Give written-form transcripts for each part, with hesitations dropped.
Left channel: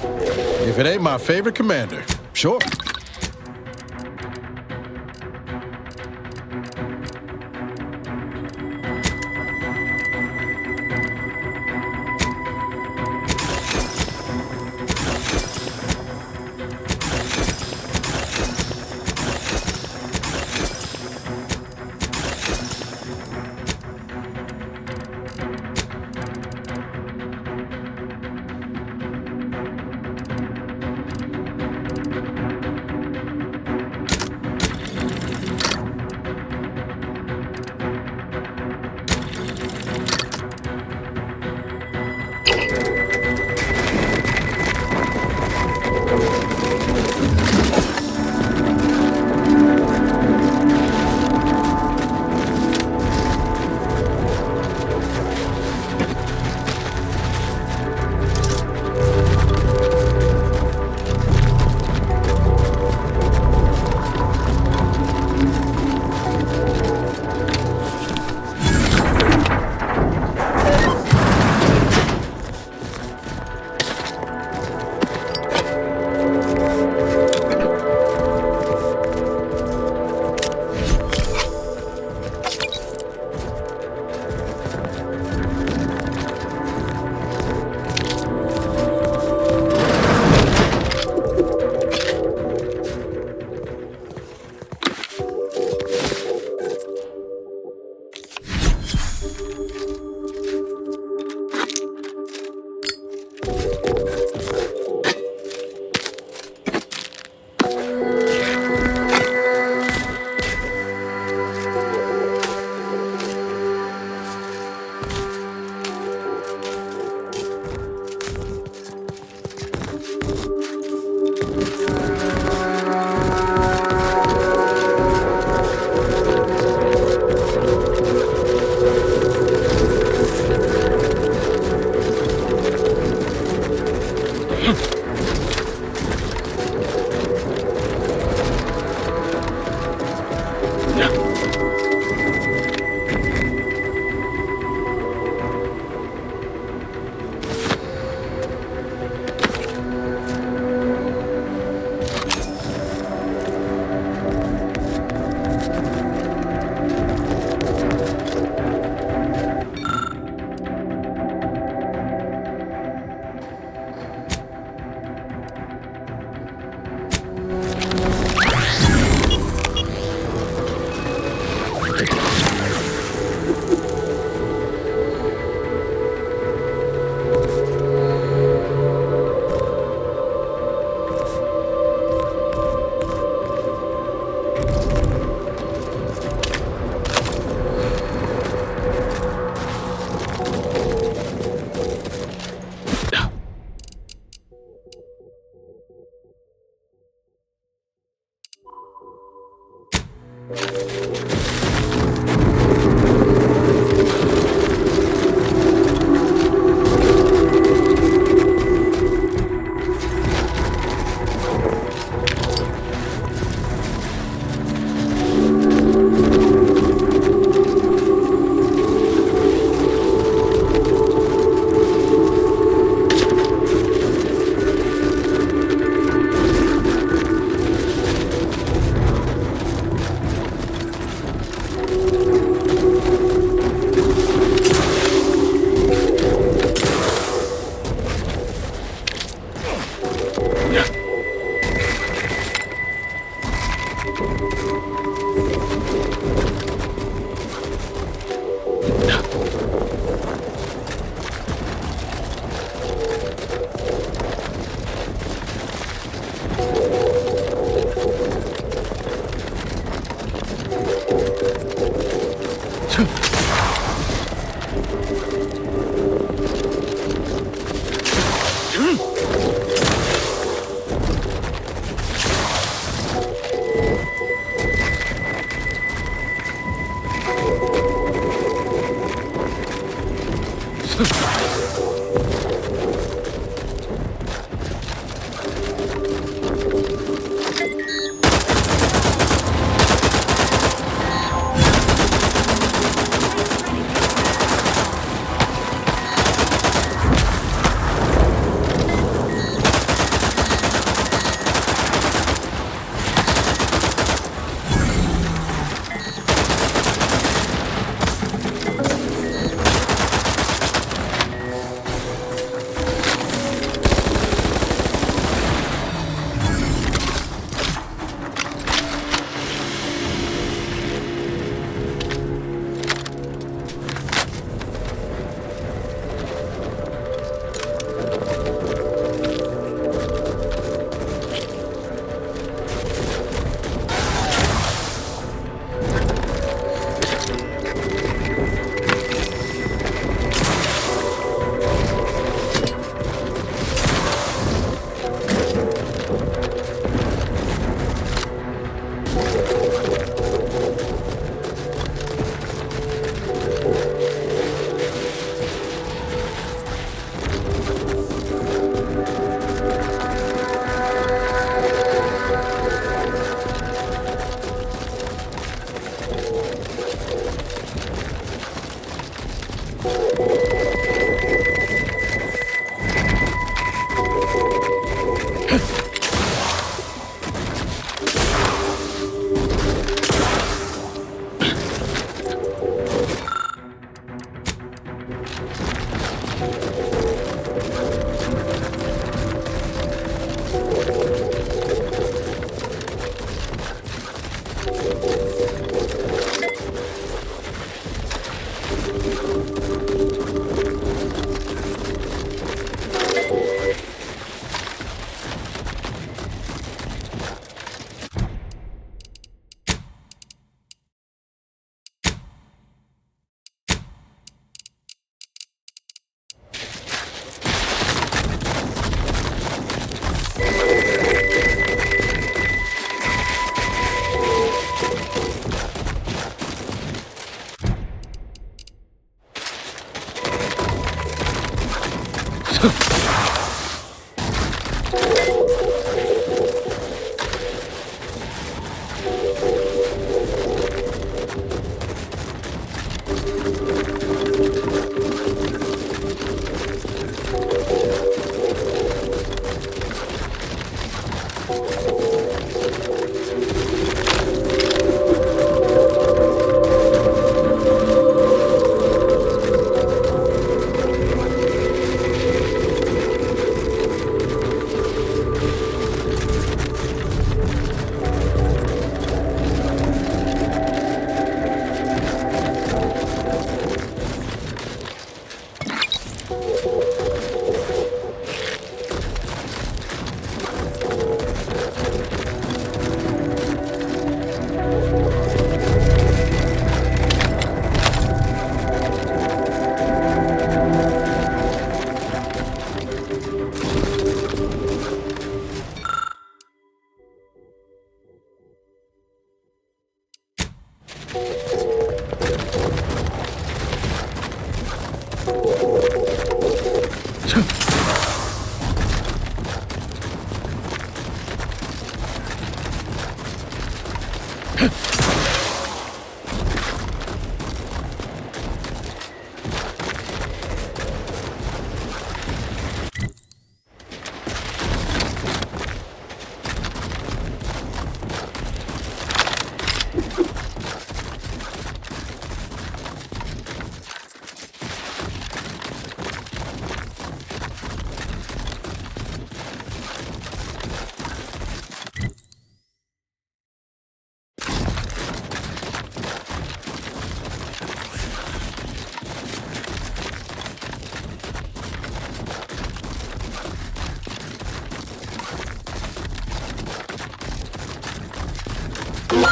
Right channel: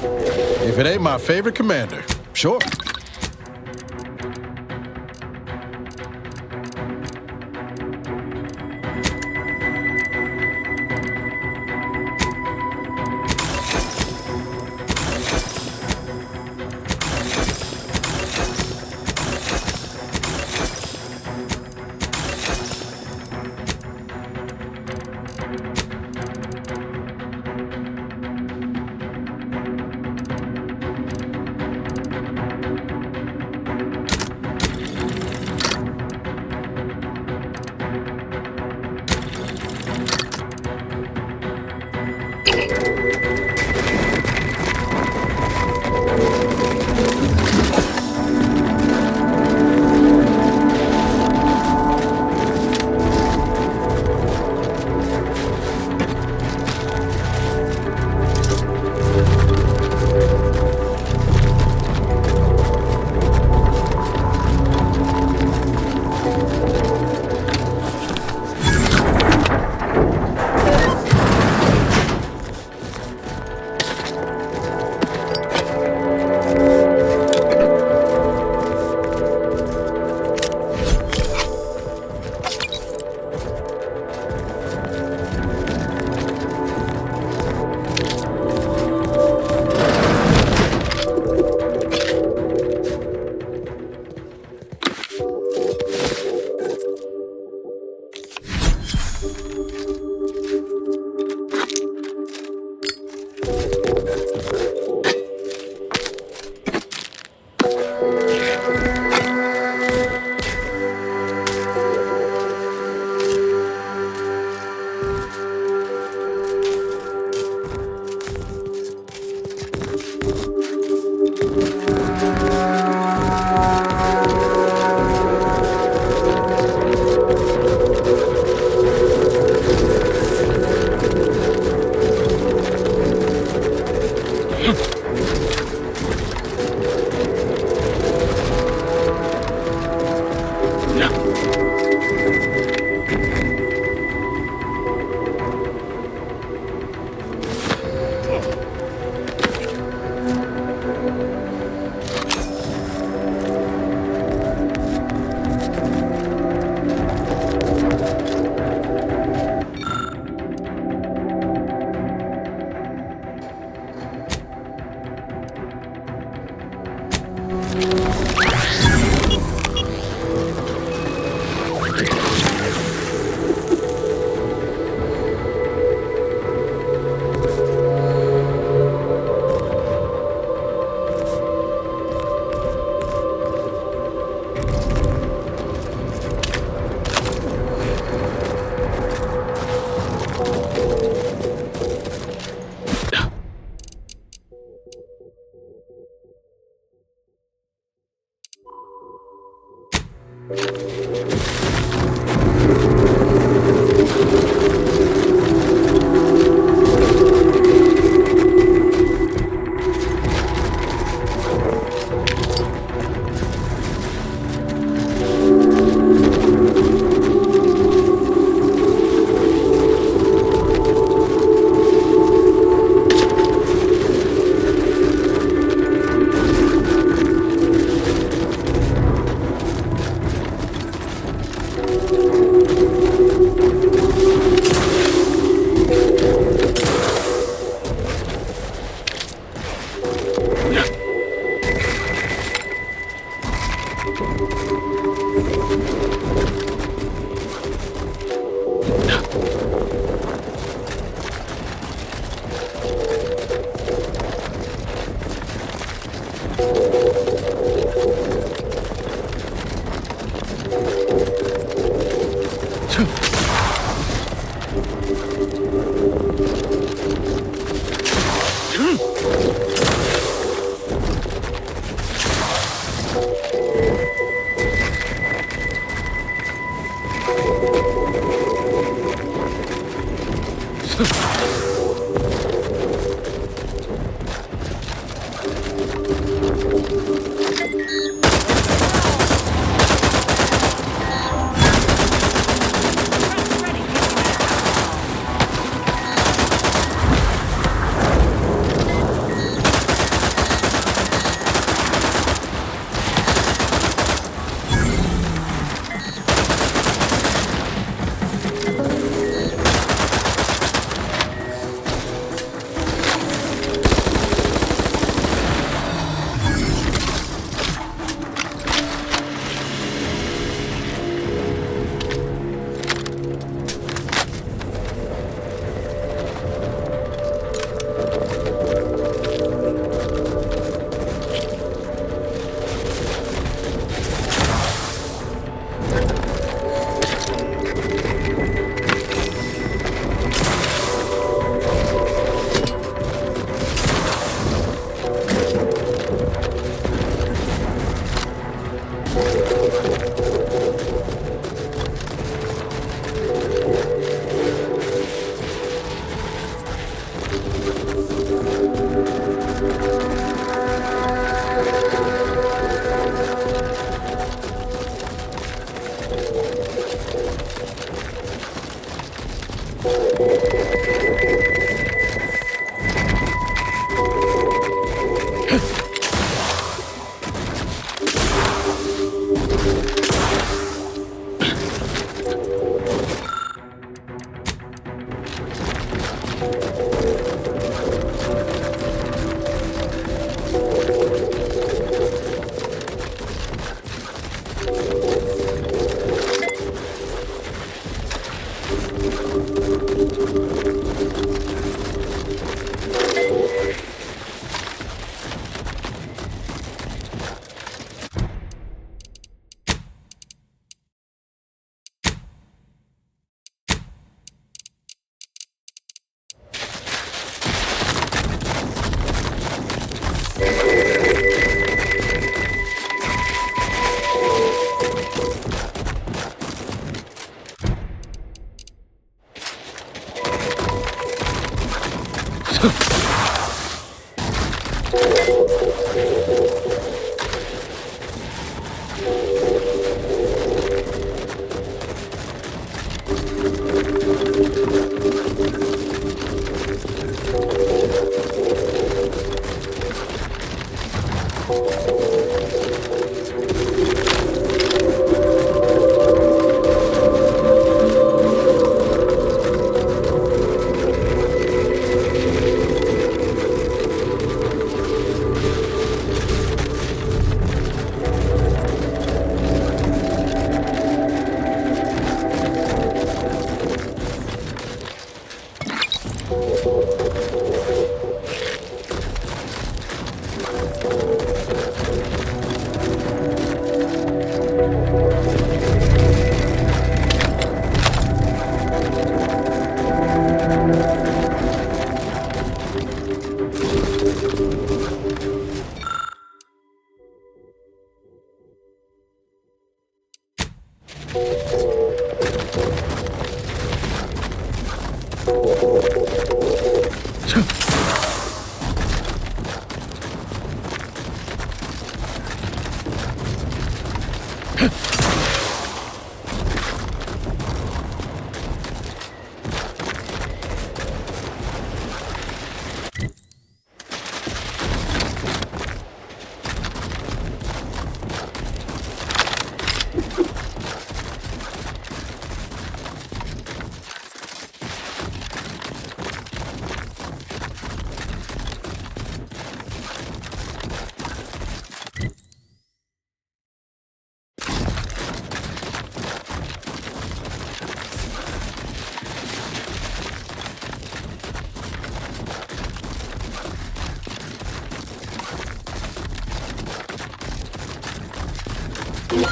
If it ain't my favorite commander, sure.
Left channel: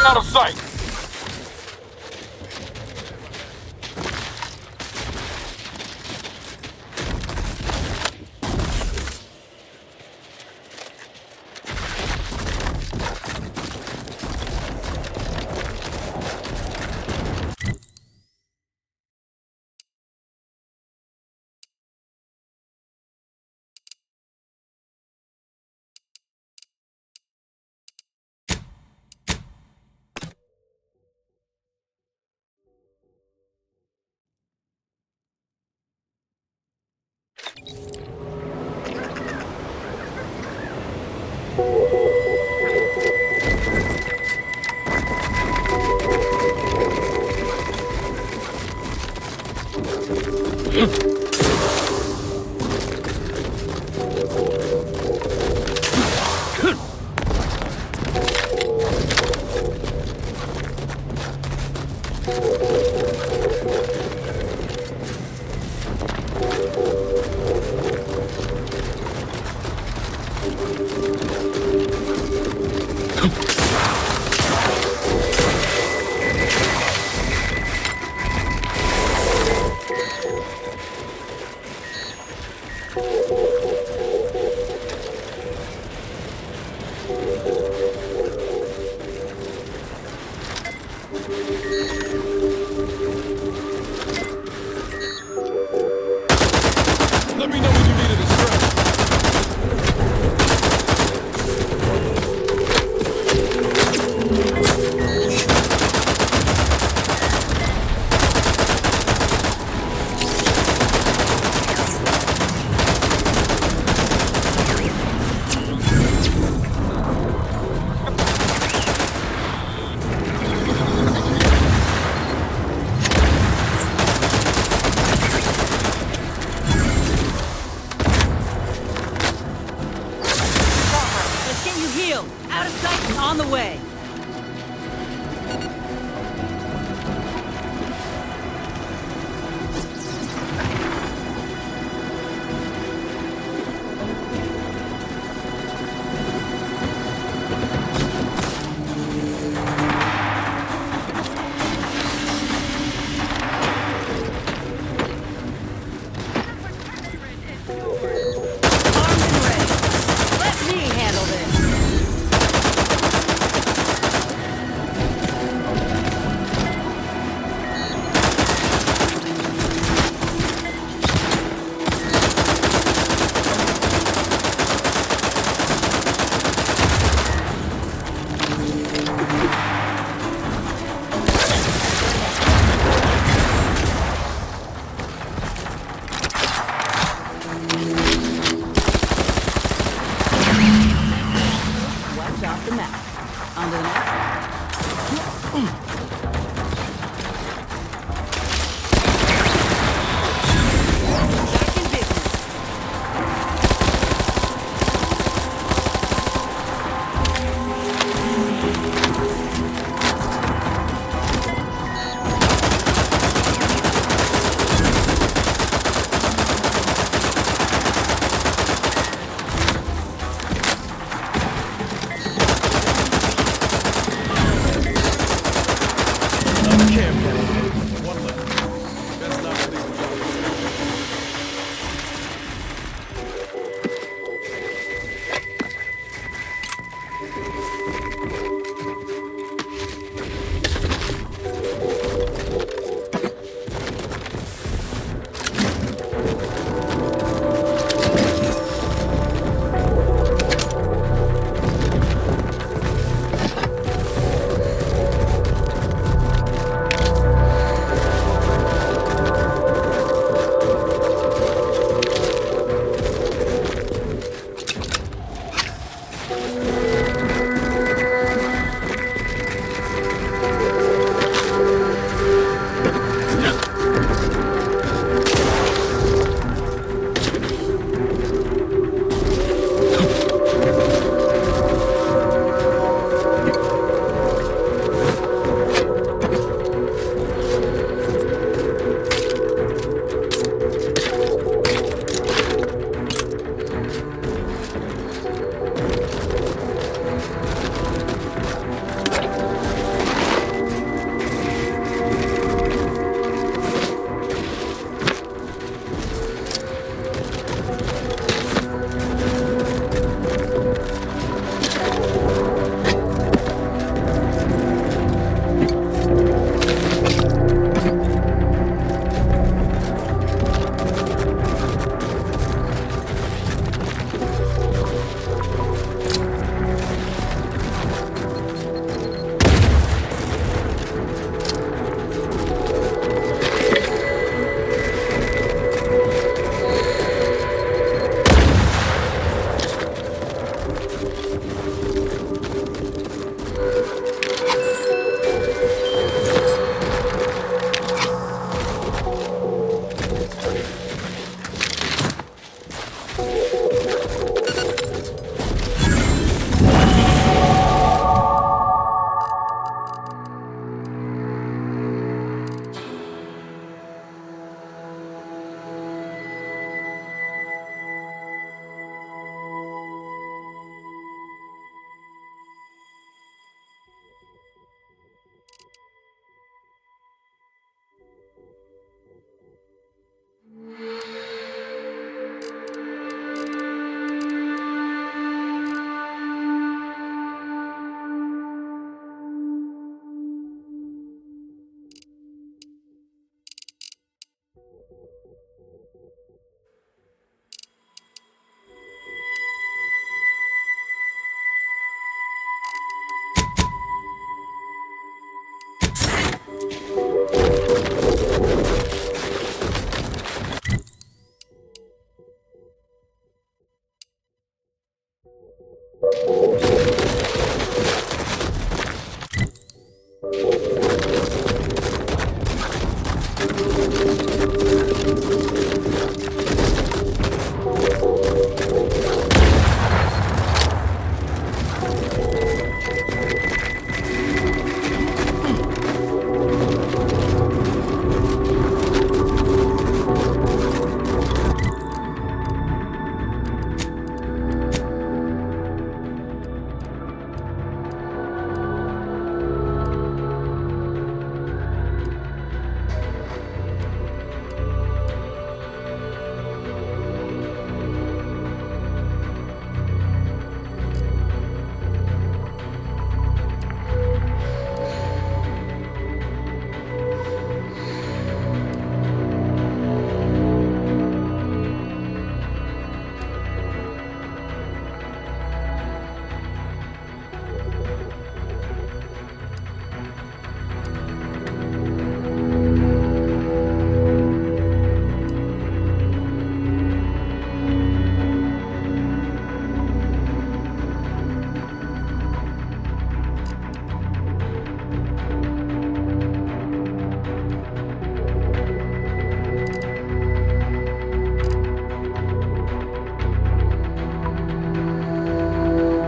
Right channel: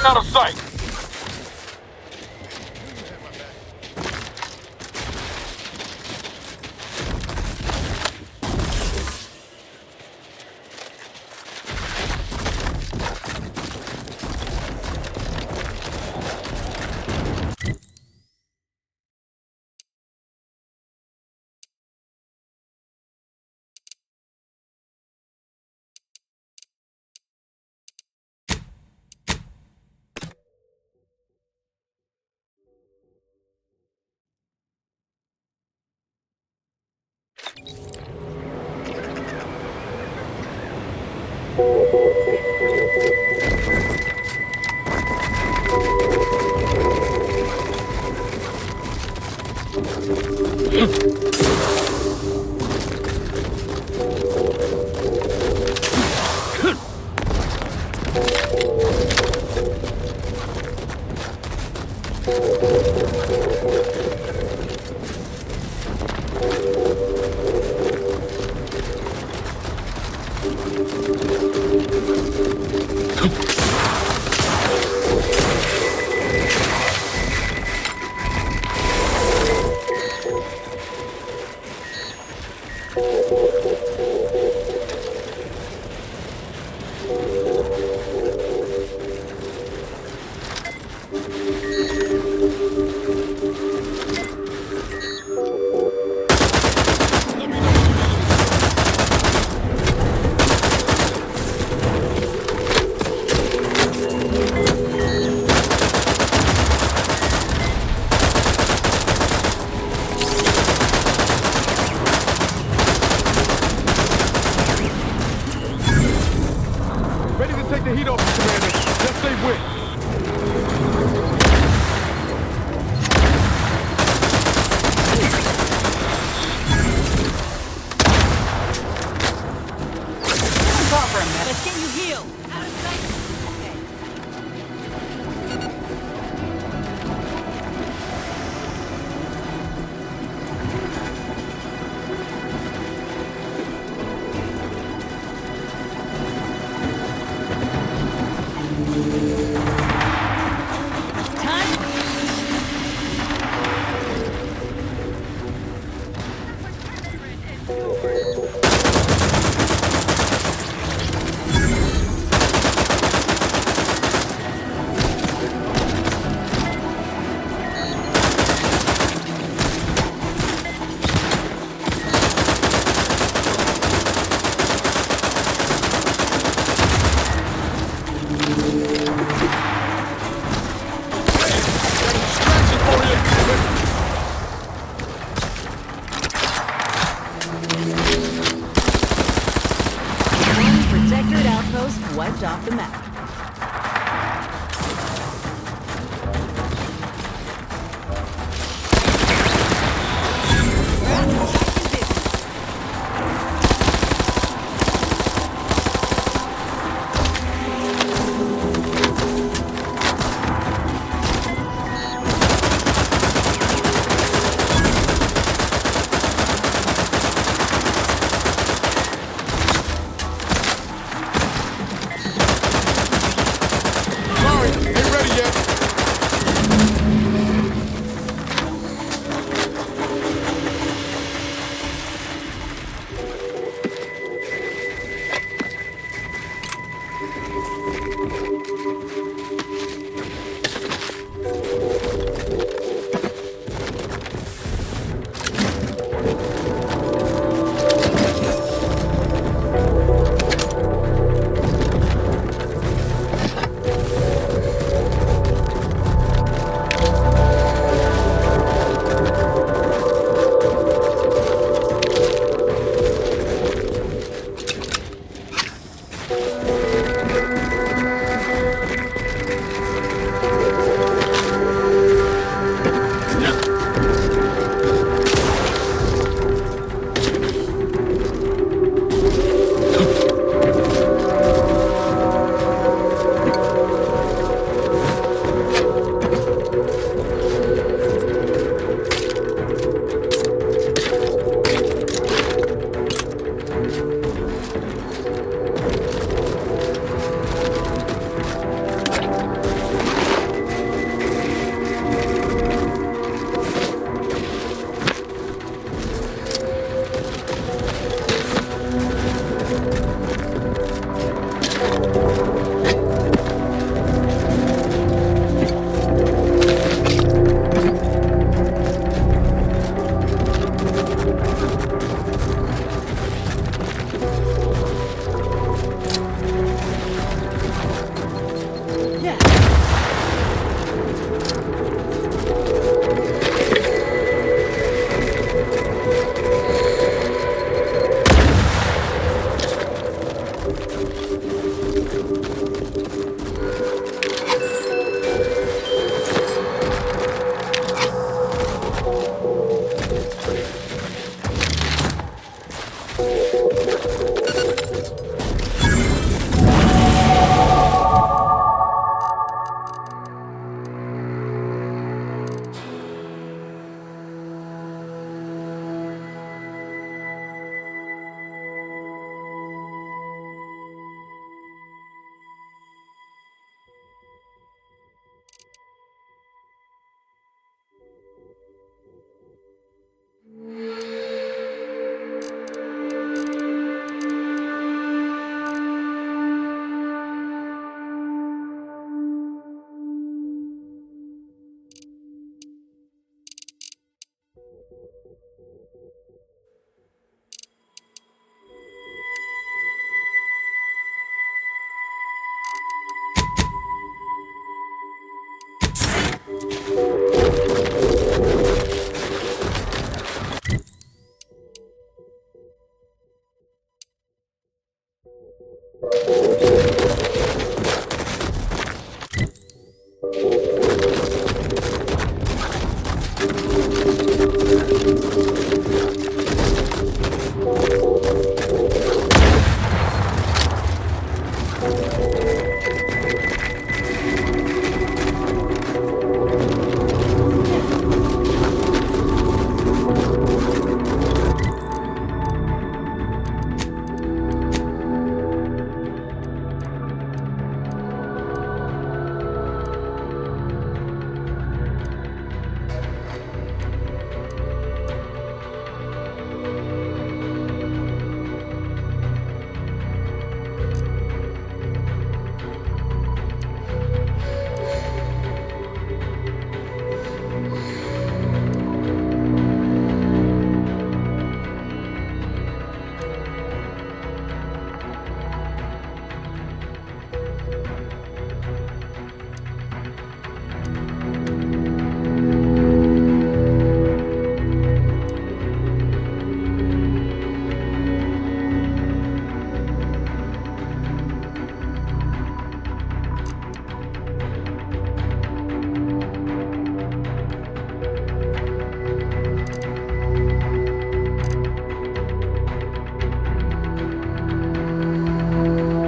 Out of sight. Let me know when you need a distraction. Let's get you healed. Out of sight, on the way. Wiped off the map. On the back in business.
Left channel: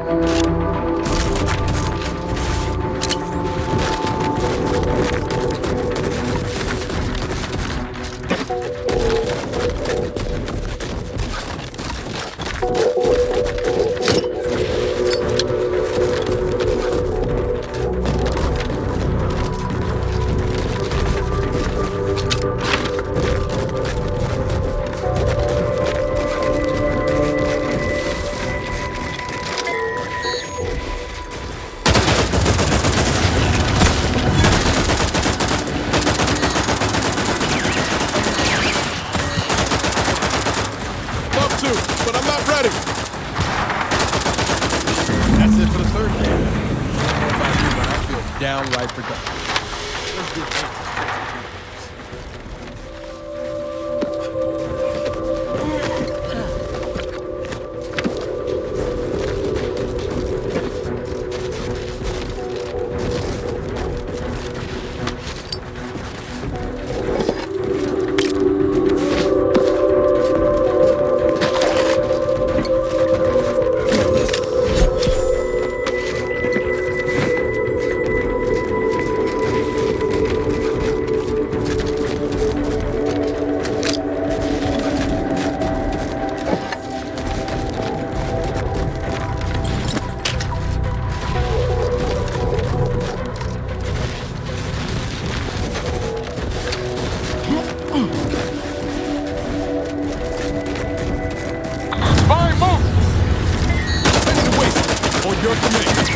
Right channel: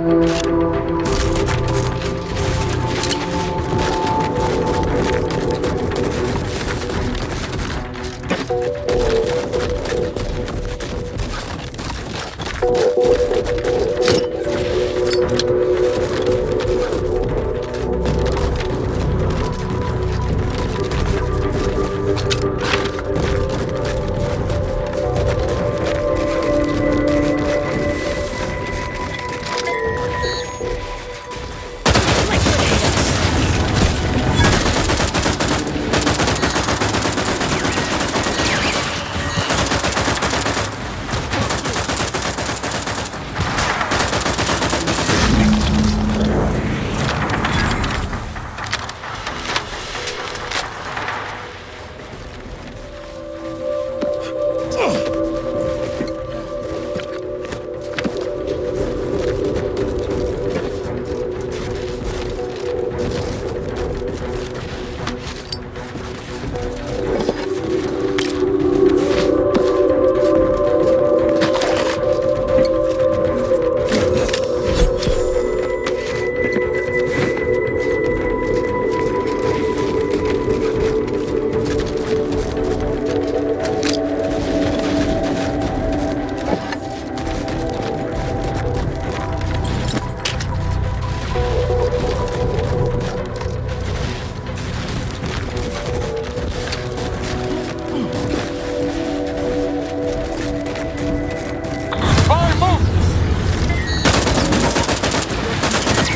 Up to, but I'm not ready. Third man. Downright productive. Fire, move! On your command.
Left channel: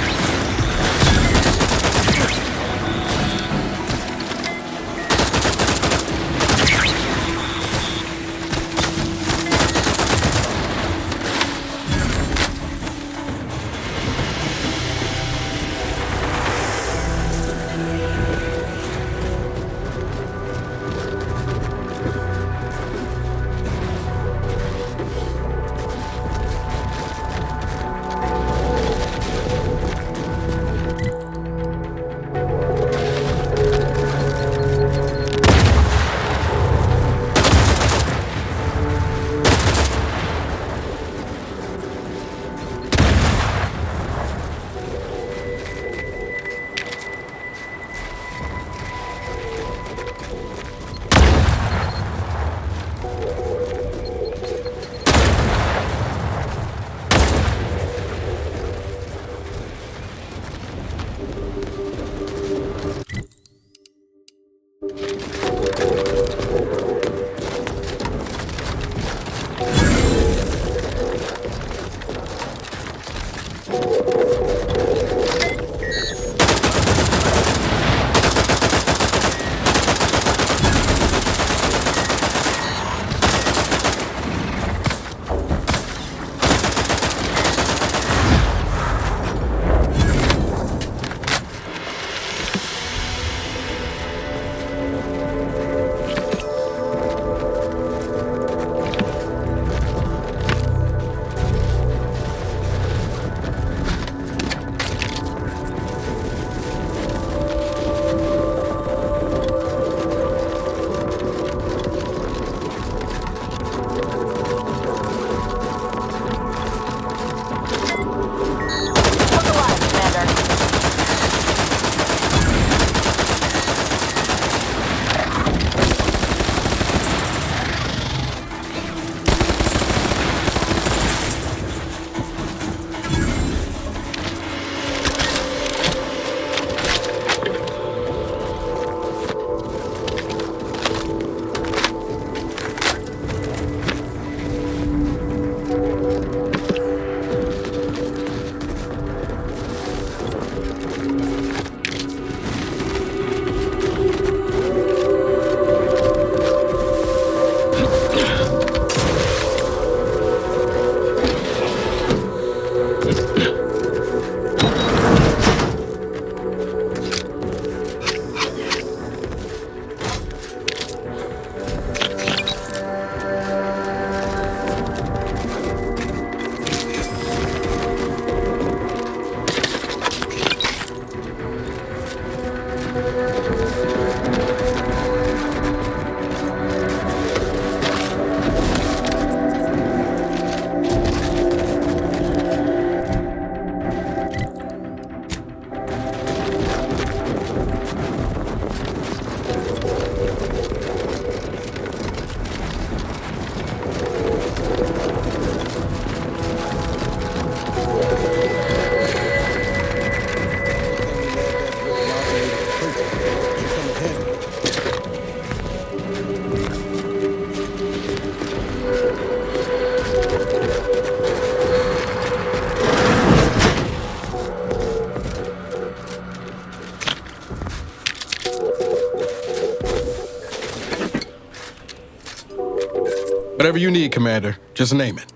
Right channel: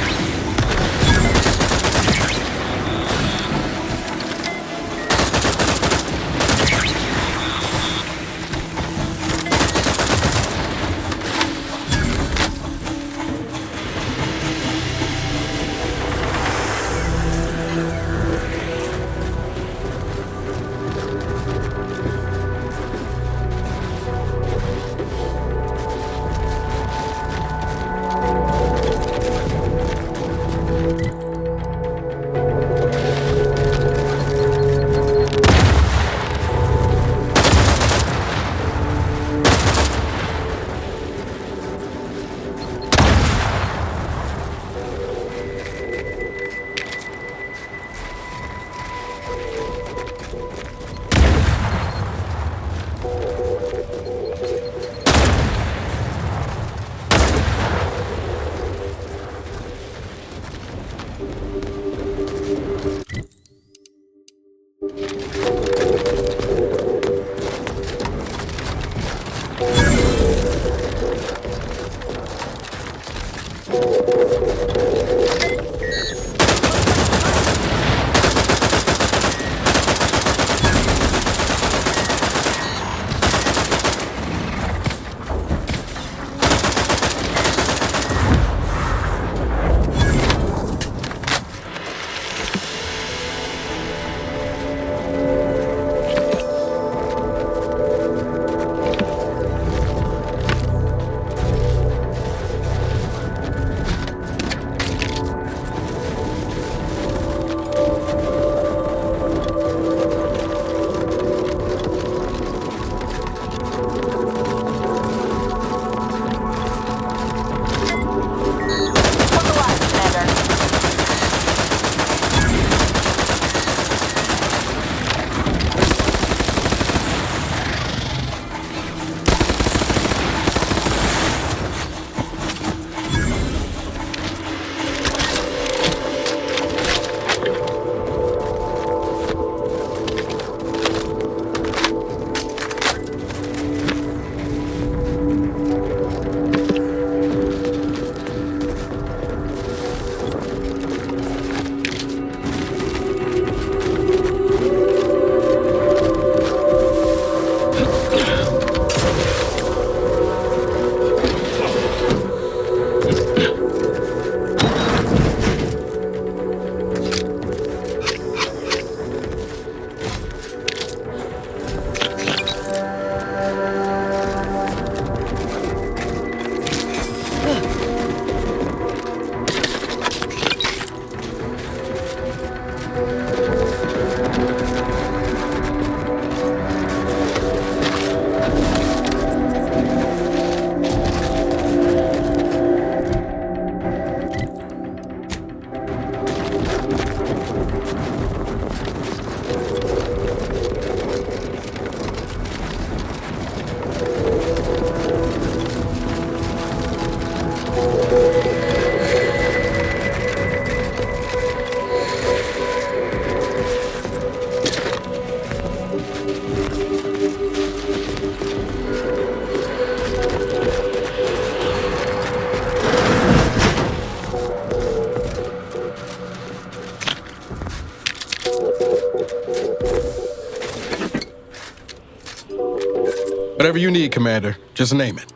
Whatever you need, Commander. Just name it.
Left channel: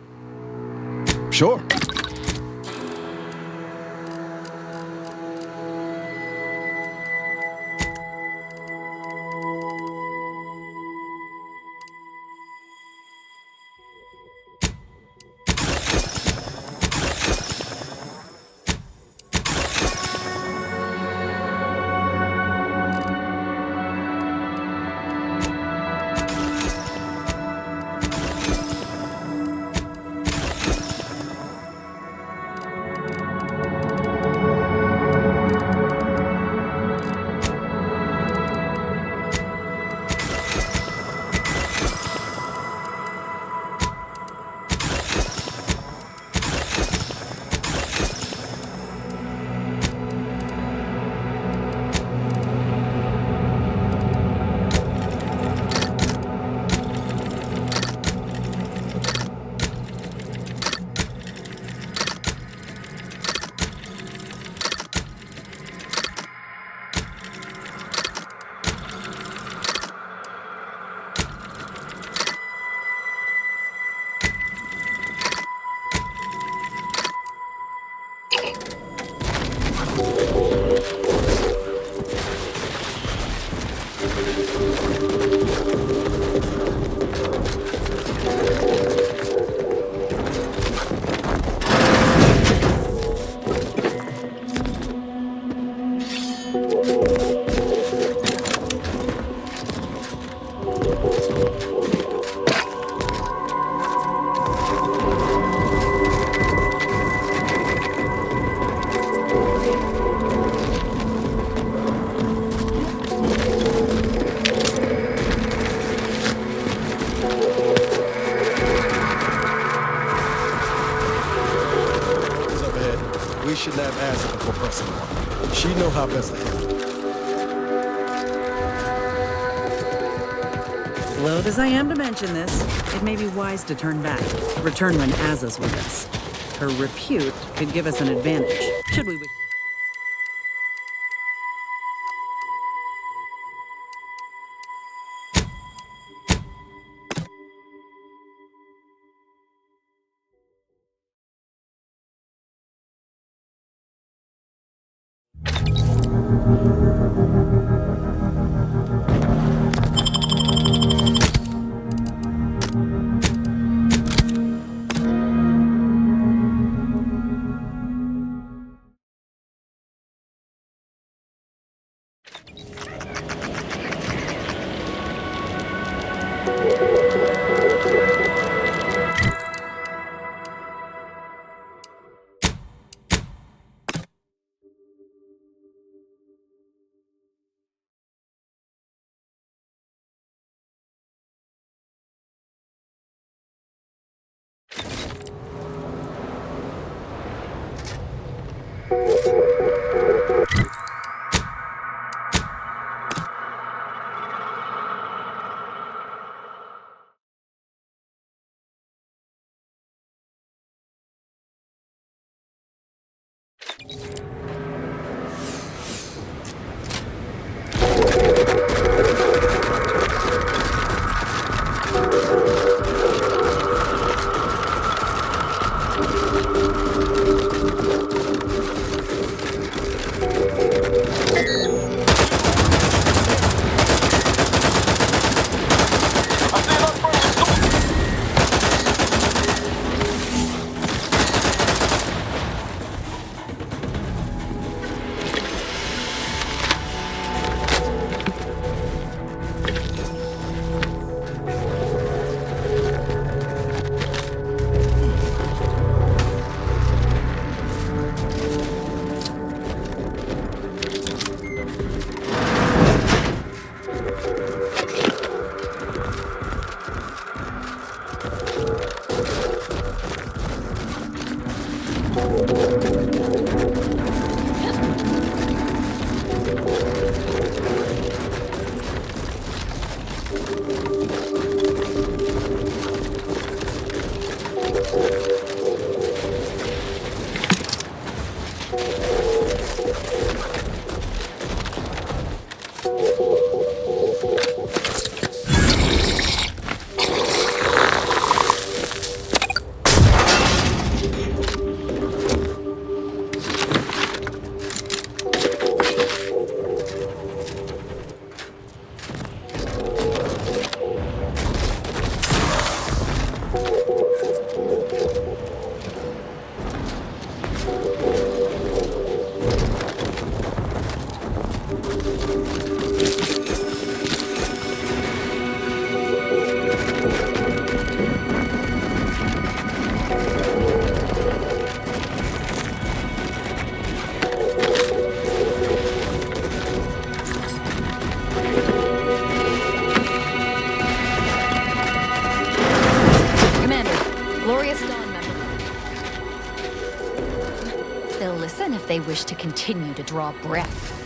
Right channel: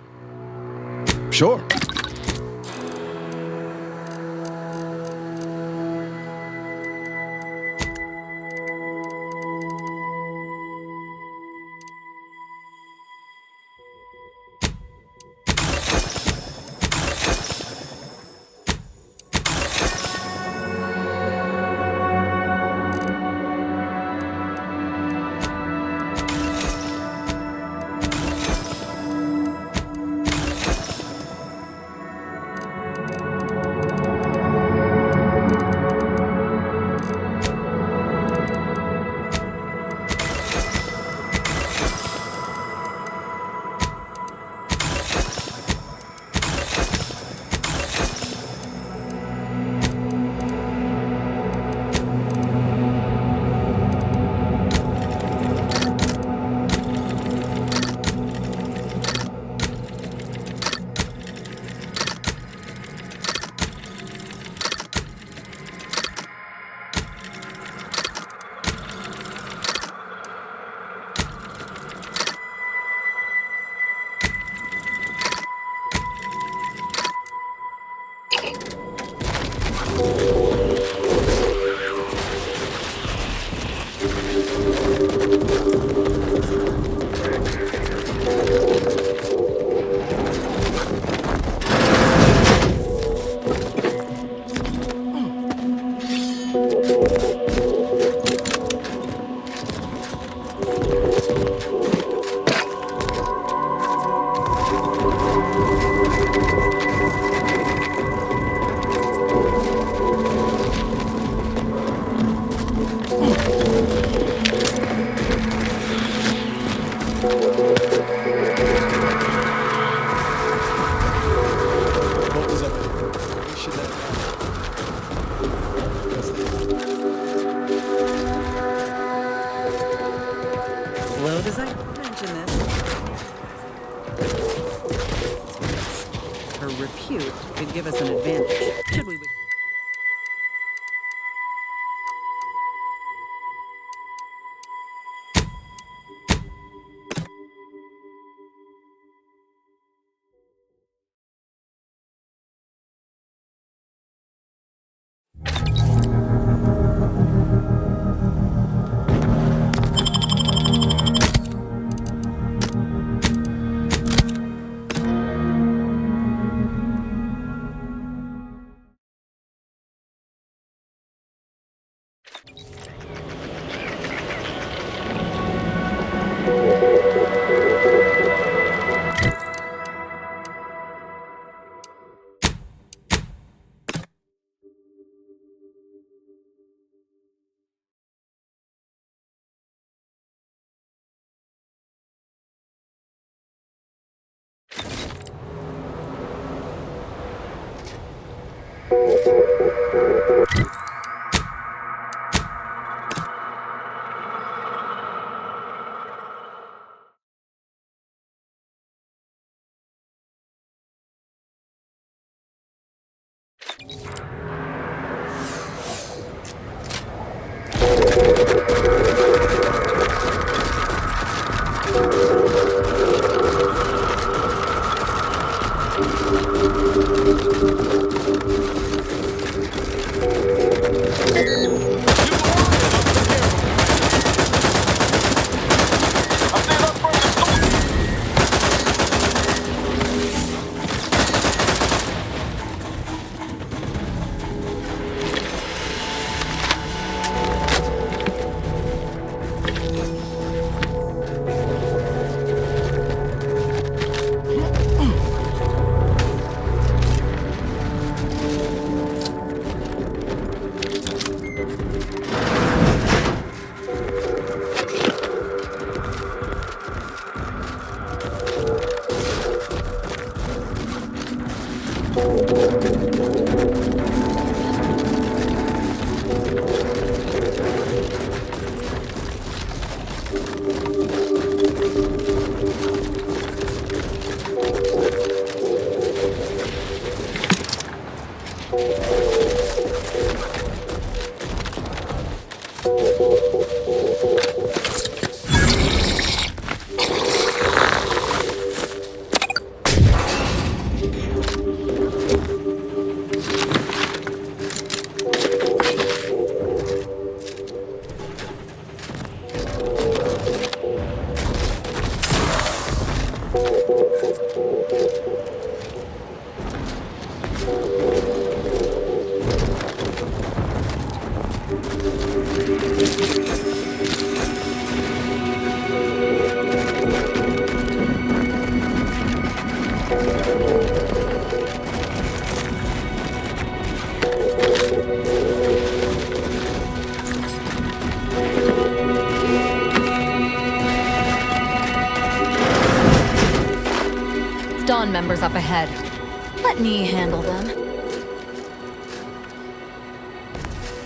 Sure. What was up ahead? We should not ask the professor. She know how best to handle it. Loath as I am to mention this, it may be wise to turn back. Returnman has us with us. Her repute could give us an advantage, should we wish. if they wish to continue to draw breath.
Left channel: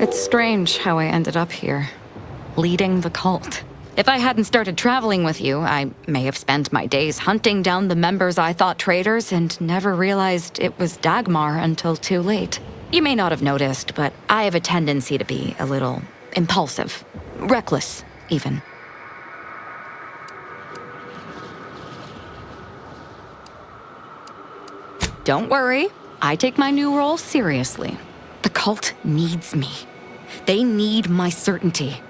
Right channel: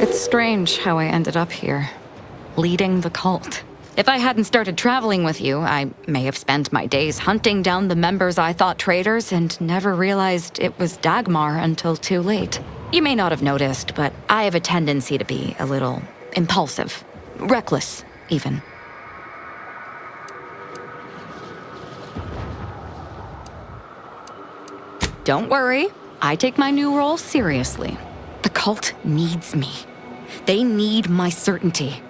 It's strange how I ended up here, leading the cult. If I hadn't started traveling with you, I may have spent my days hunting down the members I thought traitors and never realized it was Dagmar until too late. You may not have noticed, but I have a tendency to be a little impulsive, reckless, even. Don't worry, I take my new role seriously. The cult needs me. They need my certainty.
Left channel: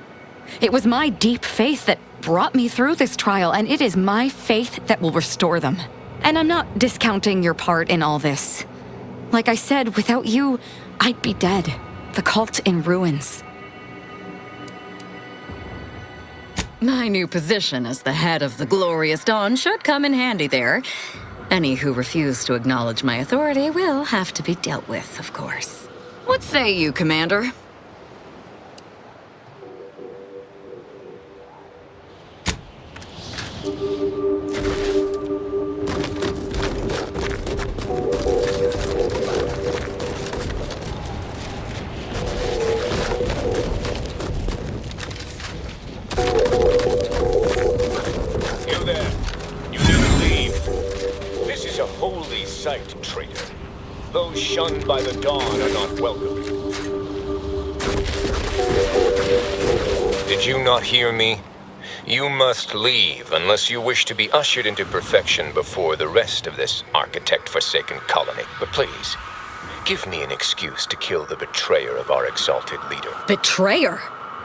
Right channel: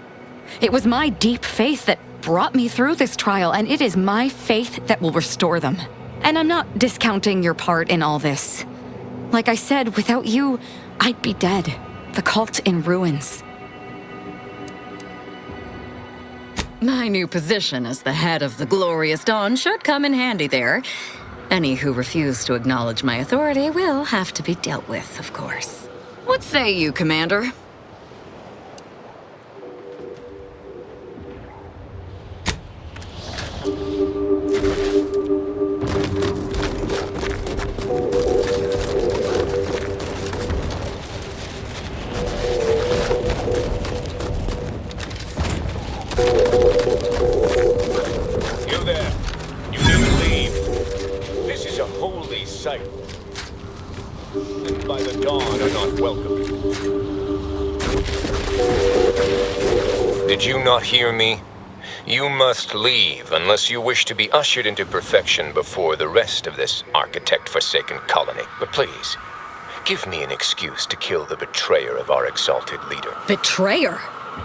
It was my deep faith that brought me through this trial, and it is my faith that will restore them. And I'm not discounting your part in all this. Like I said, without you, I'd be dead. The cult in ruins. My new position as the head of the Glorious Dawn should come in handy there. Any who refuse to acknowledge my authority will have to be dealt with, of course. What say you, Commander? You there. You need to leave. This is a holy site, traitor. Those shunned by the dawn are not welcome. Did you not hear me? You must leave unless you wish to be ushered into perfection before the rest of this architect-forsaken colony. But please, give me an excuse to kill the betrayer of our exalted leader. Betrayer?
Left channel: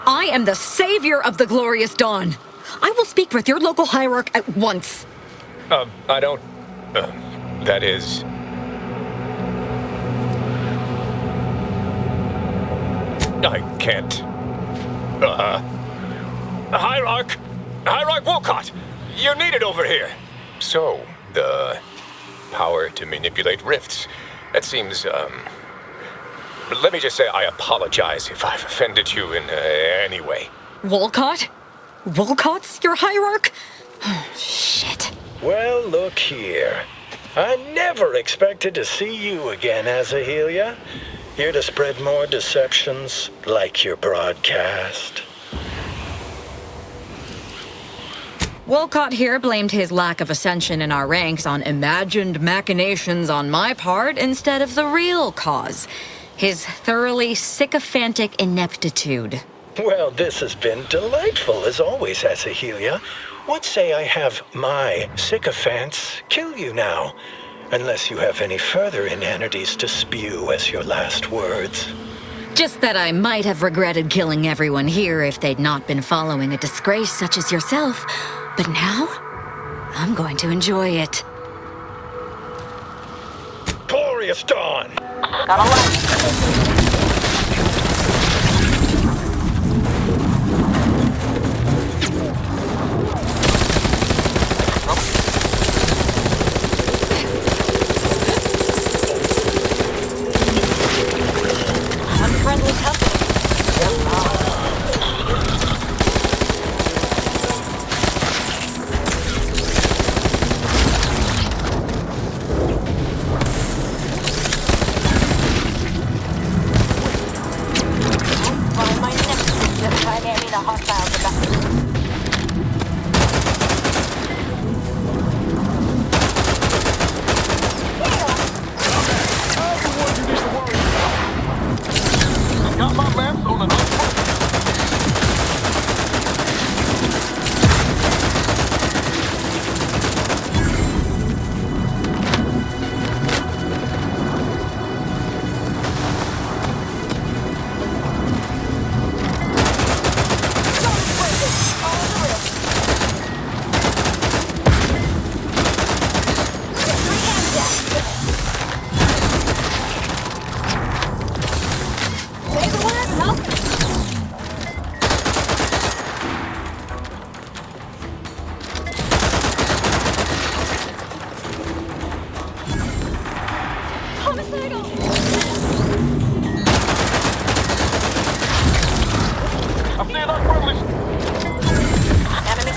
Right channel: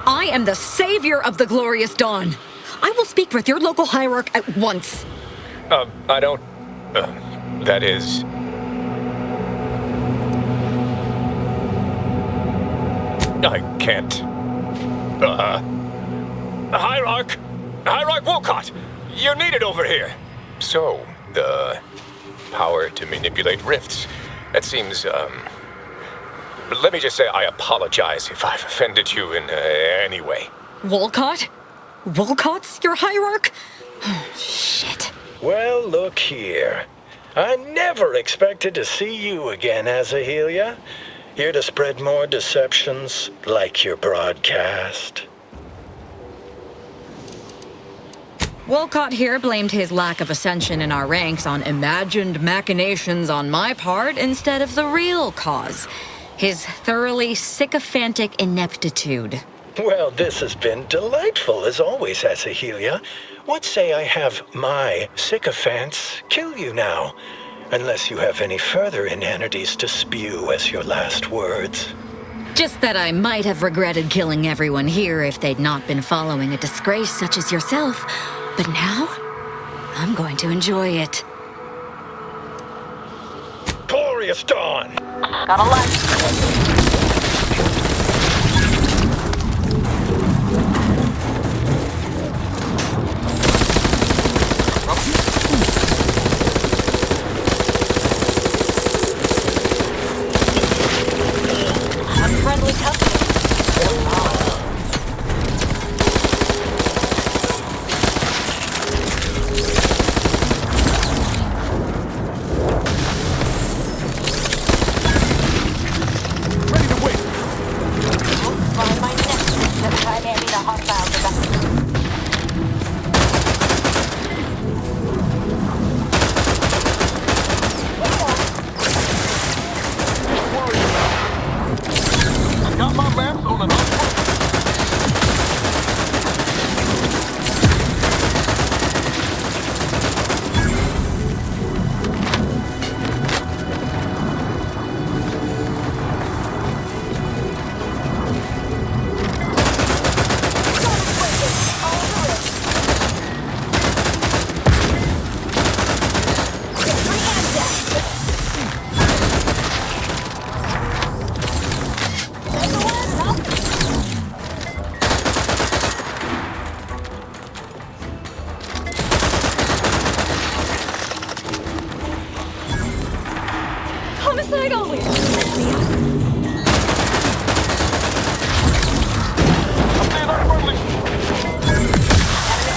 I am the savior of the Glorious Dawn. I will speak with your local hierarch at once. I don't... that is... I can't... Hierarch! Hierarch Wolcott! You're needed over here! So, the power to manipulate rifts. That seems, let me just say I apologize if I've offended you in any way. Wolcott? Wolcott's your hierarch? Shit. Well, look here. I never expected to see you again, Azahelia. Here to spread more deceptions, like your broadcast. Wolcott here blamed his lack of ascension in our ranks on imagined machinations on my part instead of the real cause. His thoroughly sycophantic ineptitude. Well, this has been delightful, as always, Azahelia. What say I have my sycophants kill you now? Unless you have any further inanities to spew as your last words. Just that I might have regretted killing everyone here if they'd not been following a disgrace such as yourself. But now, I'm going to enjoy it. Glorious Dawn! Got a light. Unfriendly company. Got my maps on an unfriendly. Homicidal! I'm seeing unfriendly. Enemy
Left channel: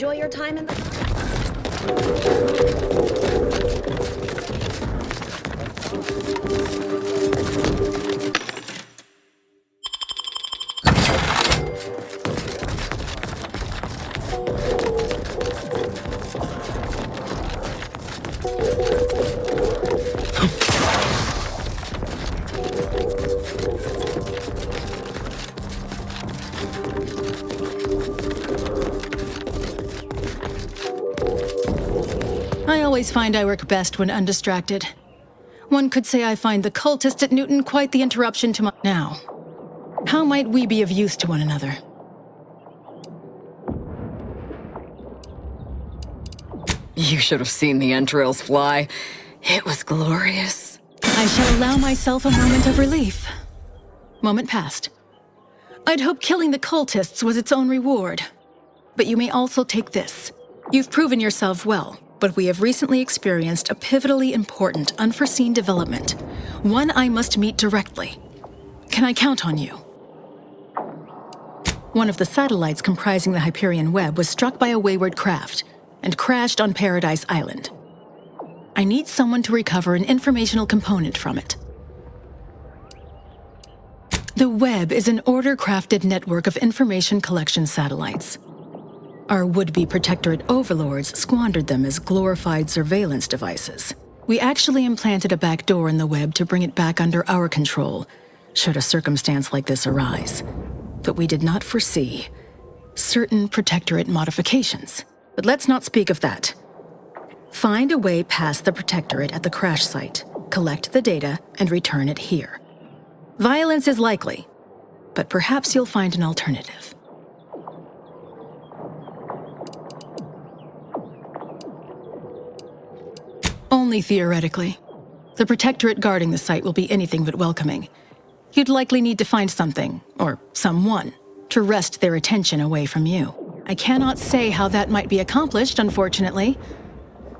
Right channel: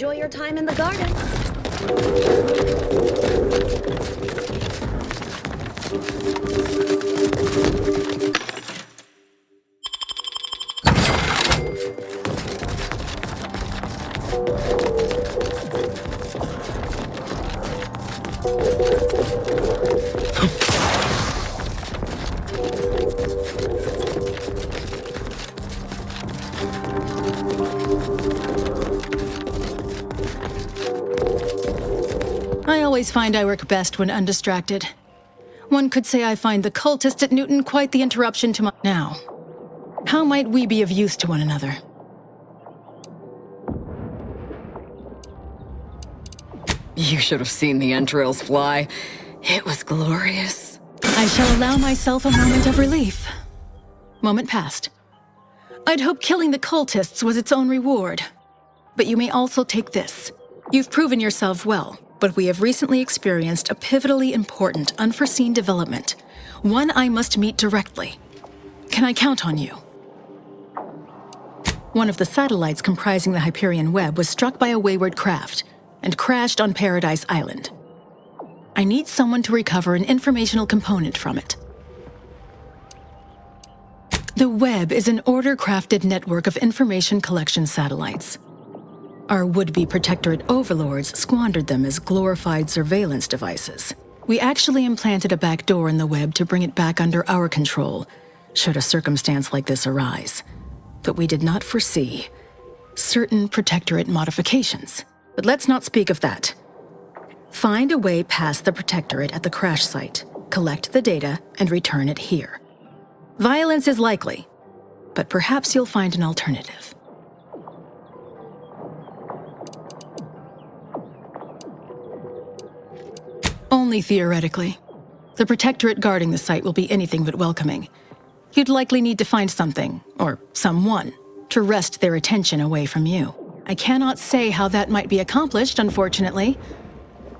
enjoy your time in the garden. I always find I work best when undistracted. One could say I find the cultist at Newton quite the interruption to my... Now, how might we be of use to one another? You should have seen the entrails fly. It was glorious. I shall allow myself a moment of relief. Moment passed. I'd hoped killing the cultists was its own reward. But you may also take this. You've proven yourself well, but we have recently experienced a pivotally important, unforeseen development. One I must meet directly. Can I count on you? One of the satellites comprising the Hyperion web was struck by a wayward craft and crashed on Paradise Island. I need someone to recover an informational component from it. The web is an order-crafted network of information collection satellites. Our would-be Protectorate overlords squandered them as glorified surveillance devices. We actually implanted a backdoor in the web to bring it back under our control, should a circumstance like this arise. But we did not foresee certain Protectorate modifications. But let's not speak of that. Find a way past the Protectorate at the crash site, collect the data, and return it here. Violence is likely, but perhaps you'll find an alternative. Only theoretically. The Protectorate guarding the site will be anything but welcoming. You'd likely need to find something, or someone, to wrest their attention away from you. I cannot say how that might be accomplished, unfortunately.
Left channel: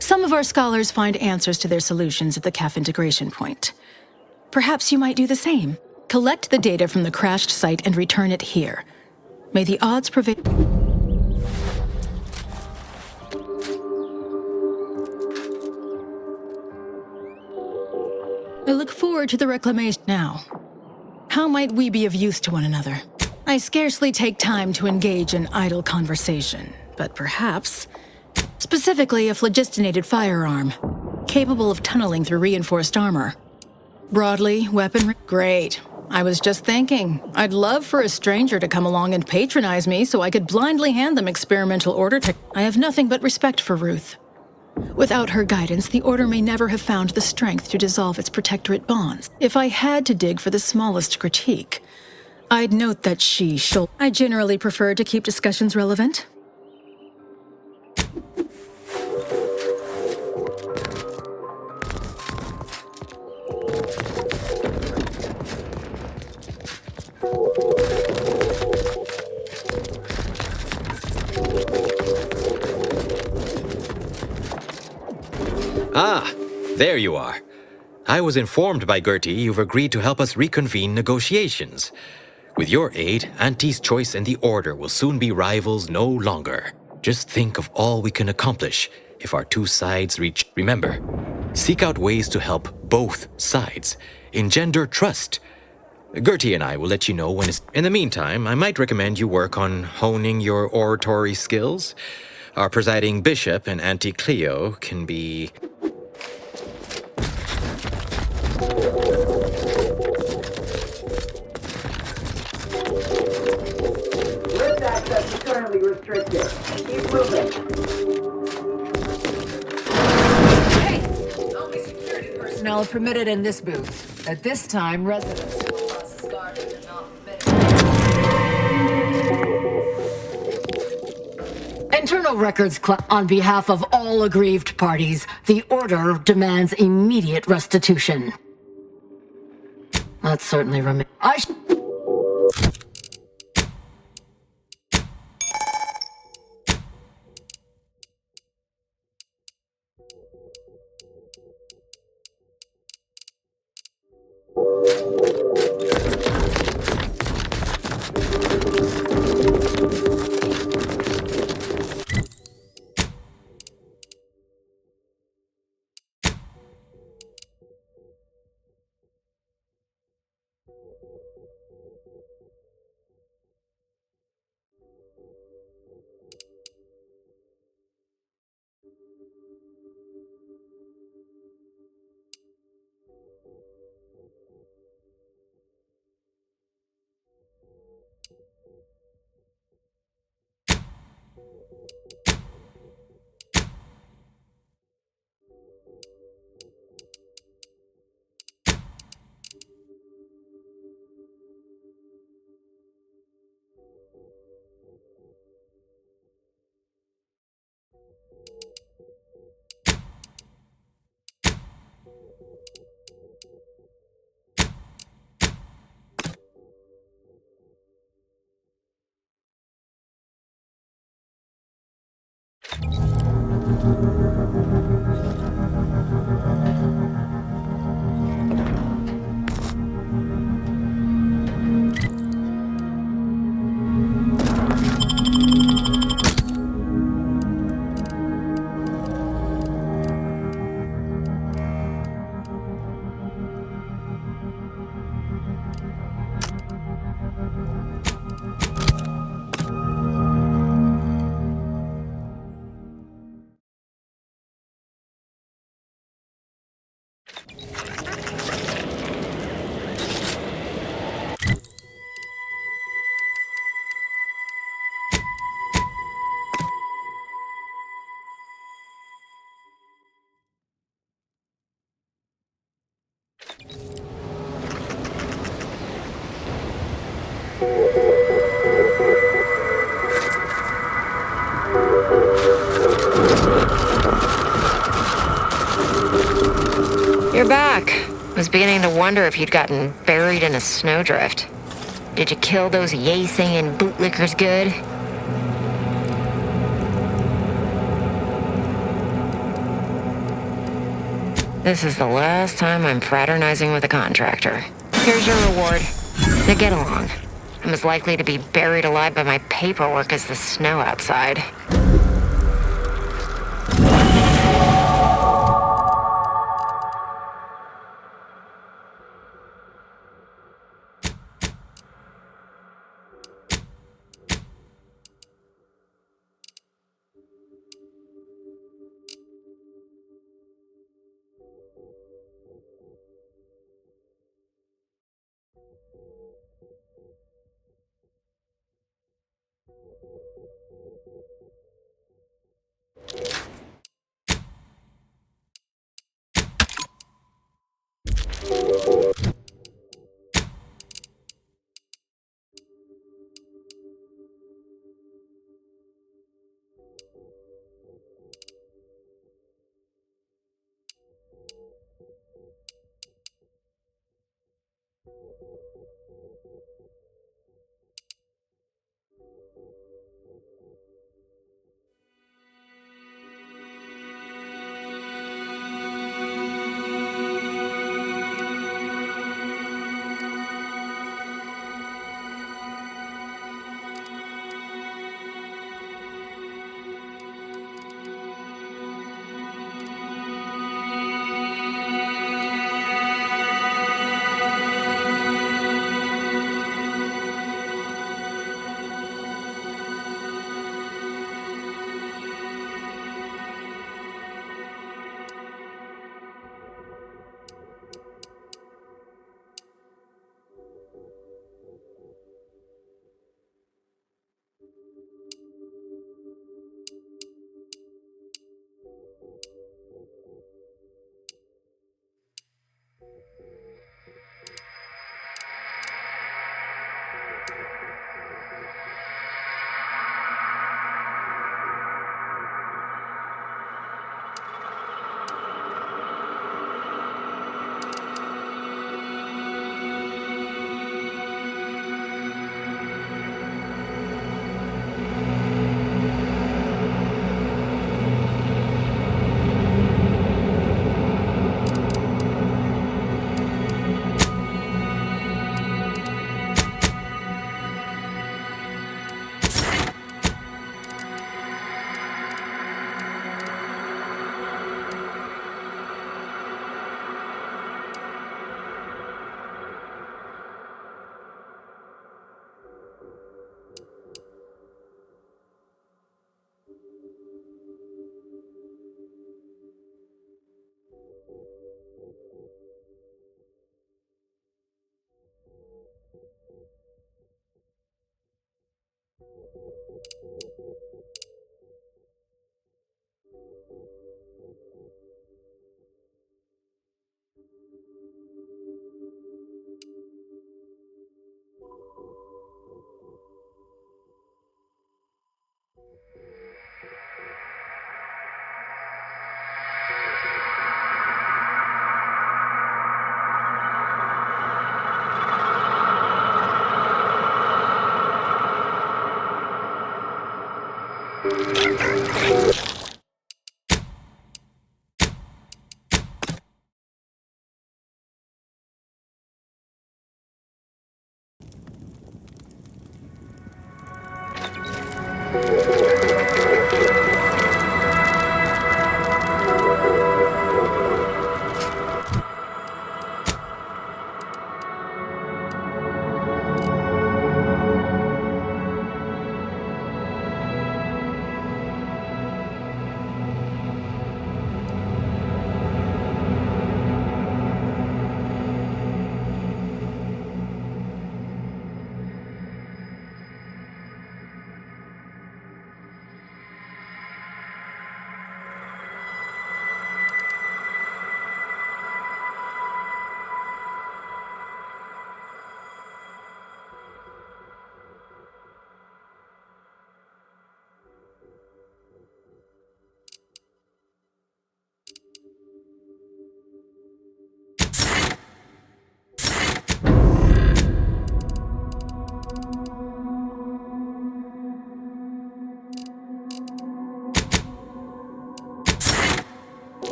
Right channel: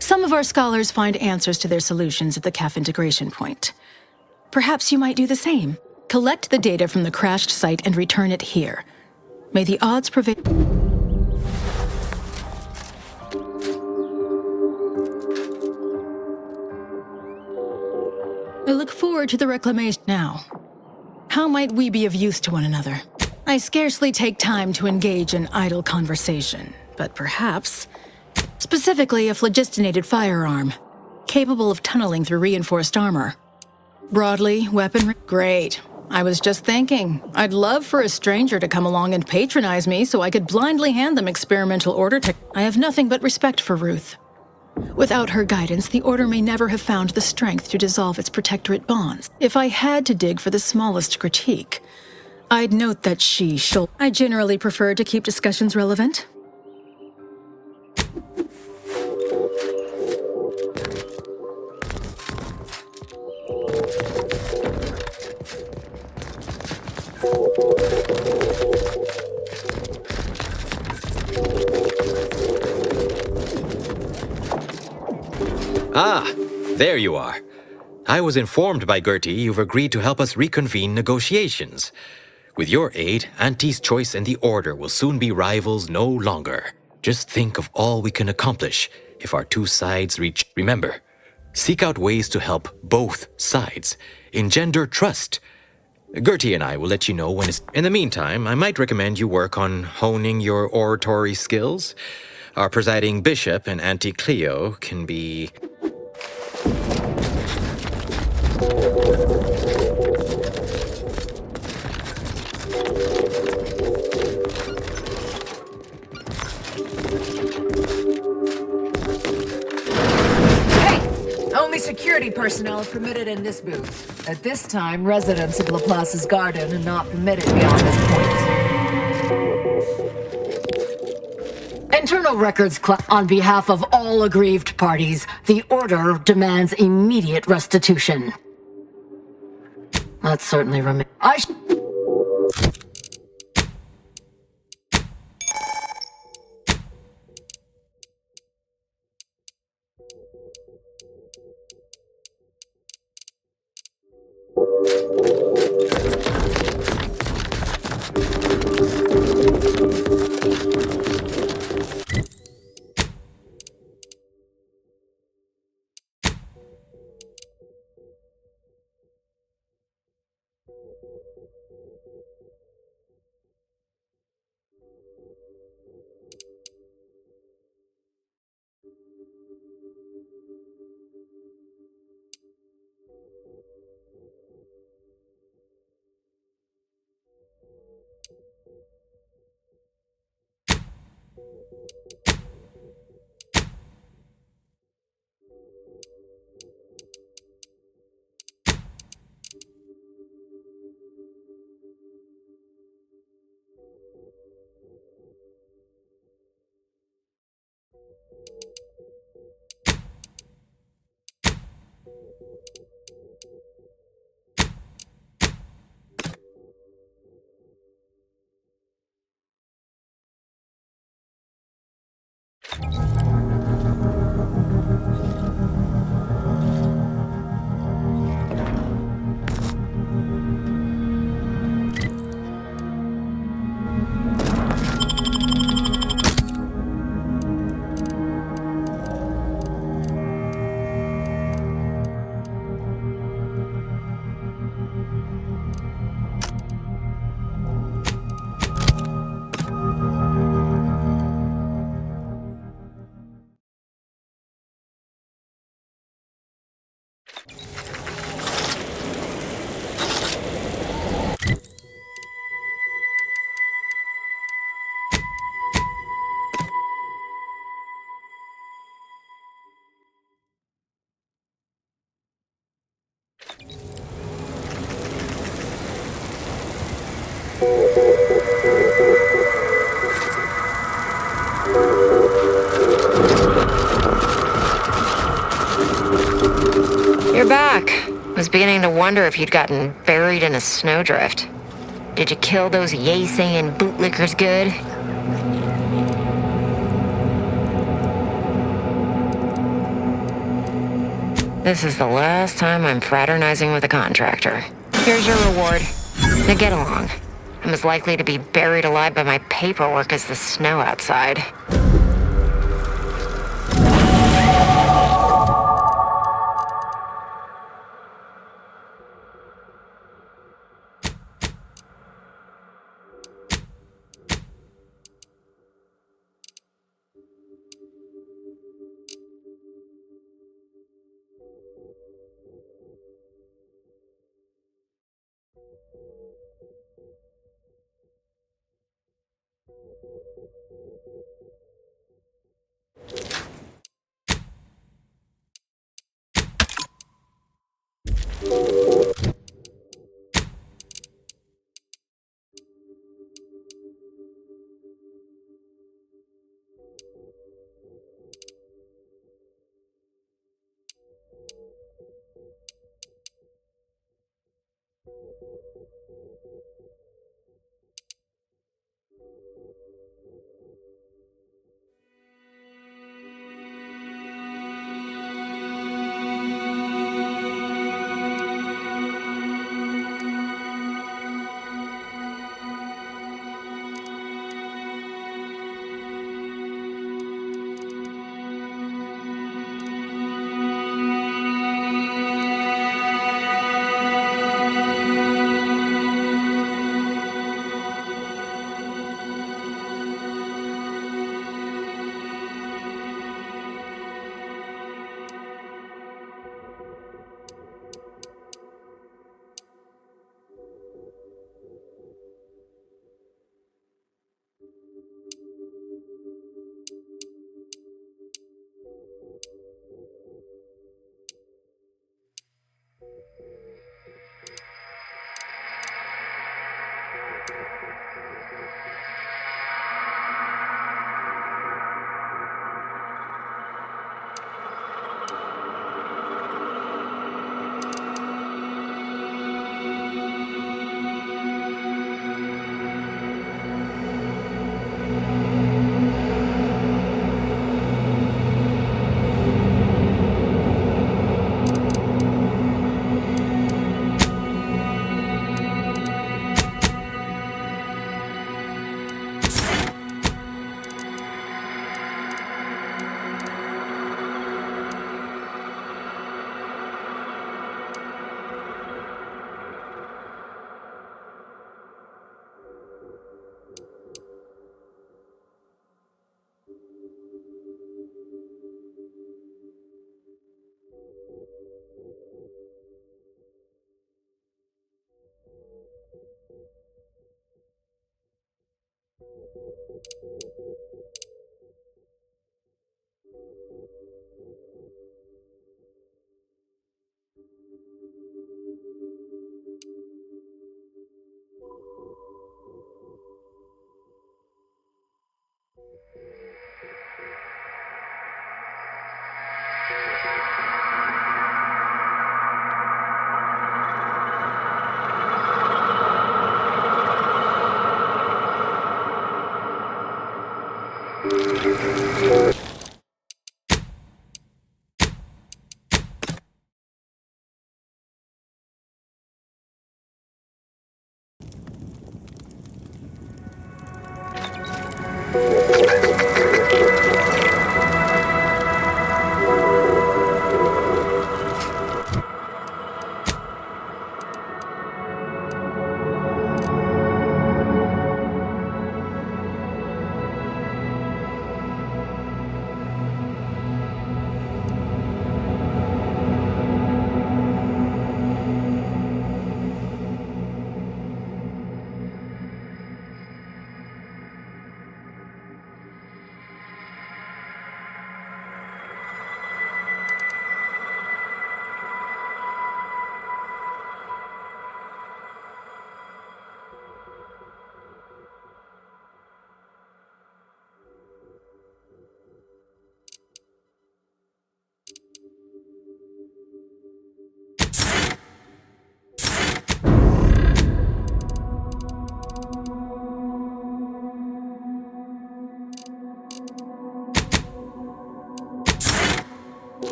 Some of our scholars find answers to their solutions at the CAF integration point. Perhaps you might do the same. Collect the data from the crashed site and return it here. May the odds prevail. I look forward to the reclamation now. How might we be of use to one another? I scarcely take time to engage in idle conversation, but perhaps, specifically a phlogistinated firearm, capable of tunneling through reinforced armor. Broadly, weaponry. Great. I was just thinking, I'd love for a stranger to come along and patronize me so I could blindly hand them experimental order tech. I have nothing but respect for Ruth. Without her guidance, the Order may never have found the strength to dissolve its Protectorate bonds. If I had to dig for the smallest critique, I'd note that I generally prefer to keep discussions relevant. Ah, there you are. I was informed by Gertie you've agreed to help us reconvene negotiations. With your aid, Auntie's Choice and the Order will soon be rivals no longer. Just think of all we can accomplish if our two sides reach. Remember, seek out ways to help both sides. Engender trust. Gertie and I will let you know when it's... In the meantime, I might recommend you work on honing your oratory skills. Our presiding bishop and Auntie Cleo can be... Hey! Only security personnel are permitted in this booth. At this time, residents of Laplace's garden are not permitted beyond this point. Internal records on behalf of all aggrieved parties, the Order demands immediate restitution. That certainly remains. You're back. Was beginning to wonder if you'd gotten buried in a snowdrift. Did you kill those yay-saying bootlickers good? This is the last time I'm fraternizing with a contractor. Here's your reward. Now get along. I'm as likely to be buried alive by my paperwork as the snow outside.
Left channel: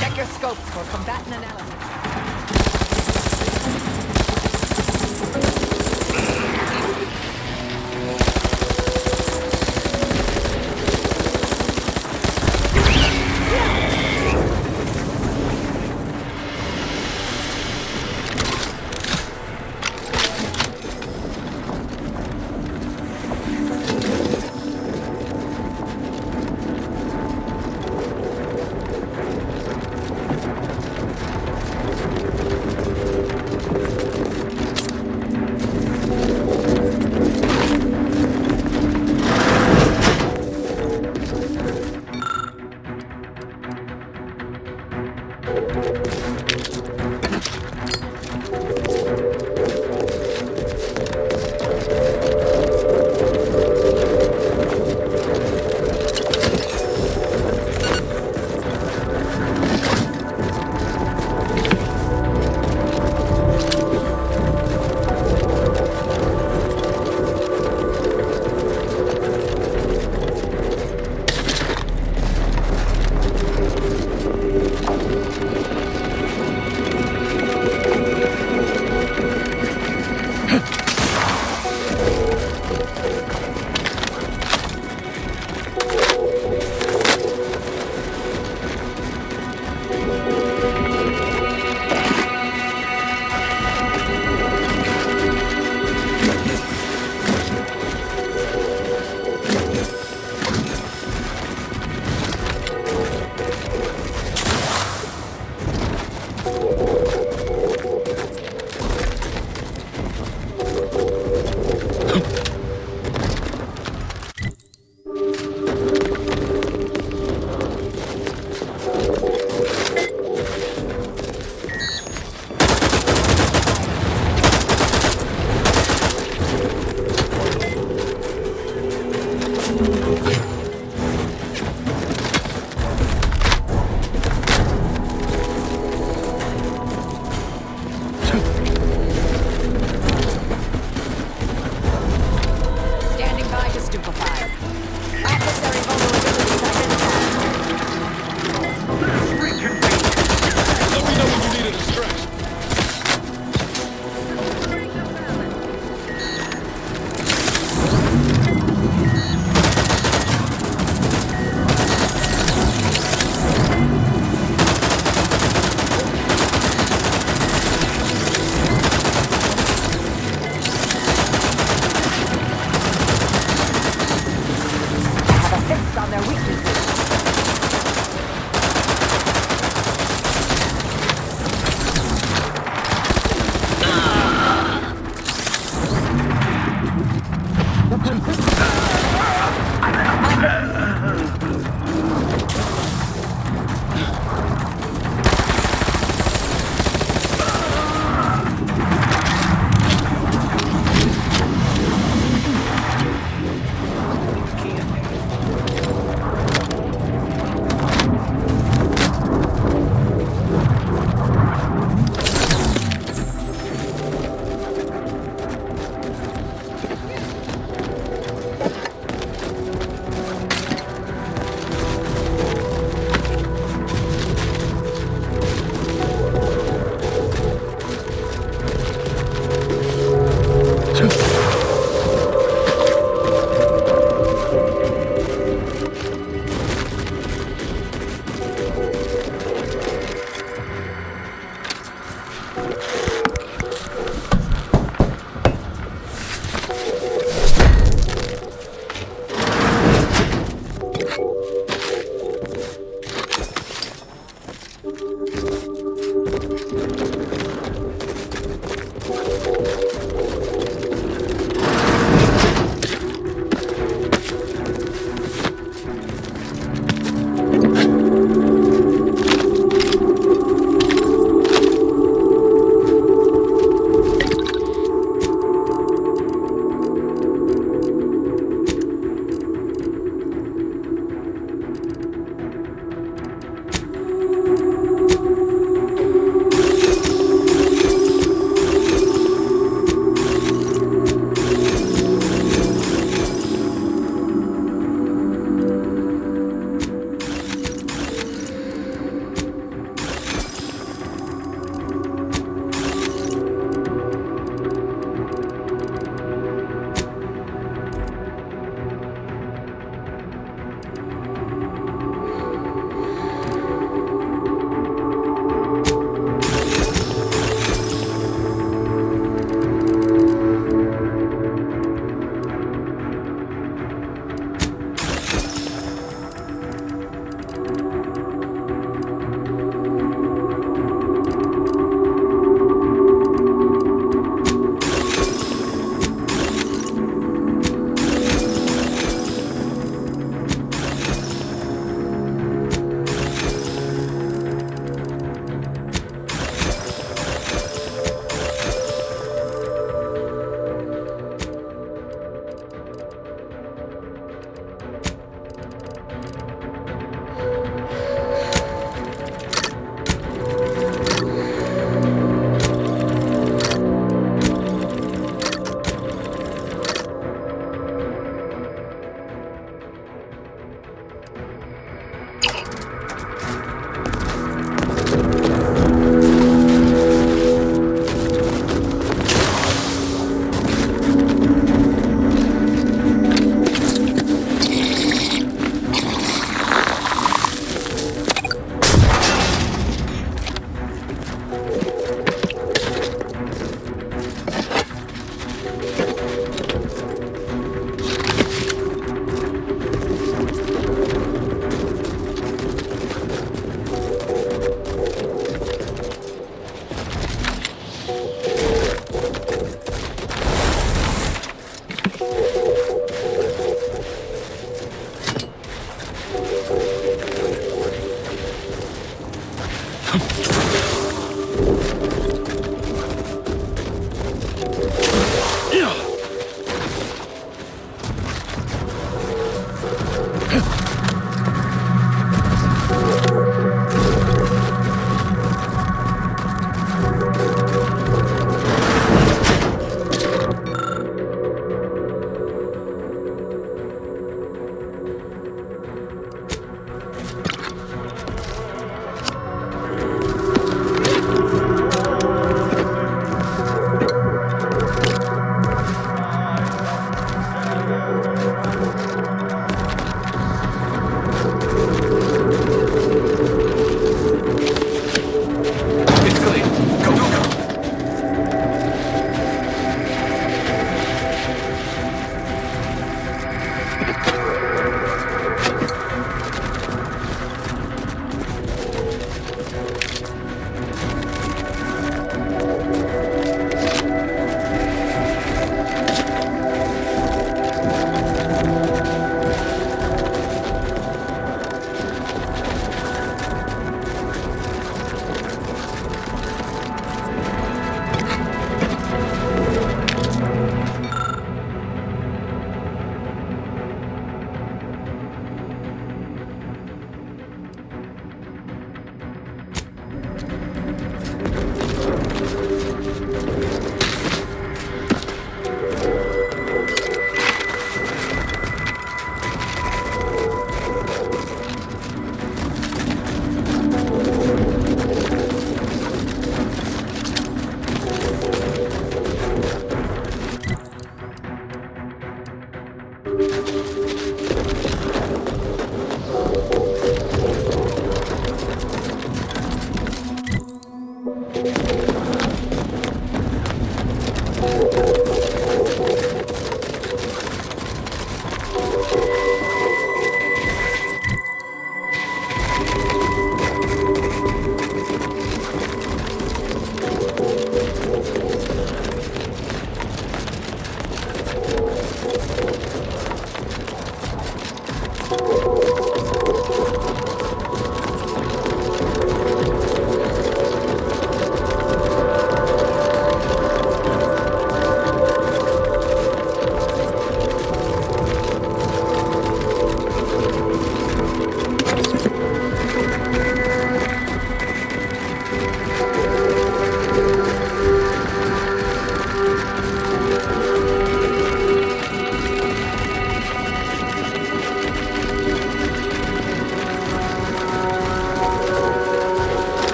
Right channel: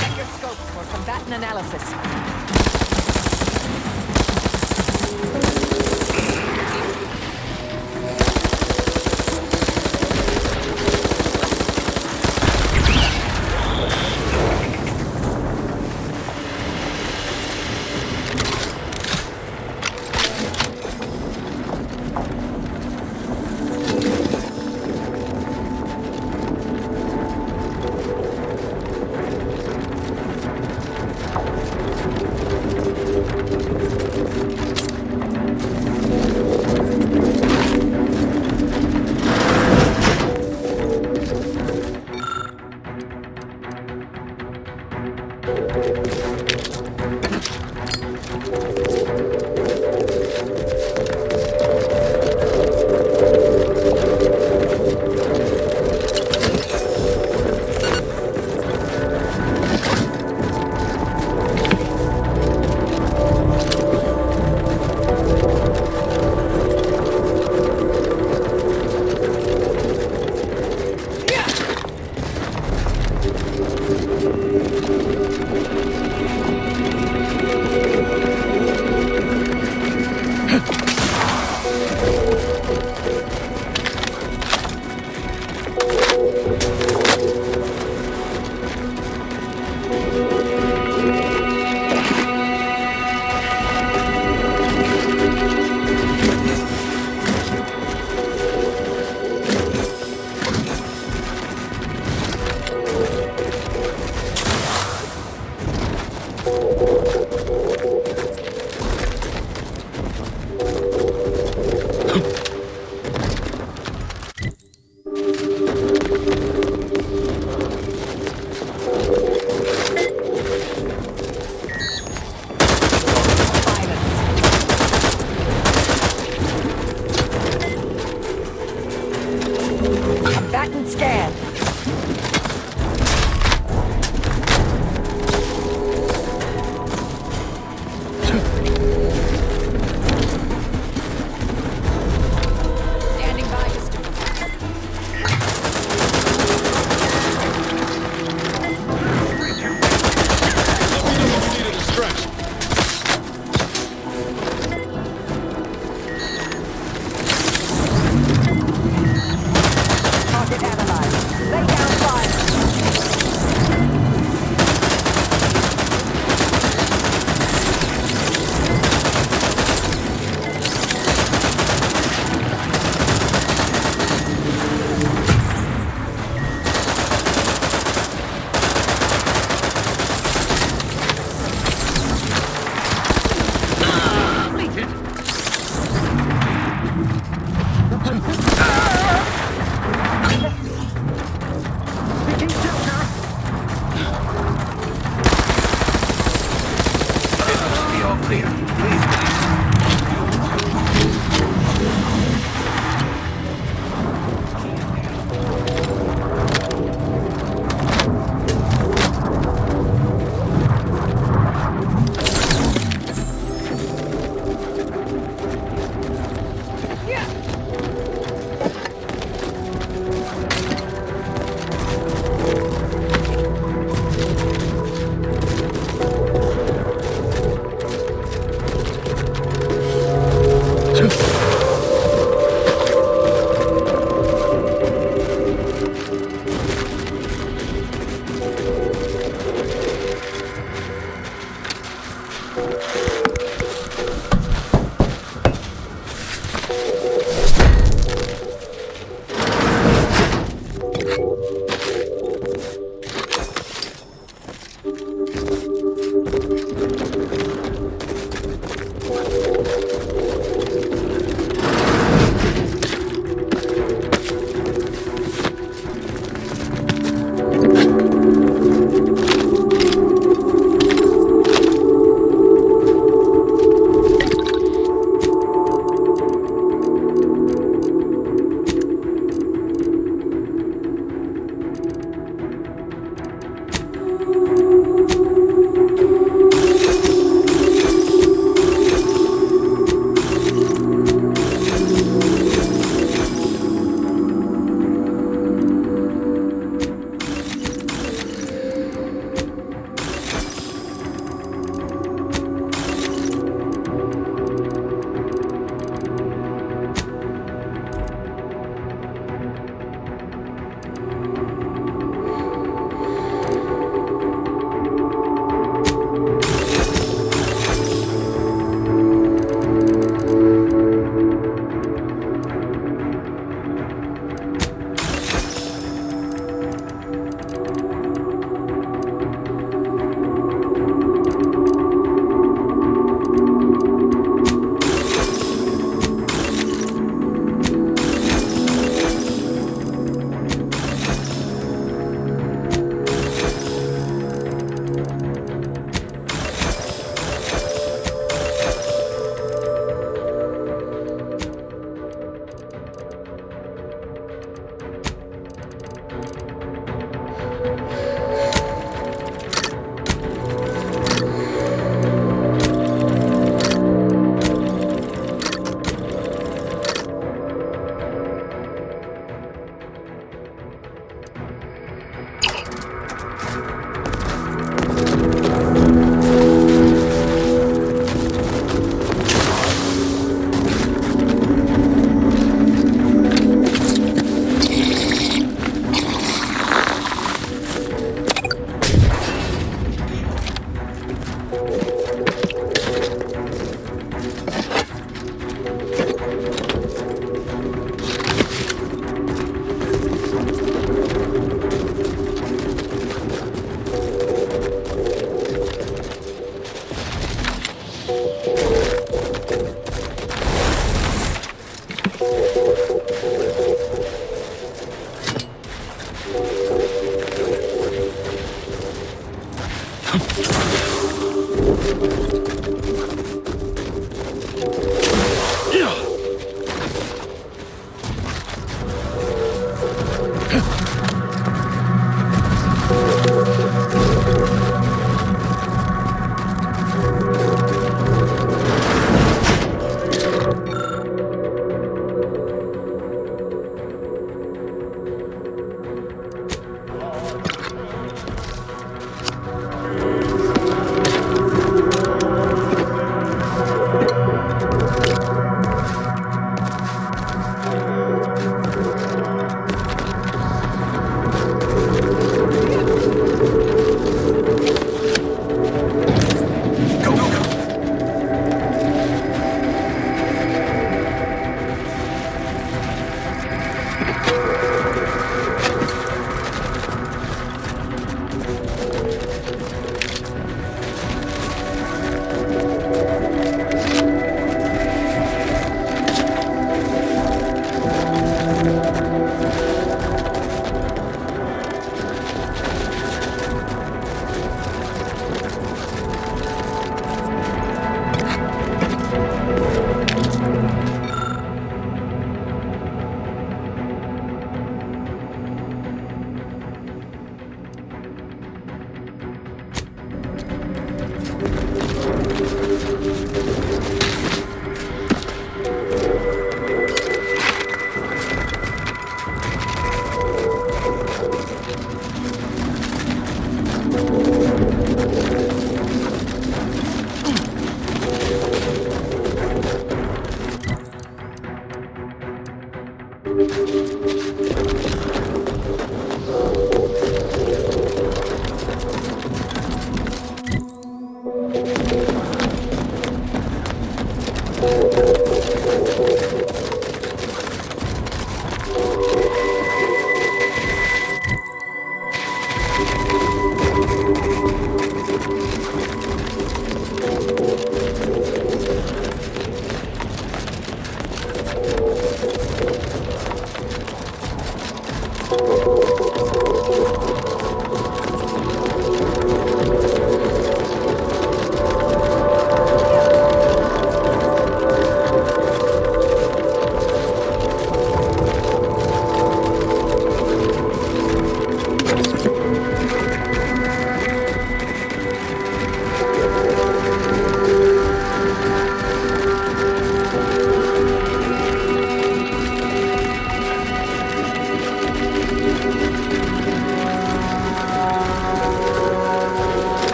Check your scopes for combatant analysis.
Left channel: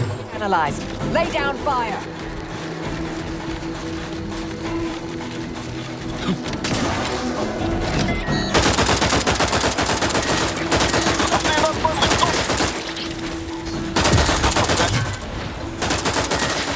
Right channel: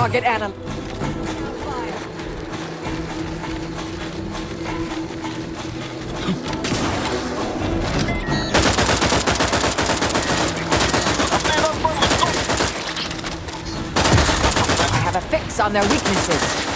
Target analyzed. Lay down fire. Have a fix on their weaknesses.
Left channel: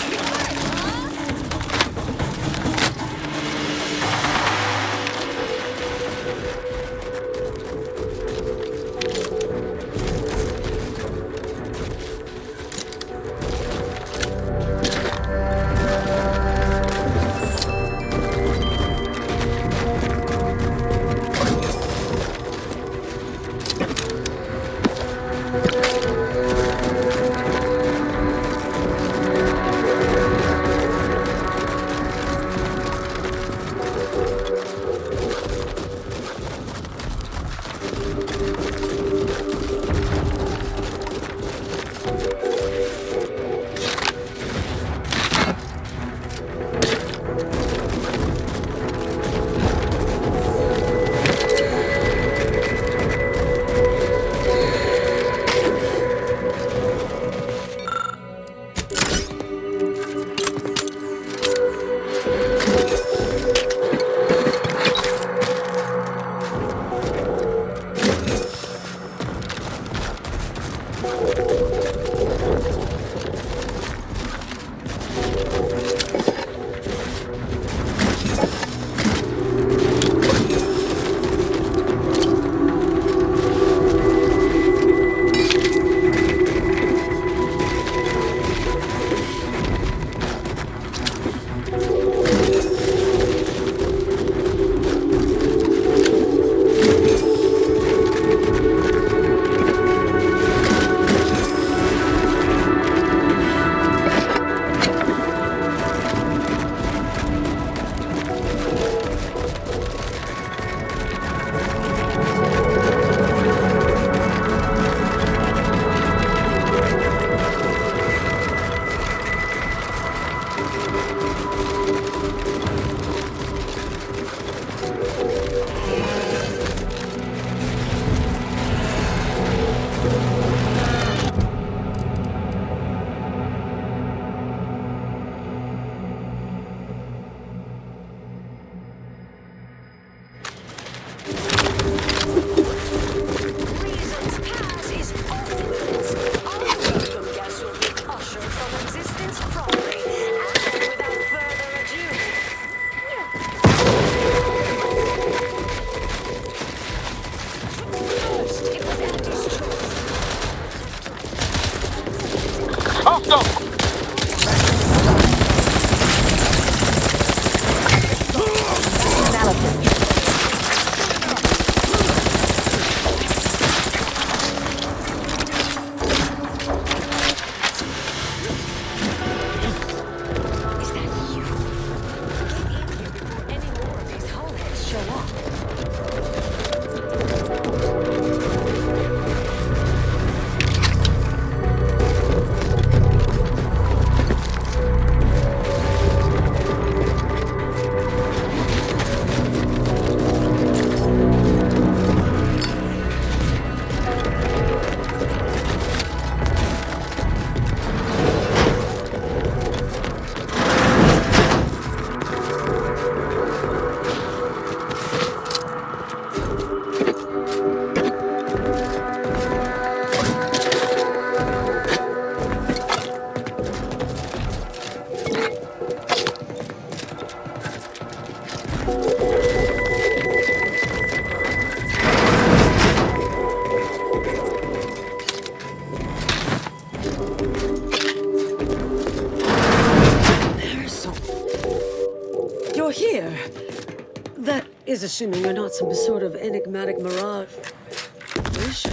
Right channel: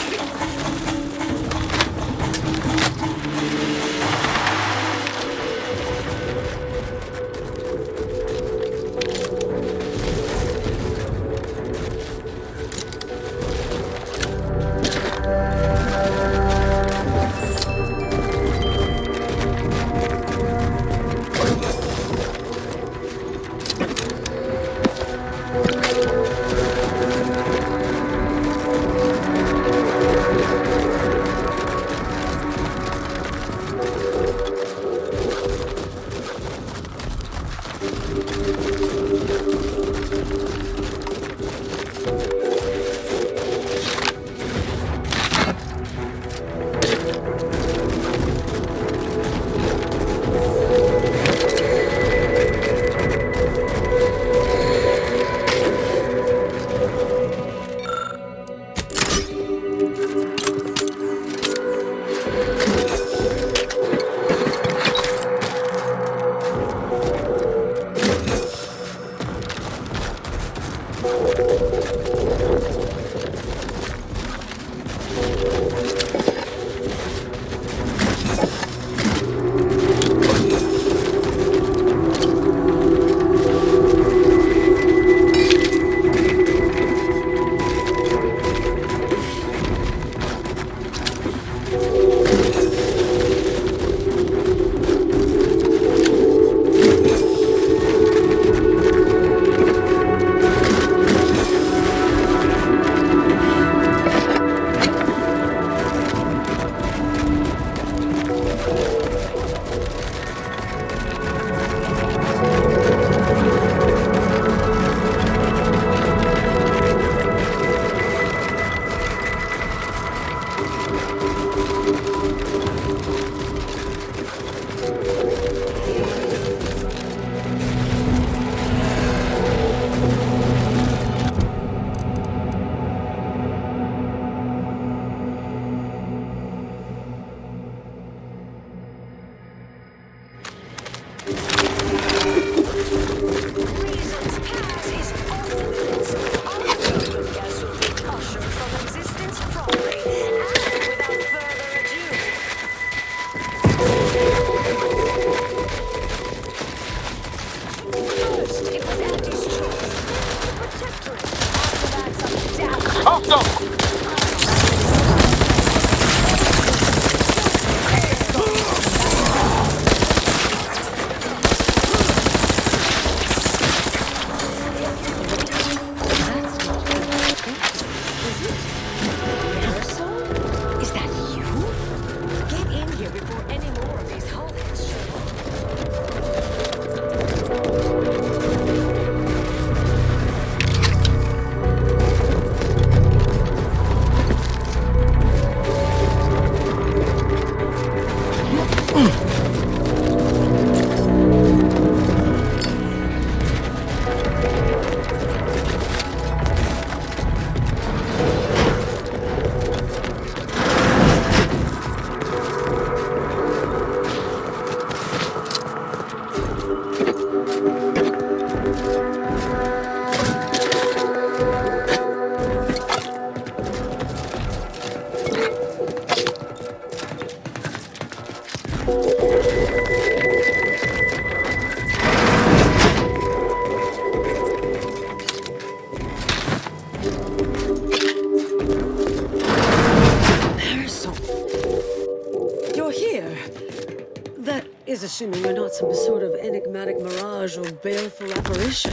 is assuming you're not some sort of enigmatic mirage or baleful apparition.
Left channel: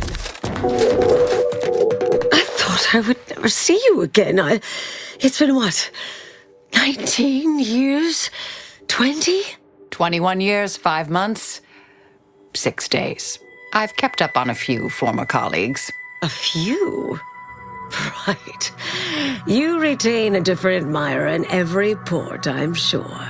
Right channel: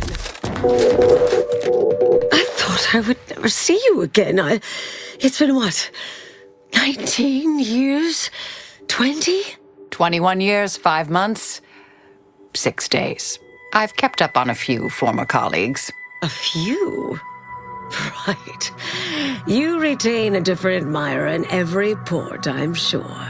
I thought I would never see you again. It's been what? 19 years? 20? 21 years, 5 months, 6 days. I've kept up on a few former colleagues. A few? Right. You retain a different admirer in every port, I'm sure.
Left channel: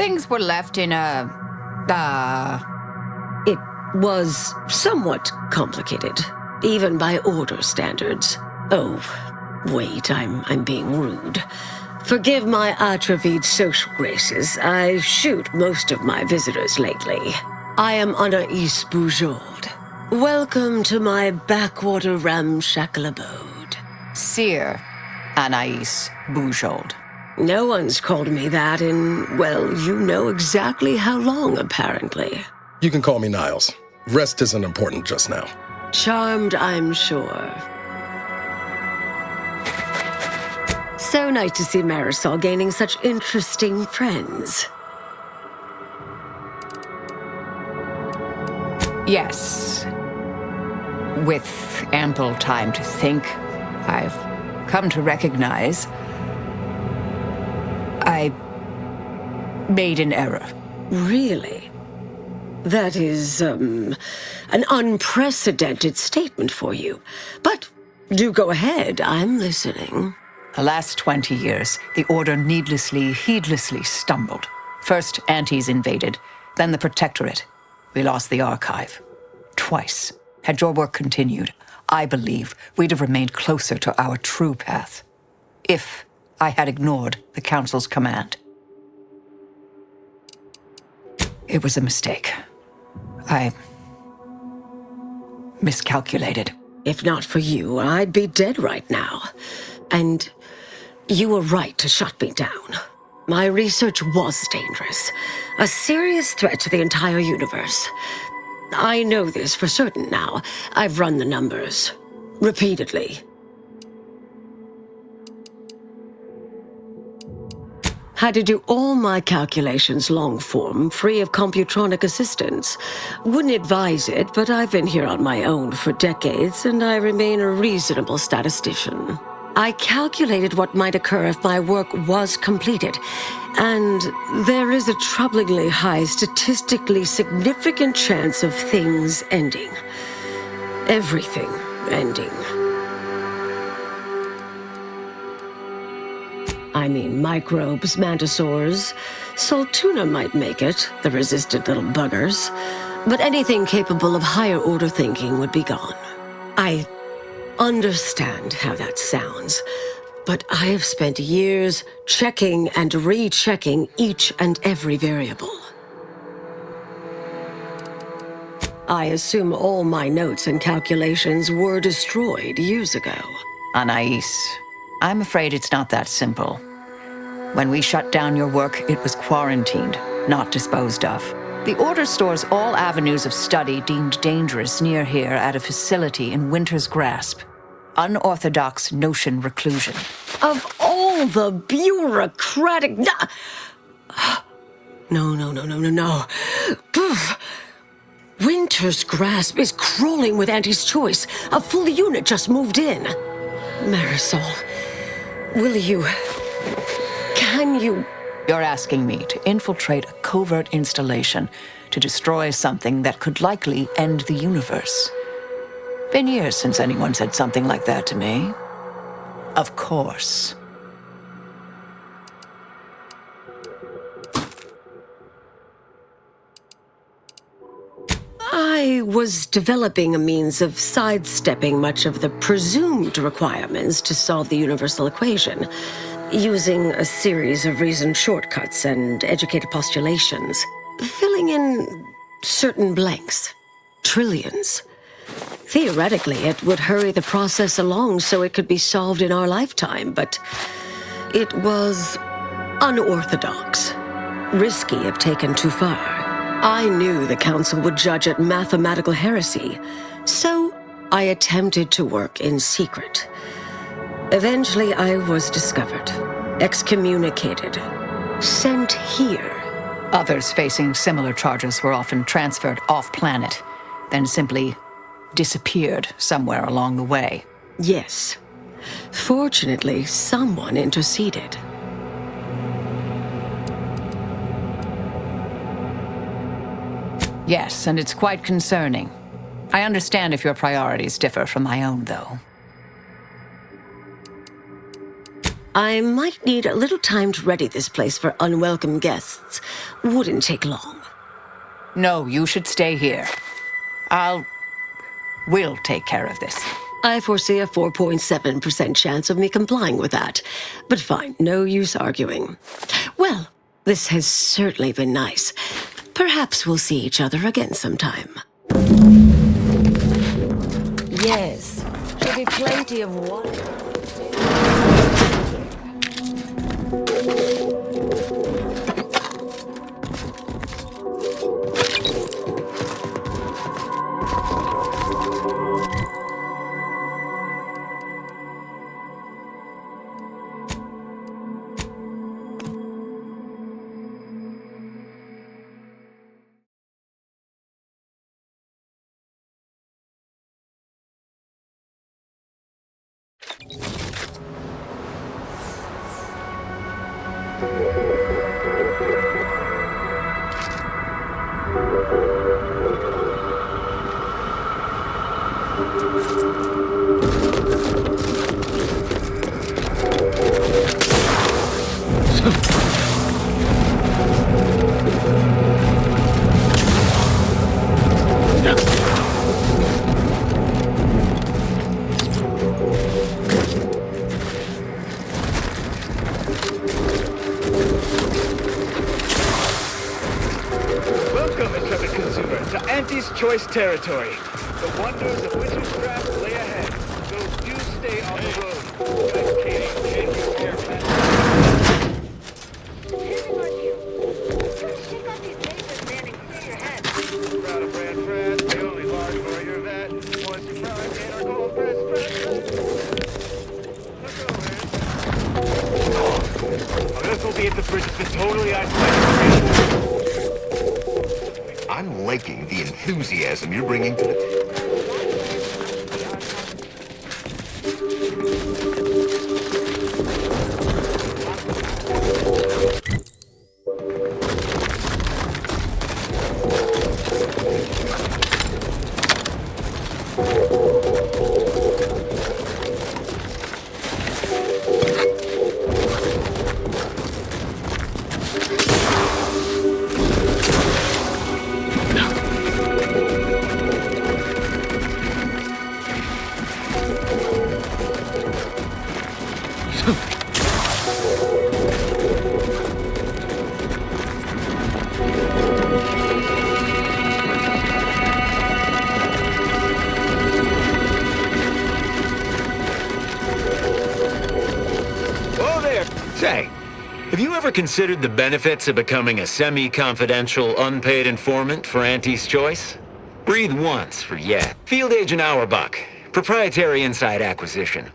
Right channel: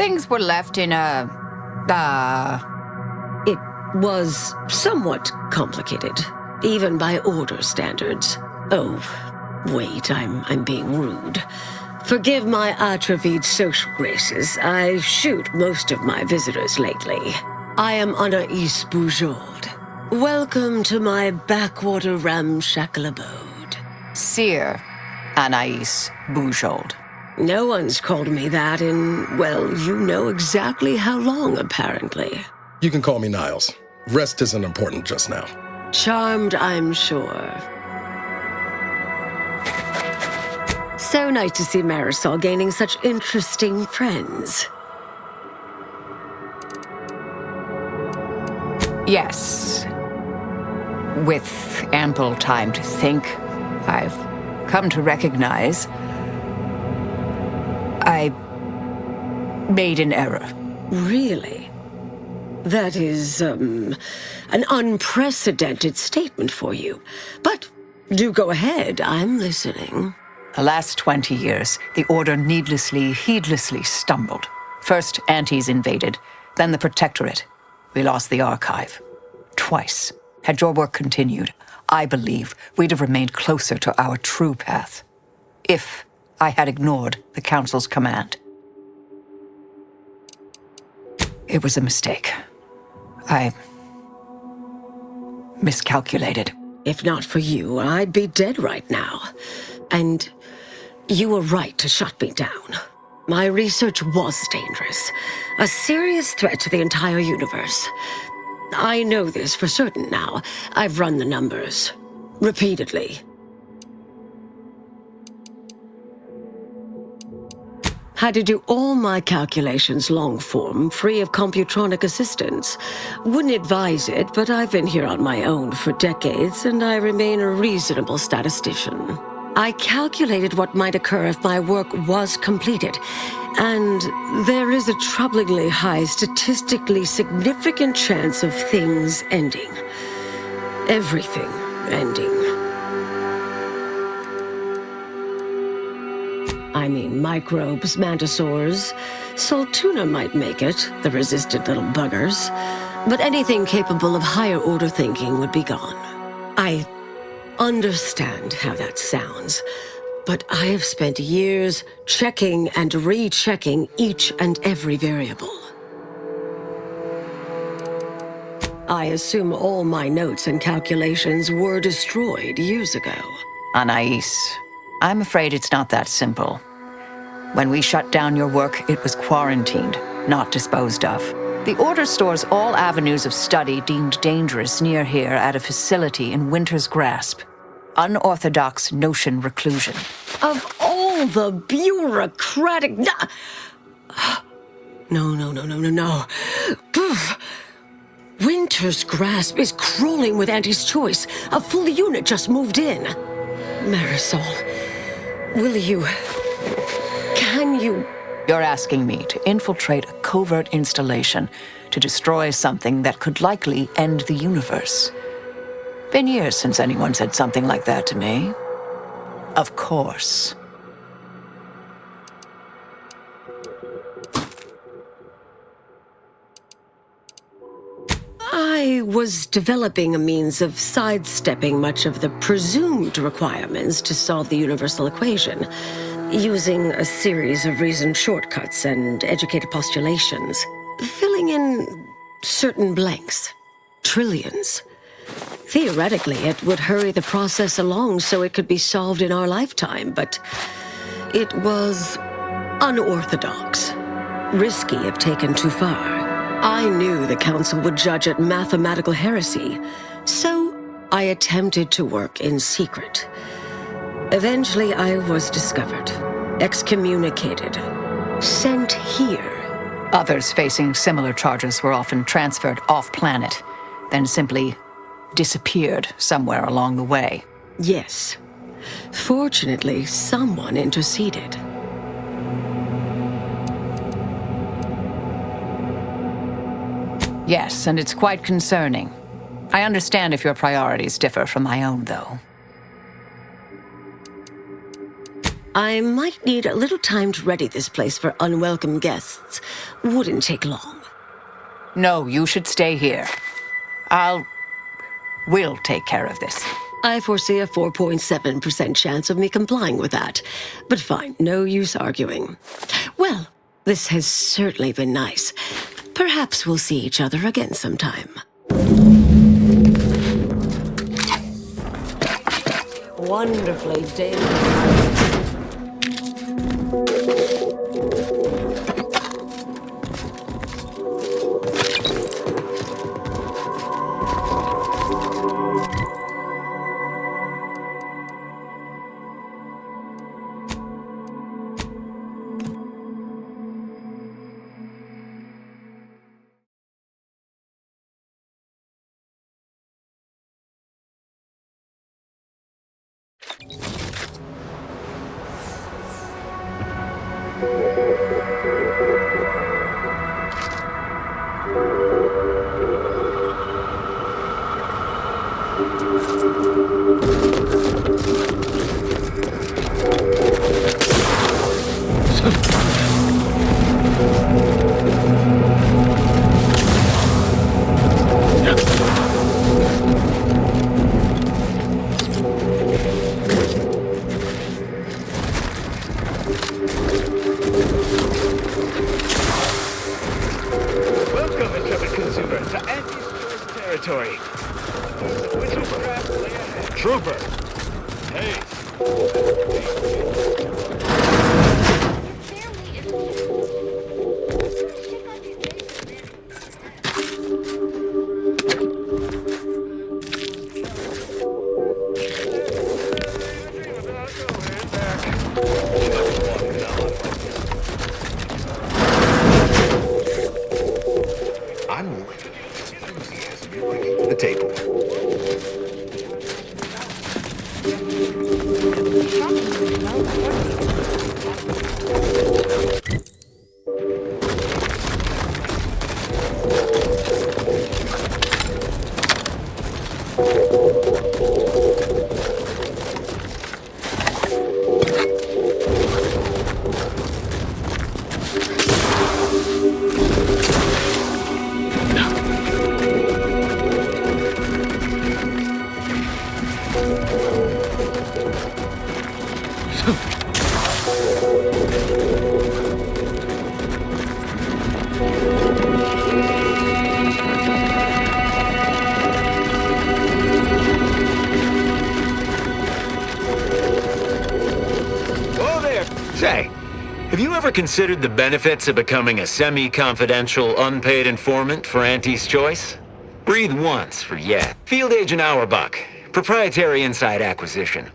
Things were left in a... It was somewhat complicated, even by order standards. Oh, wait, I'm being rude. Forgive my atrophied social graces. I shoot most of my visitors lately. I am Anais Bujold. Welcome to my backwater ramshackle abode. Seer Anais Bujold. No one's called me that in, well, you know exactly how long, apparently. You can call me Niles. Rest isn't important just now. Charmed, I'm sure. So nice to see Marisol gaining such interesting friends. Yes. With ample time to think, I've come to recognize I made an error. Really? That is, an unprecedented statement for you. But do go ahead, I'm listening. The last 20 years, the Order heedlessly stumbled. First, Antes invaded, then the Protectorate. We lost the Archive. Twice. Had your work continued, I believe we'd have remained closer to our true path. If I had ignored the Council's command. It was a mistake. I miscalculated. If not for you, I'd be dead right now. And you were right to shut me down. My research was dangerous. A serious threat to the entire universe. I know this for certain now. I've run the numbers. Repeatedly. Had to do all my calculations long form, free of computronic assistance. Wouldn't advise it, but I've been here on my own for decades, and I remain a reasonable statistician. I calculated what might occur if my work was completed, and there is a troublingly high, statistically significant chance of things ending. Everything ending. I mean, microbes, mantisaurs. Saltuna might make it, the resistant little buggers. But anything capable of higher order thinking would be gone. I understand how that sounds, but I have spent years checking and rechecking each and every variable. I assume all my notes and calculations were destroyed years ago. Anais, I'm afraid it's not that simple. When we shut down your work, it was quarantined, not disposed of. The Order stores all avenues of study deemed dangerous near here at a facility in Winter's Grasp. Unorthodox notion reclusion. Of all the bureaucratic... No. Poof. Winter's Grasp is crawling with Anti's choice. A full unit just moved in. Marisol, will you... Can you... You're asking me to infiltrate a covert installation to destroy something that could likely end the universe. Been years since anyone said something like that to me. Of course. I was developing a means of sidestepping much of the presumed requirements to solve the universal equation, using a series of reasoned shortcuts and educated postulations, filling in certain blanks. Trillions. Theoretically, it would hurry the process along so it could be solved in our lifetime, but it was unorthodox. Risky if taken too far. I knew the Council would judge it mathematical heresy, so I attempted to work in secret. Eventually, I was discovered, excommunicated, sent here. Others facing similar charges were often transferred off-planet, then simply disappeared somewhere along the way. Yes. Fortunately, someone interceded. Yes, and it's quite concerning. I understand if your priorities differ from my own, though. I might need a little time to ready this place for unwelcome guests. Wouldn't take long. No, you should stay here. We'll take care of this. I foresee a 4.7% chance of me complying with that. But fine, no use arguing. Well, this has certainly been nice. Perhaps we'll see each other again sometime. Yes, there'll be plenty of wonderful tales. Welcome, intrepid consumer, to Auntie's Choice territory. The wonders of witchcraft lay ahead. Trooper! I'm liking the enthusiasm you're bringing to the table. Say, have you ever considered the benefits of becoming a semi-confidential, unpaid informant for Auntie's Choice? Breathe once for yeah. Field Agent Auerbach, proprietary inside acquisition.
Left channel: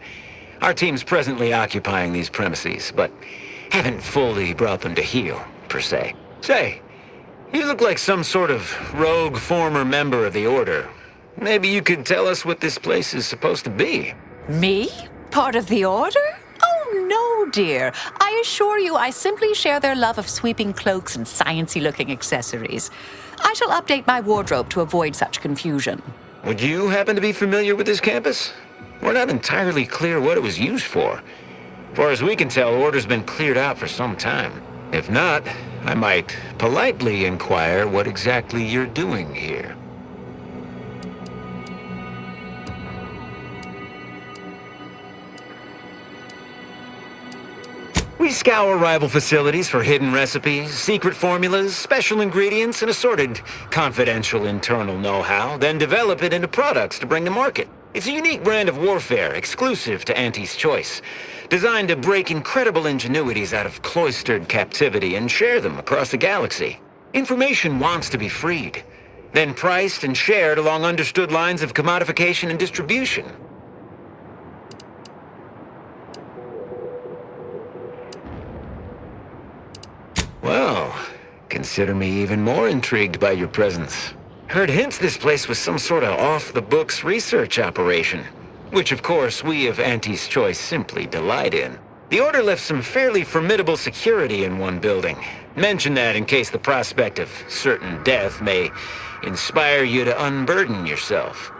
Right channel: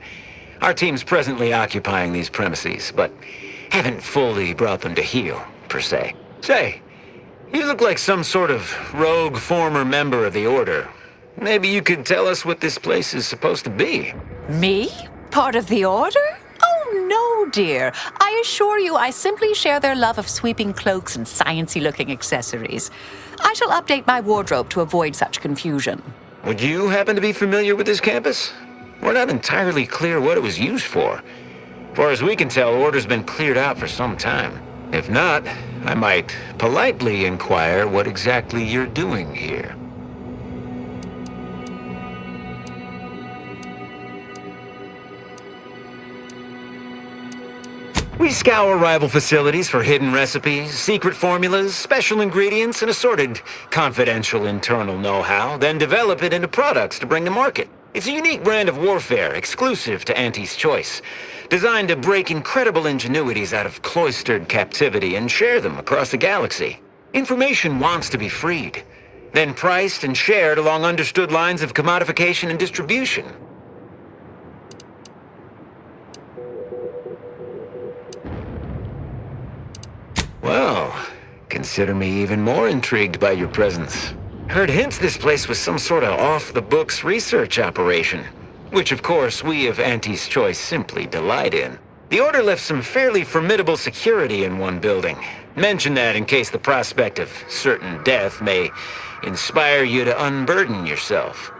Our team's presently occupying these premises, but haven't fully brought them to heel, per se. Say, you look like some sort of rogue former member of the Order. Maybe you could tell us what this place is supposed to be. Me? Part of the Order? Oh, no, dear. I assure you I simply share their love of sweeping cloaks and sciencey-looking accessories. I shall update my wardrobe to avoid such confusion. Would you happen to be familiar with this campus? We're not entirely clear what it was used for. As far as we can tell, Order's been cleared out for some time. If not, I might politely inquire what exactly you're doing here. We scour rival facilities for hidden recipes, secret formulas, special ingredients, and assorted confidential internal know-how, then develop it into products to bring to market. It's a unique brand of warfare, exclusive to Auntie's Choice, designed to break incredible ingenuities out of cloistered captivity and share them across the galaxy. Information wants to be freed, then priced and shared along understood lines of commodification and distribution. Well, consider me even more intrigued by your presence. Heard hints this place was some sort of off-the-books research operation, which of course we of Auntie's Choice simply delight in. The Order left some fairly formidable security in one building. Mention that in case the prospect of certain death may inspire you to unburden yourself.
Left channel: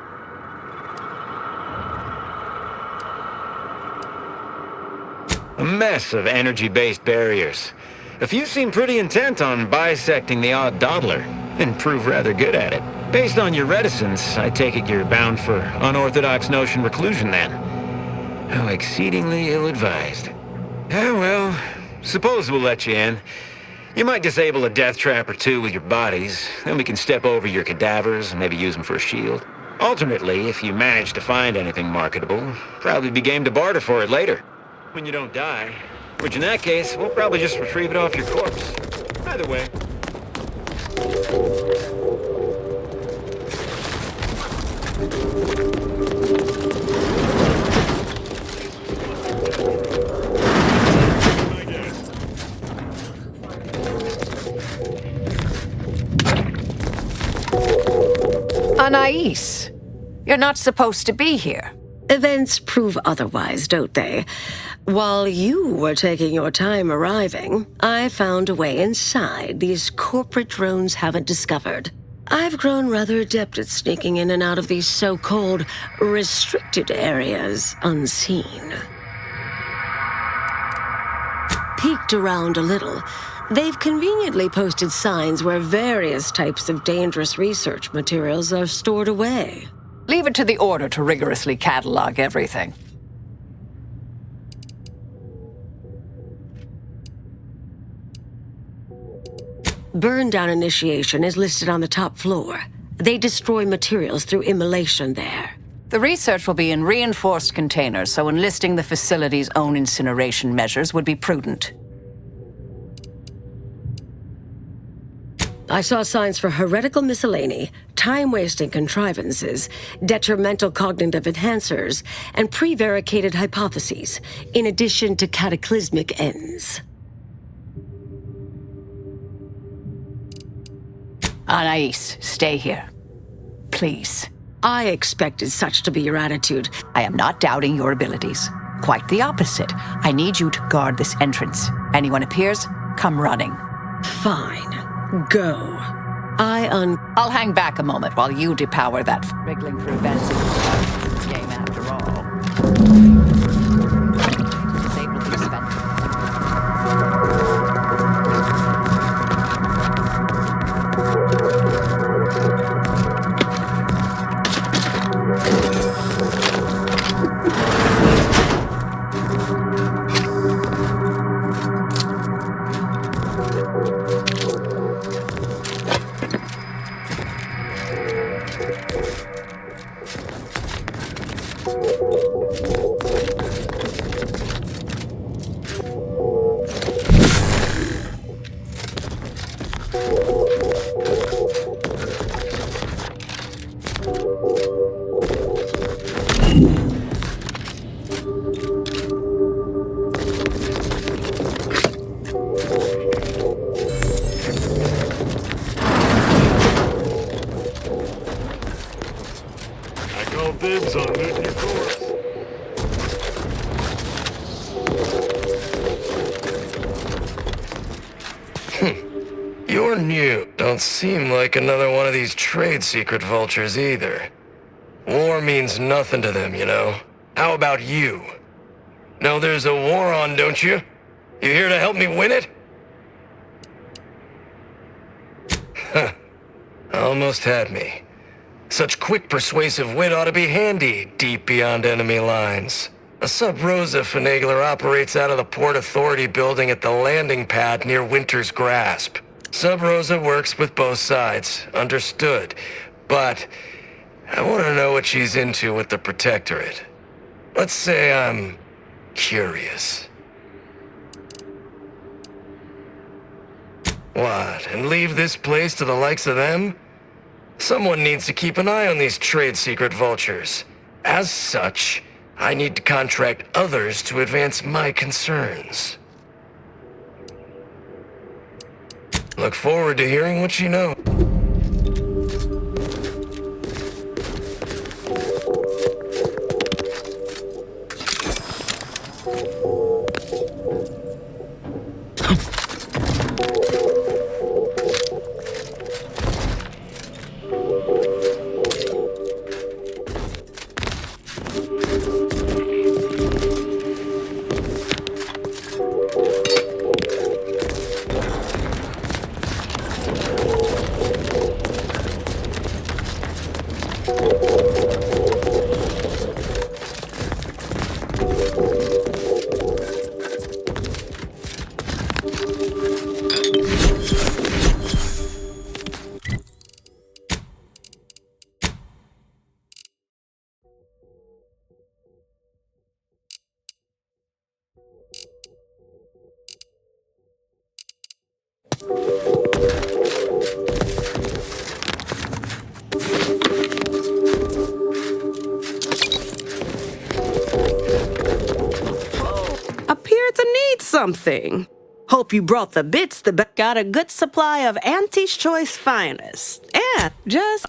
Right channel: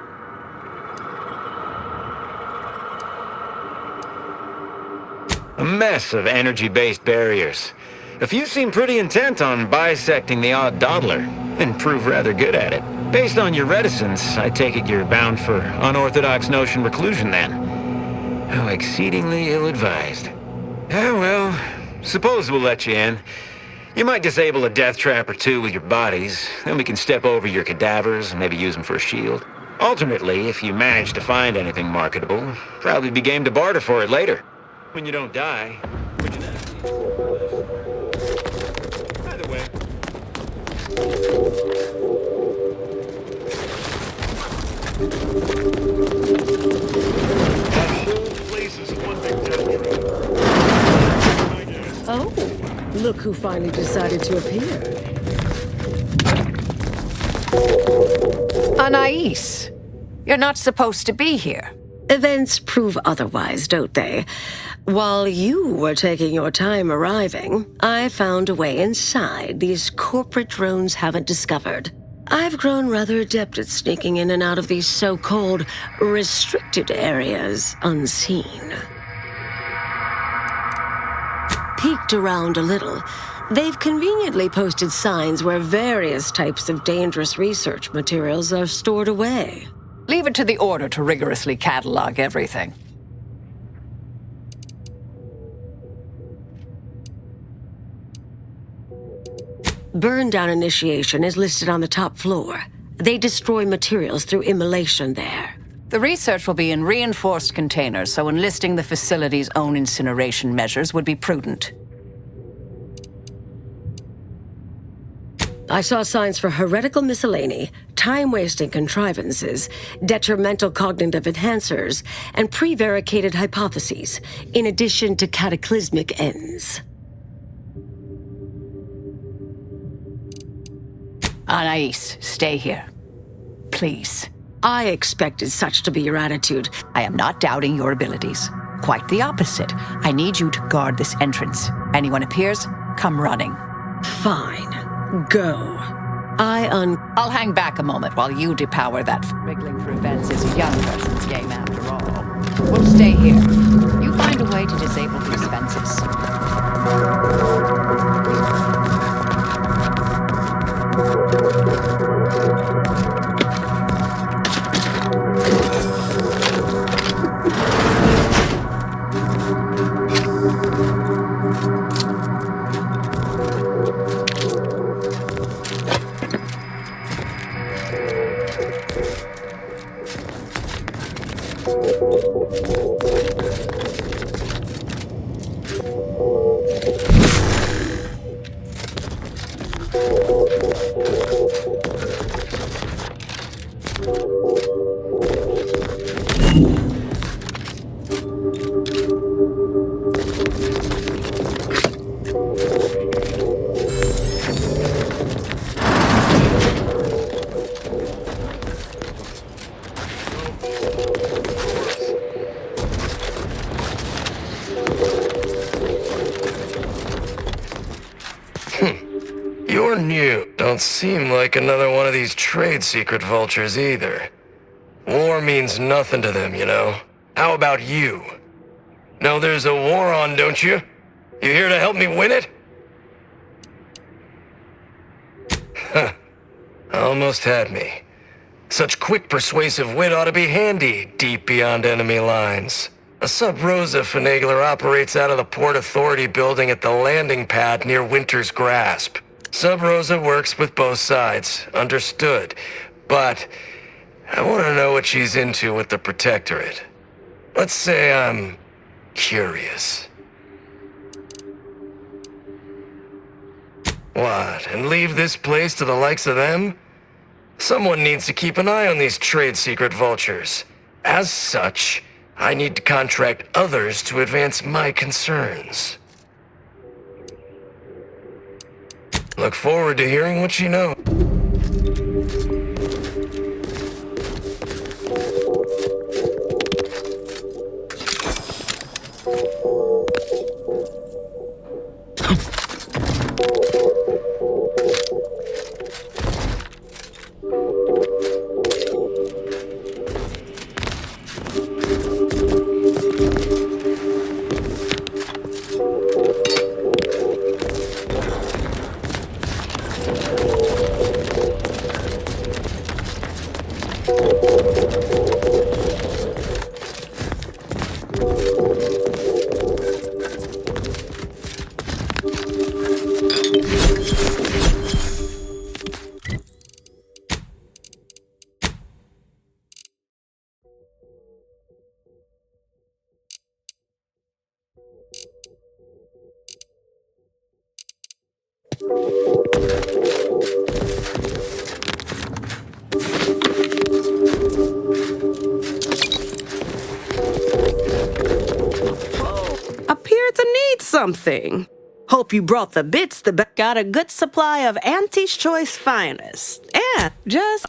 A mess of energy-based barriers. A few seem pretty intent on bisecting the odd dawdler, and prove rather good at it. Based on your reticence, I take it you're bound for unorthodox notion reclusion then. How exceedingly ill-advised. Ah, well, suppose we'll let you in. You might disable a death trap or two with your bodies, then we can step over your cadavers and maybe use them for a shield. Alternately, if you manage to find anything marketable, probably be game to barter for it later. When you don't die, which in that case, we'll probably just retrieve it off your corpse. Either way. Oh, look who finally decided to appear. Anais, you're not supposed to be here. Events prove otherwise, don't they? While you were taking your time arriving, I found a way inside these corporate drones haven't discovered. I've grown rather adept at sneaking in and out of these so-called restricted areas unseen. Peeked around a little. They've conveniently posted signs where various types of dangerous research materials are stored away. Leave it to the Order to rigorously catalog everything. Burn down initiation is listed on the top floor. They destroy materials through immolation there. The research will be in reinforced containers, so enlisting the facility's own incineration measures would be prudent. I saw signs for heretical miscellany, time-wasting contrivances, detrimental cognitive enhancers, and prevaricated hypotheses, in addition to cataclysmic ends. Anais, stay here. Please. I expected such to be your attitude. I am not doubting your abilities. Quite the opposite. I need you to guard this entrance. Anyone appears, come running. Fine. Go. I'll hang back a moment while you depower that. Wriggling through vents is a young person's game after all. We'll stay here. You find a way to disable these fences. You're new. Don't seem like another one of these trade secret vultures either. War means nothing to them, you know. How about you? Know there's a war on, don't you? You here to help me win it? Huh. Almost had me. Such quick persuasive wit ought to be handy, deep beyond enemy lines. A Sub Rosa finagler operates out of the Port Authority building at the landing pad near Winter's Grasp. Sub Rosa works with both sides, understood. But I want to know what she's into with the Protectorate. Let's say I'm curious. What, and leave this place to the likes of them? Someone needs to keep an eye on these trade secret vultures. As such, I need to contract others to advance my concerns. Look forward to hearing what you know. Appear to need something. Hope you brought the bits. Got a good supply of Auntie's Choice finest. And just...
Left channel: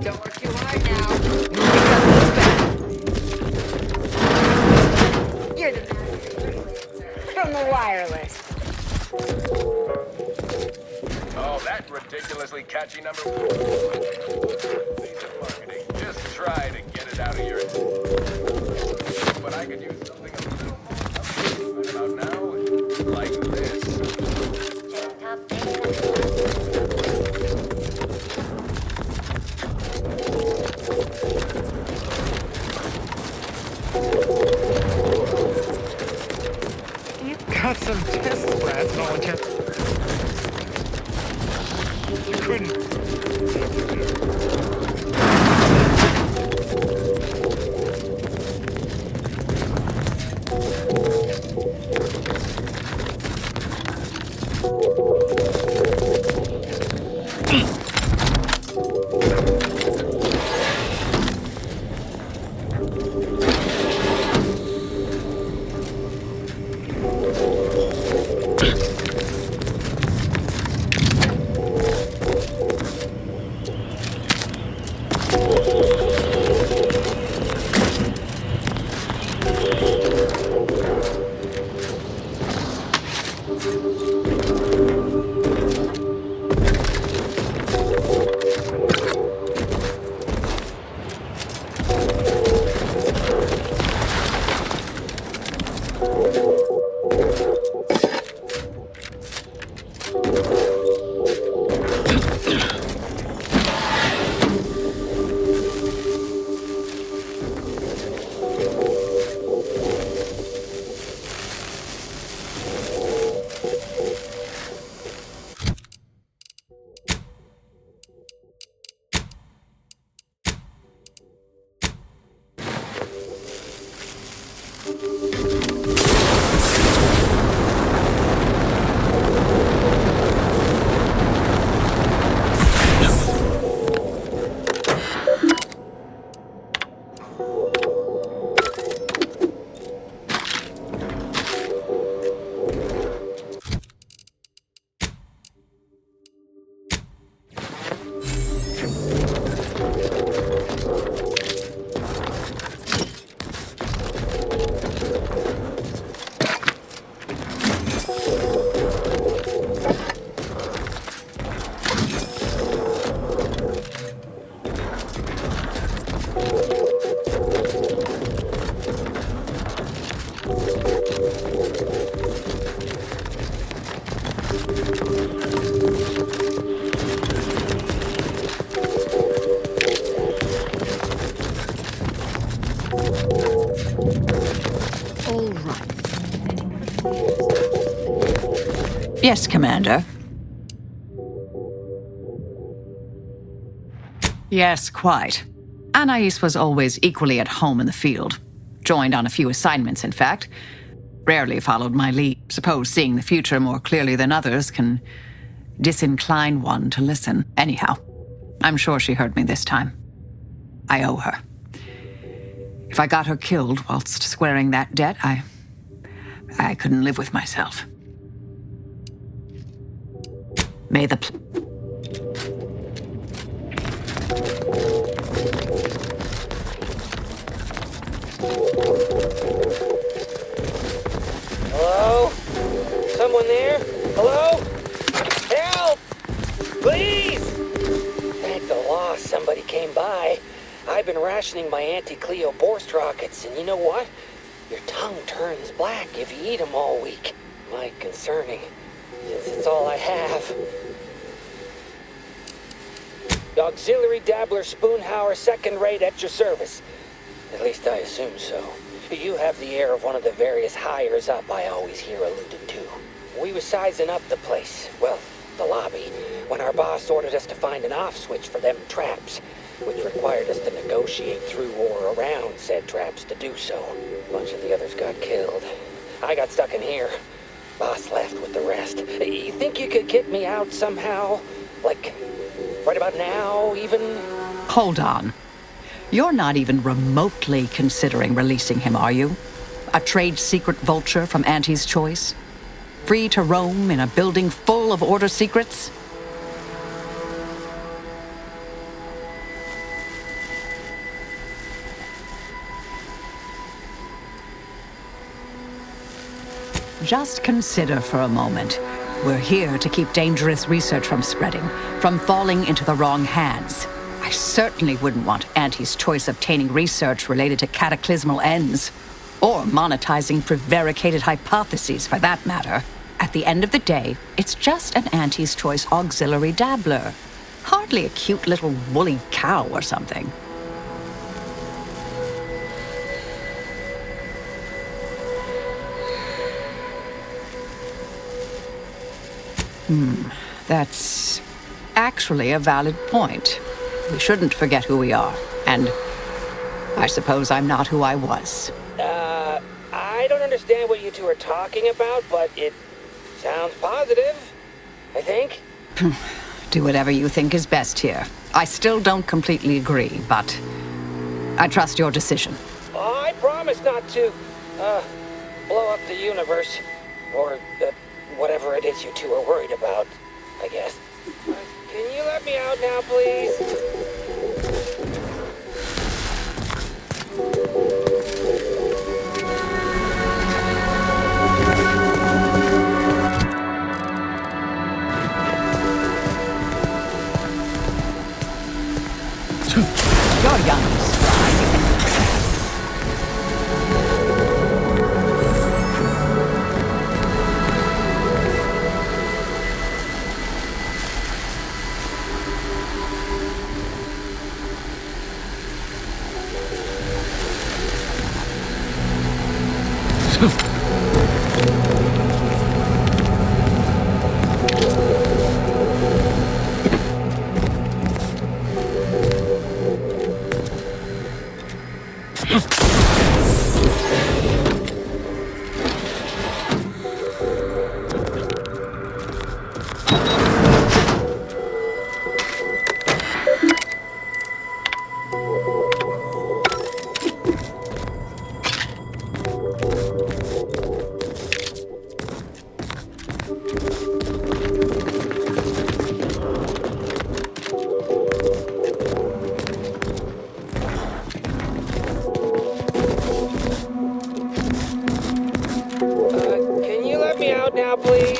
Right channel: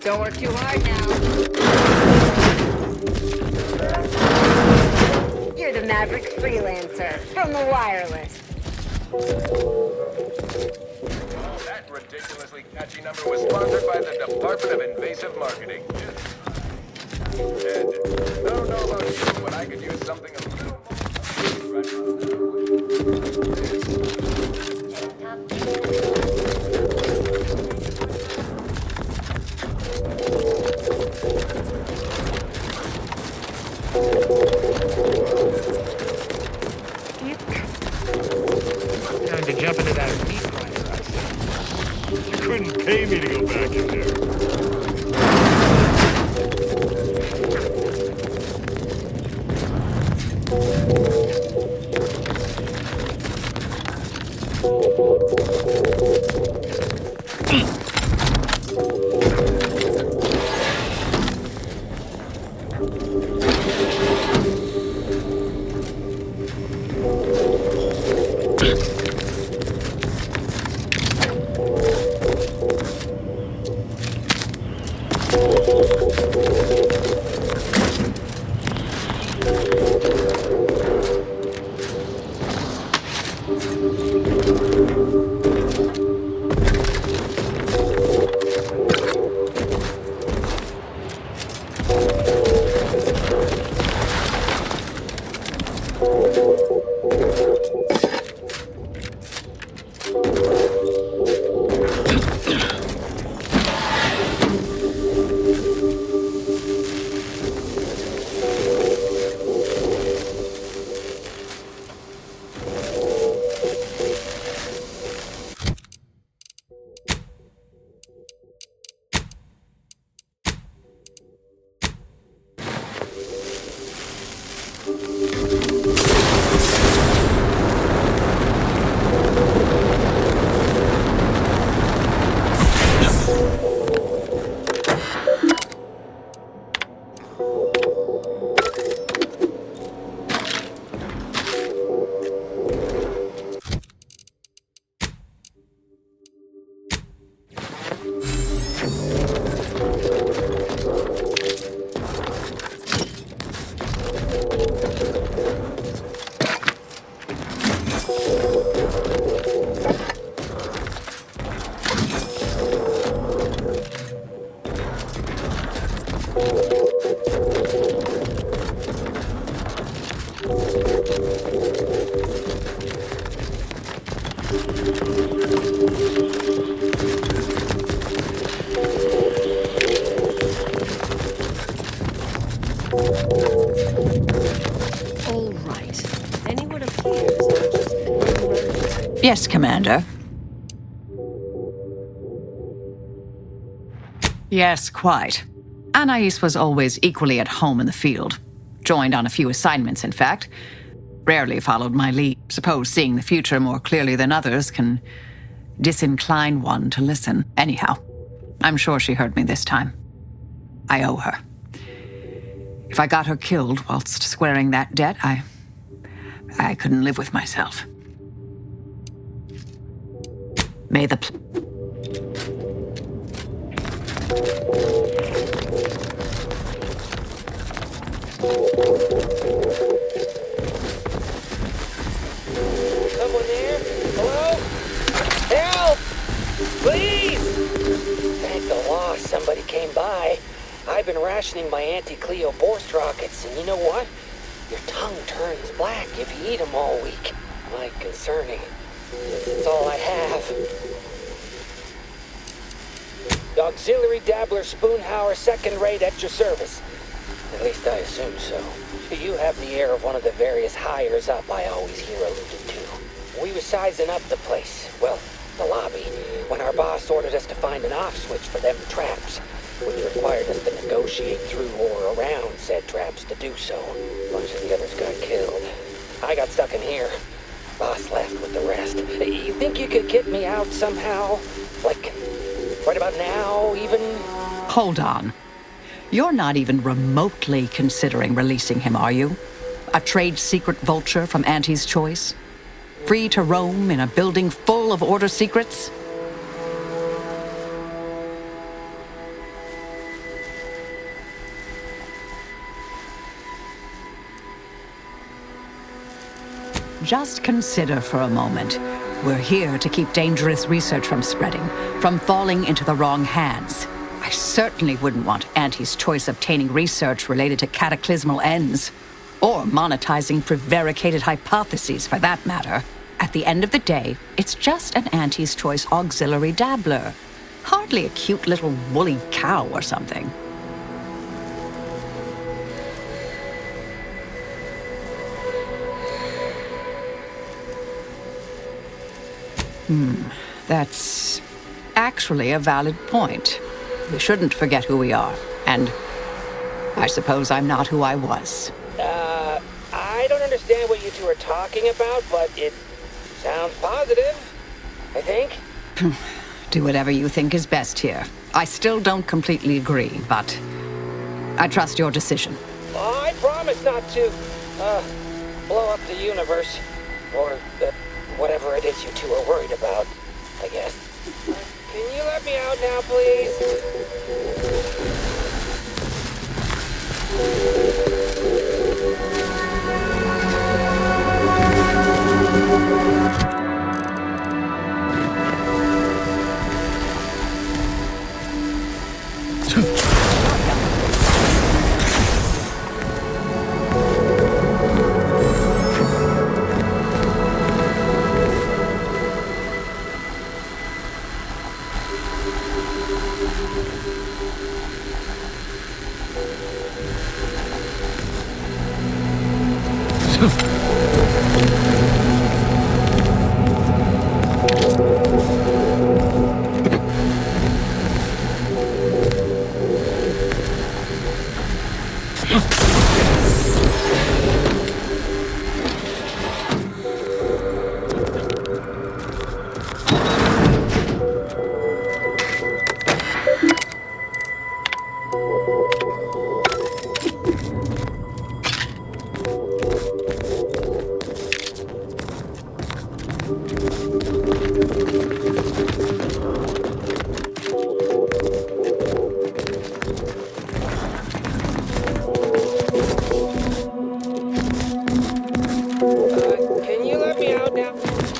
Don't work too hard now. You're the Maverick freelancer from the wireless. Oh, that ridiculously catchy number was sponsored by the Department of Invasive Marketing. Just try to get it out of your head. No, but I could use something a little more upbeat right about now, like this. You got some test slats all the time to jump into that heat class. You couldn't pay me to go back in there. All right. Anyone appears to have just been... Yes, Commander. Yes, quite. Anais was always equally at home in the field. Joined on a few assignments, in fact. Rarely followed my lead. Suppose seeing the future more clearly than others can disincline one to listen. Anyhow, I'm sure she heard me this time. I owe her. If I got her killed whilst squaring that debt, I couldn't live with myself. May the... Hello? Someone there? Hello? Help! Please! Thank the law somebody came by. I've been rationing my anti-Cleo Borst rockets, and you know what? Your tongue turns black if you eat them all week. Quite concerning, since it's all I have. The Auxiliary Dabbler Spoonhauer second rate at your service. At least I assume so. You have the air of one of the various hires up I always hear alluded to. We were sizing up the place, well, the lobby, when our boss ordered us to find an off switch for them traps, which required us to negotiate through or around said traps to do so. A bunch of the others got killed. I got stuck in here. Boss left with the rest. You think you could get me out somehow? Like, right about now, even? Hold on. You're not even remotely considering releasing him, are you? A trade secret vulture from Auntie's Choice? Free to roam in a building full of order secrets? Just consider for a moment. We're here to keep dangerous research from spreading, from falling into the wrong hands. I certainly wouldn't want Auntie's Choice obtaining research related to cataclysmal ends, or monetizing prevaricated hypotheses for that matter. At the end of the day, it's just an Auntie's Choice auxiliary dabbler. Hardly a cute little woolly cow or something. That's actually a valid point. We shouldn't forget who we are, and I suppose I'm not who I was. I don't understand what you two are talking about, but it sounds positive, I think. Do whatever you think is best here. I still don't completely agree, but I trust your decision. I promise not to, blow up the universe, or whatever it is you two are worried about, I guess. Can you let me out now, please? You're young. Can you let me out now, please?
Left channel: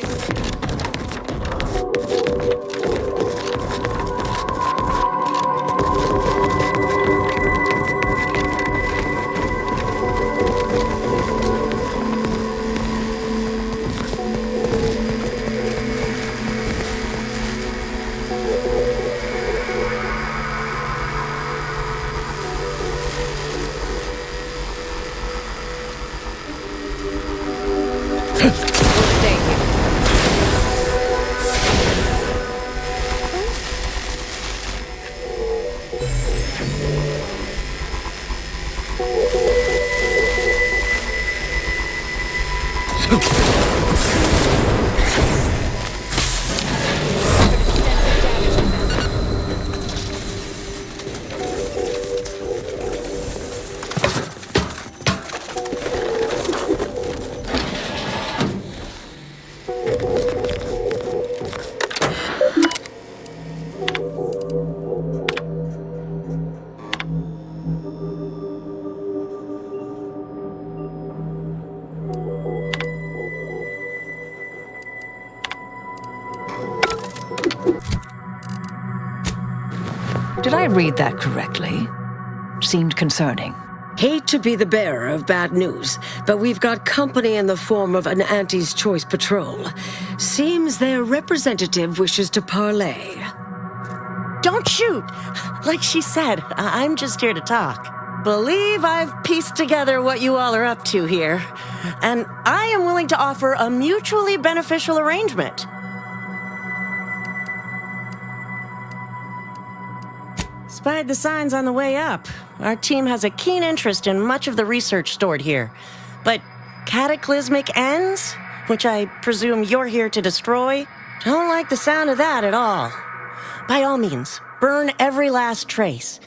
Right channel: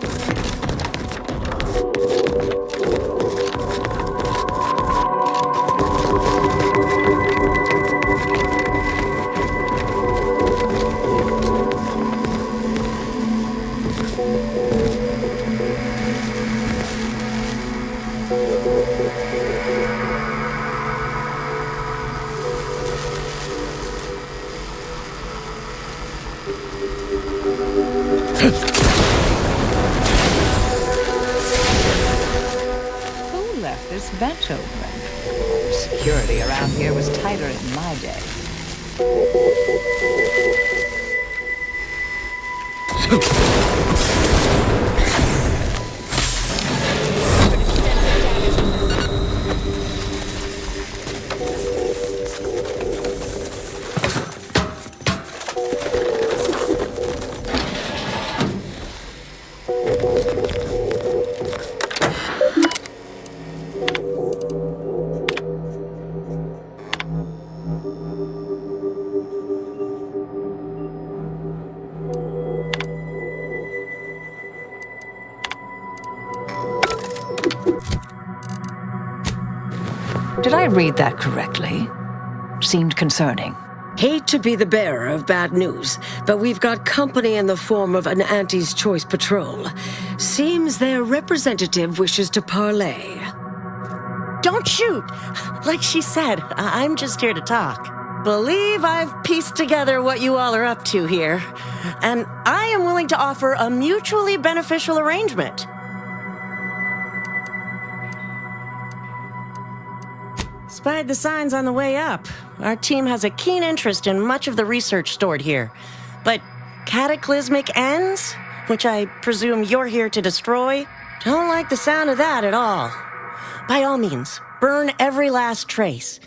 Security around here was tighter in my day. Did I read that correctly? Seemed concerning. Hate to be the bearer of bad news, but we've got company in the form of an Auntie's Choice patrol. Seems their representative wishes to parley. Don't shoot! Like she said, I'm just here to talk. Believe I've pieced together what you all are up to here. And I am willing to offer a mutually beneficial arrangement. Spied the signs on the way up. Our team has a keen interest in much of the research stored here. But cataclysmic ends, which I presume you're here to destroy, don't like the sound of that at all. By all means, burn every last trace.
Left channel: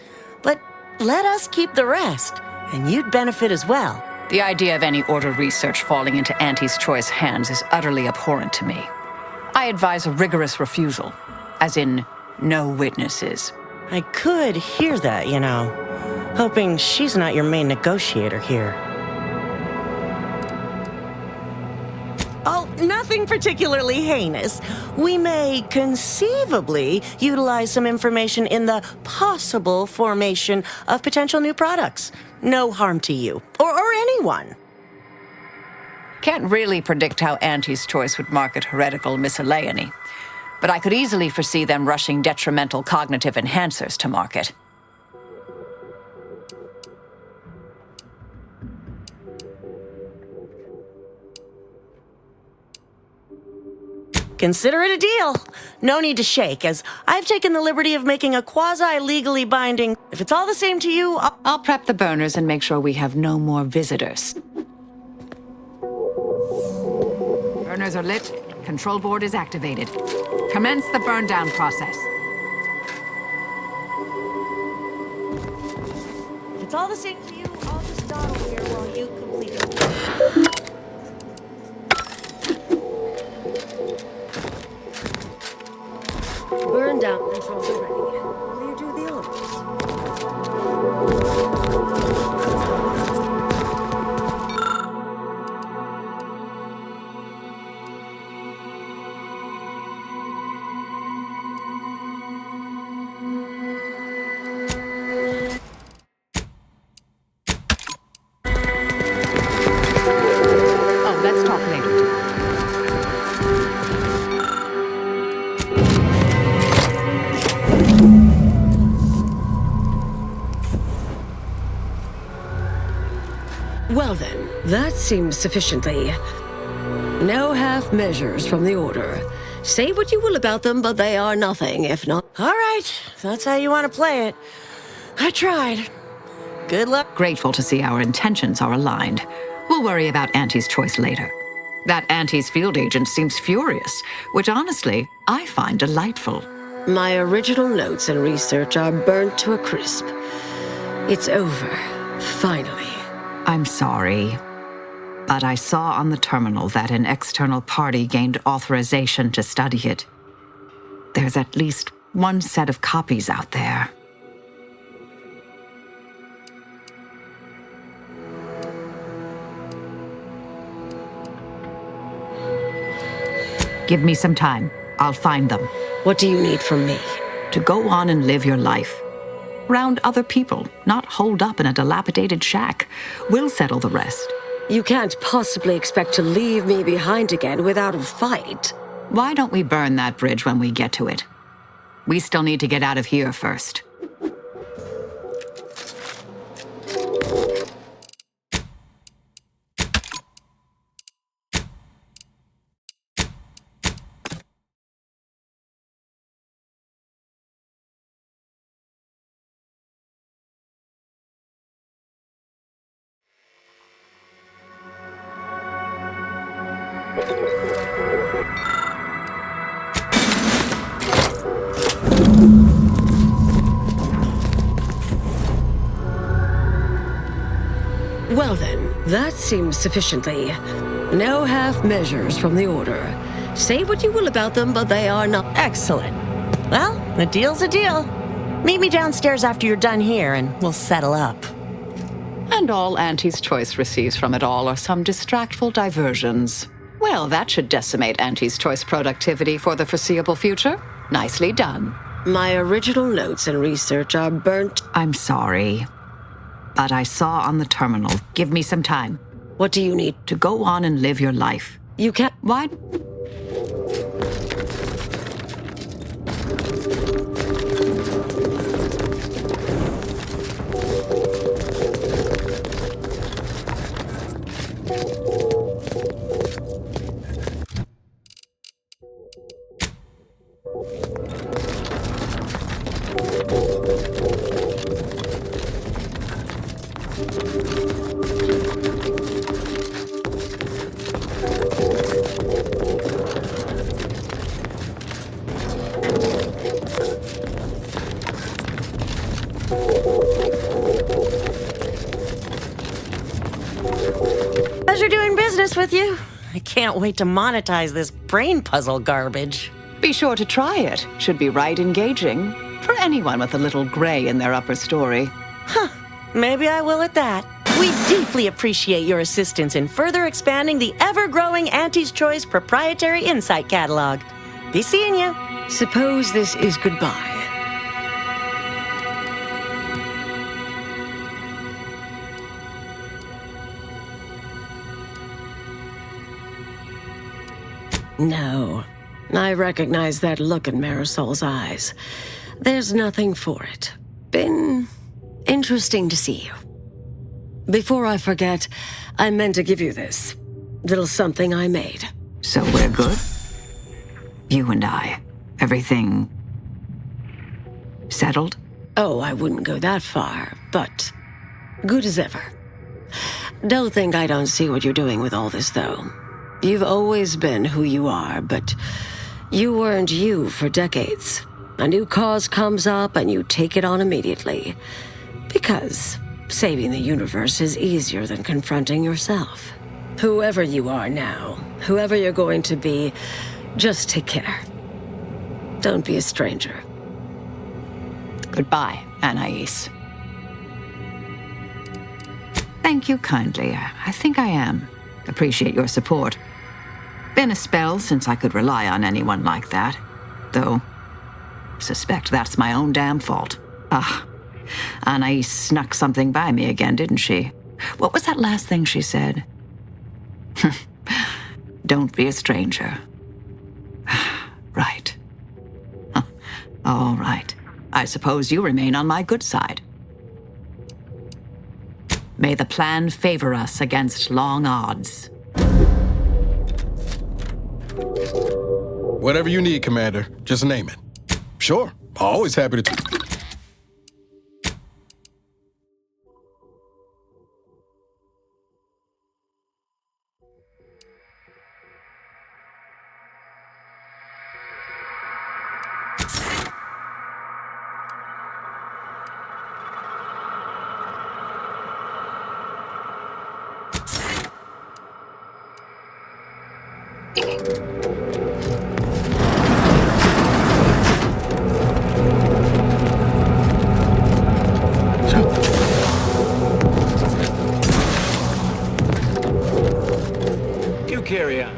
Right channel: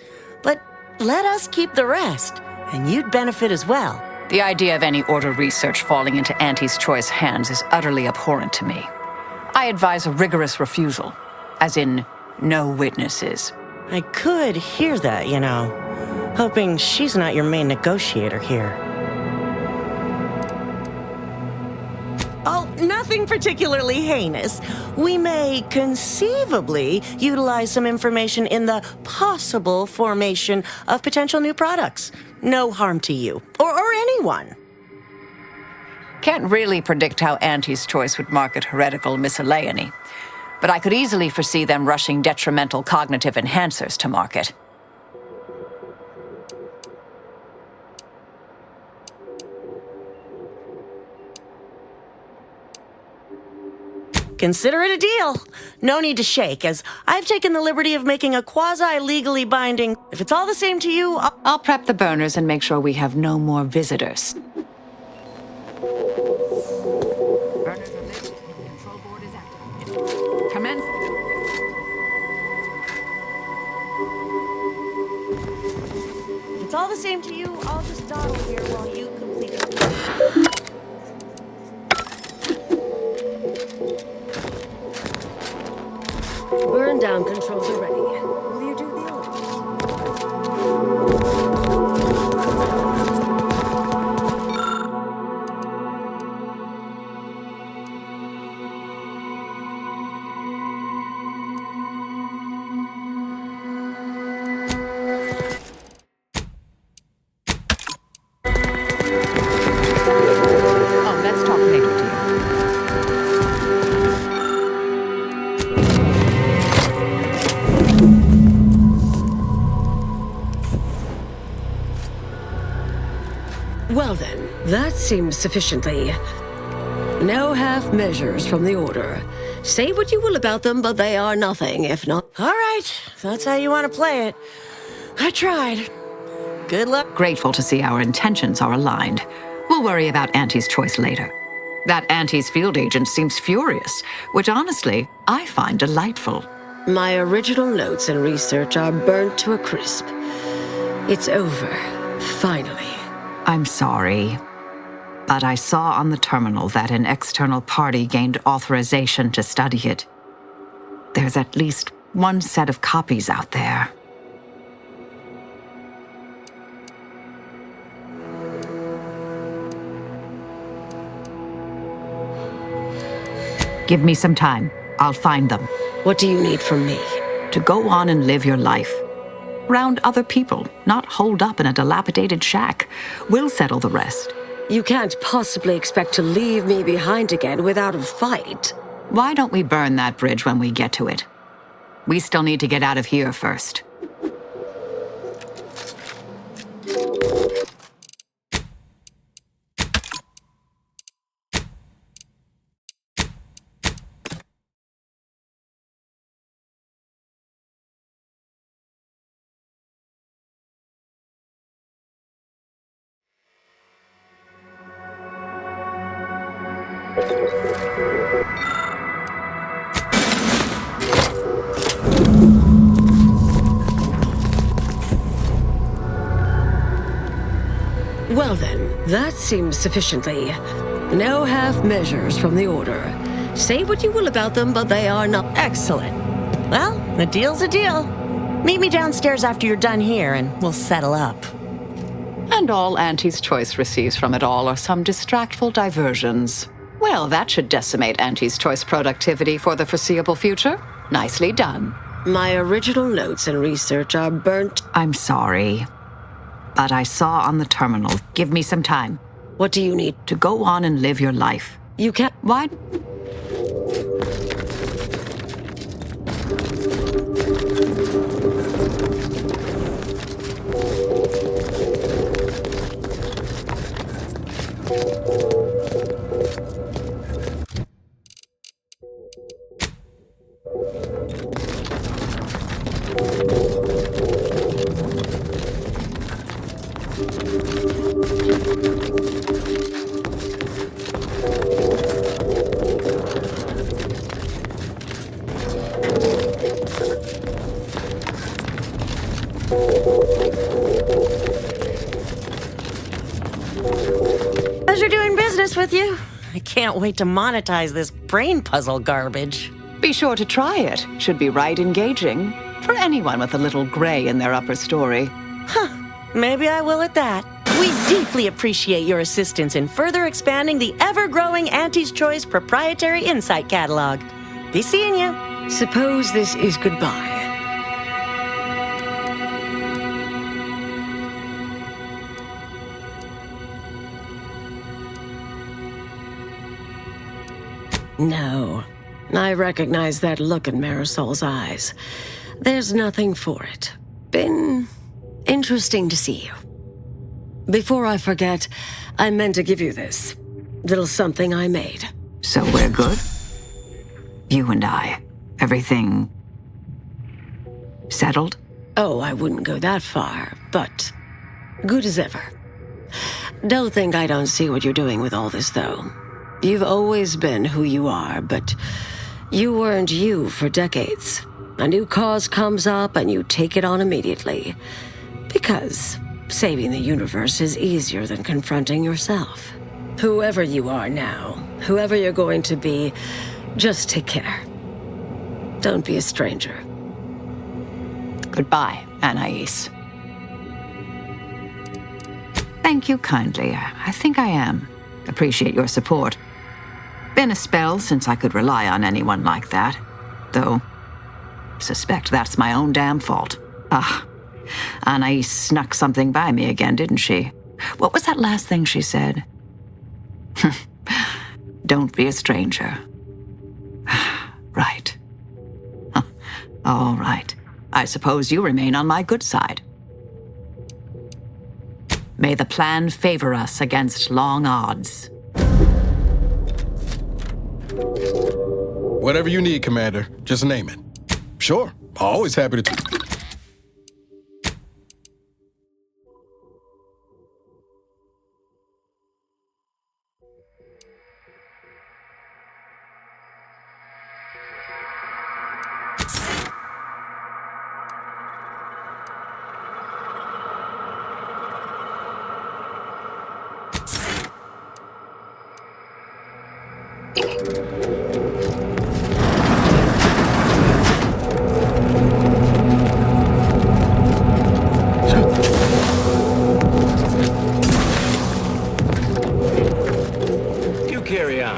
But let us keep the rest, and you'd benefit as well. The idea of any Order research falling into Auntie's Choice hands is utterly abhorrent to me. I advise a rigorous refusal, as in no witnesses. I could hear that, you know. Hoping she's not your main negotiator here. Oh, nothing particularly heinous. We may conceivably utilize some information in the possible formation of potential new products. No harm to you, or anyone. Can't really predict how Auntie's Choice would market heretical miscellany, but I could easily foresee them rushing detrimental cognitive enhancers to market. Consider it a deal. No need to shake, as I've taken the liberty of making a quasi-legally binding. If it's all the same to you, I'll prep the burners and make sure we have no more visitors. Burners are lit. Control board is activated. Commence the burn down process. If it's all the same to you, I'll just dawdle here while you complete it. Burn down controls are ready. Will you do the honors? Oh, let's talk later, dear. Well then, that seems sufficiently. No half measures from the Order. Say what you will about them, but they are nothing, if not... All right, if that's how you want to play it. I tried. Good luck. Grateful to see our intentions are aligned. We'll worry about Auntie's Choice later. That Auntie's field agent seems furious, which honestly, I find delightful. My original notes and research are burnt to a crisp. It's over, finally. I'm sorry, but I saw on the terminal that an external party gained authorization to study it. There's at least one set of copies out there. Give me some time. I'll find them. What do you need from me? To go on and live your life. Around other people, not holed up in a dilapidated shack. We'll settle the rest. You can't possibly expect to leave me behind again without a fight. Why don't we burn that bridge when we get to it? We still need to get out of here first. Well then, that seems sufficiently. No half measures from the Order. Say what you will about them, but they are not. Excellent. Well, a deal's a deal. Meet me downstairs after you're done here, and we'll settle up. And all Auntie's Choice receives from it all are some distractful diversions. Well, that should decimate Auntie's Choice productivity for the foreseeable future. Nicely done. My original notes and research are burnt. I'm sorry, but I saw on the terminal. Give me some time. What do you need? To go on and live your life. You can't. Why? Pleasure doing business with you. I can't wait to monetize this brain puzzle garbage. Be sure to try it. Should be right engaging for anyone with a little gray in their upper story. Huh. Maybe I will at that. We deeply appreciate your assistance in further expanding the ever-growing Auntie's Choice proprietary insight catalog. Be seeing you. Suppose this is goodbye. No. I recognize that look in Marisol's eyes. There's nothing for it. Been interesting to see you. Before I forget, I meant to give you this. Little something I made. So we're good? You and I. Everything settled? Oh, I wouldn't go that far, but good as ever. Don't think I don't see what you're doing with all this, though. You've always been who you are, but you weren't you for decades. A new cause comes up and you take it on immediately. Because saving the universe is easier than confronting yourself. Whoever you are now, whoever you're going to be, just take care. Don't be a stranger. Goodbye, Anais. Thank you kindly. I think I am. Appreciate your support. Been a spell since I could rely on anyone like that. Though, suspect that's my own damn fault. Anais snuck something by me again, didn't she? What was that last thing she said? Don't be a stranger. Right. All right. I suppose you remain on my good side. May the plan favor us against long odds. Whatever you need, Commander, just name it. Sure, always happy to... You carry on.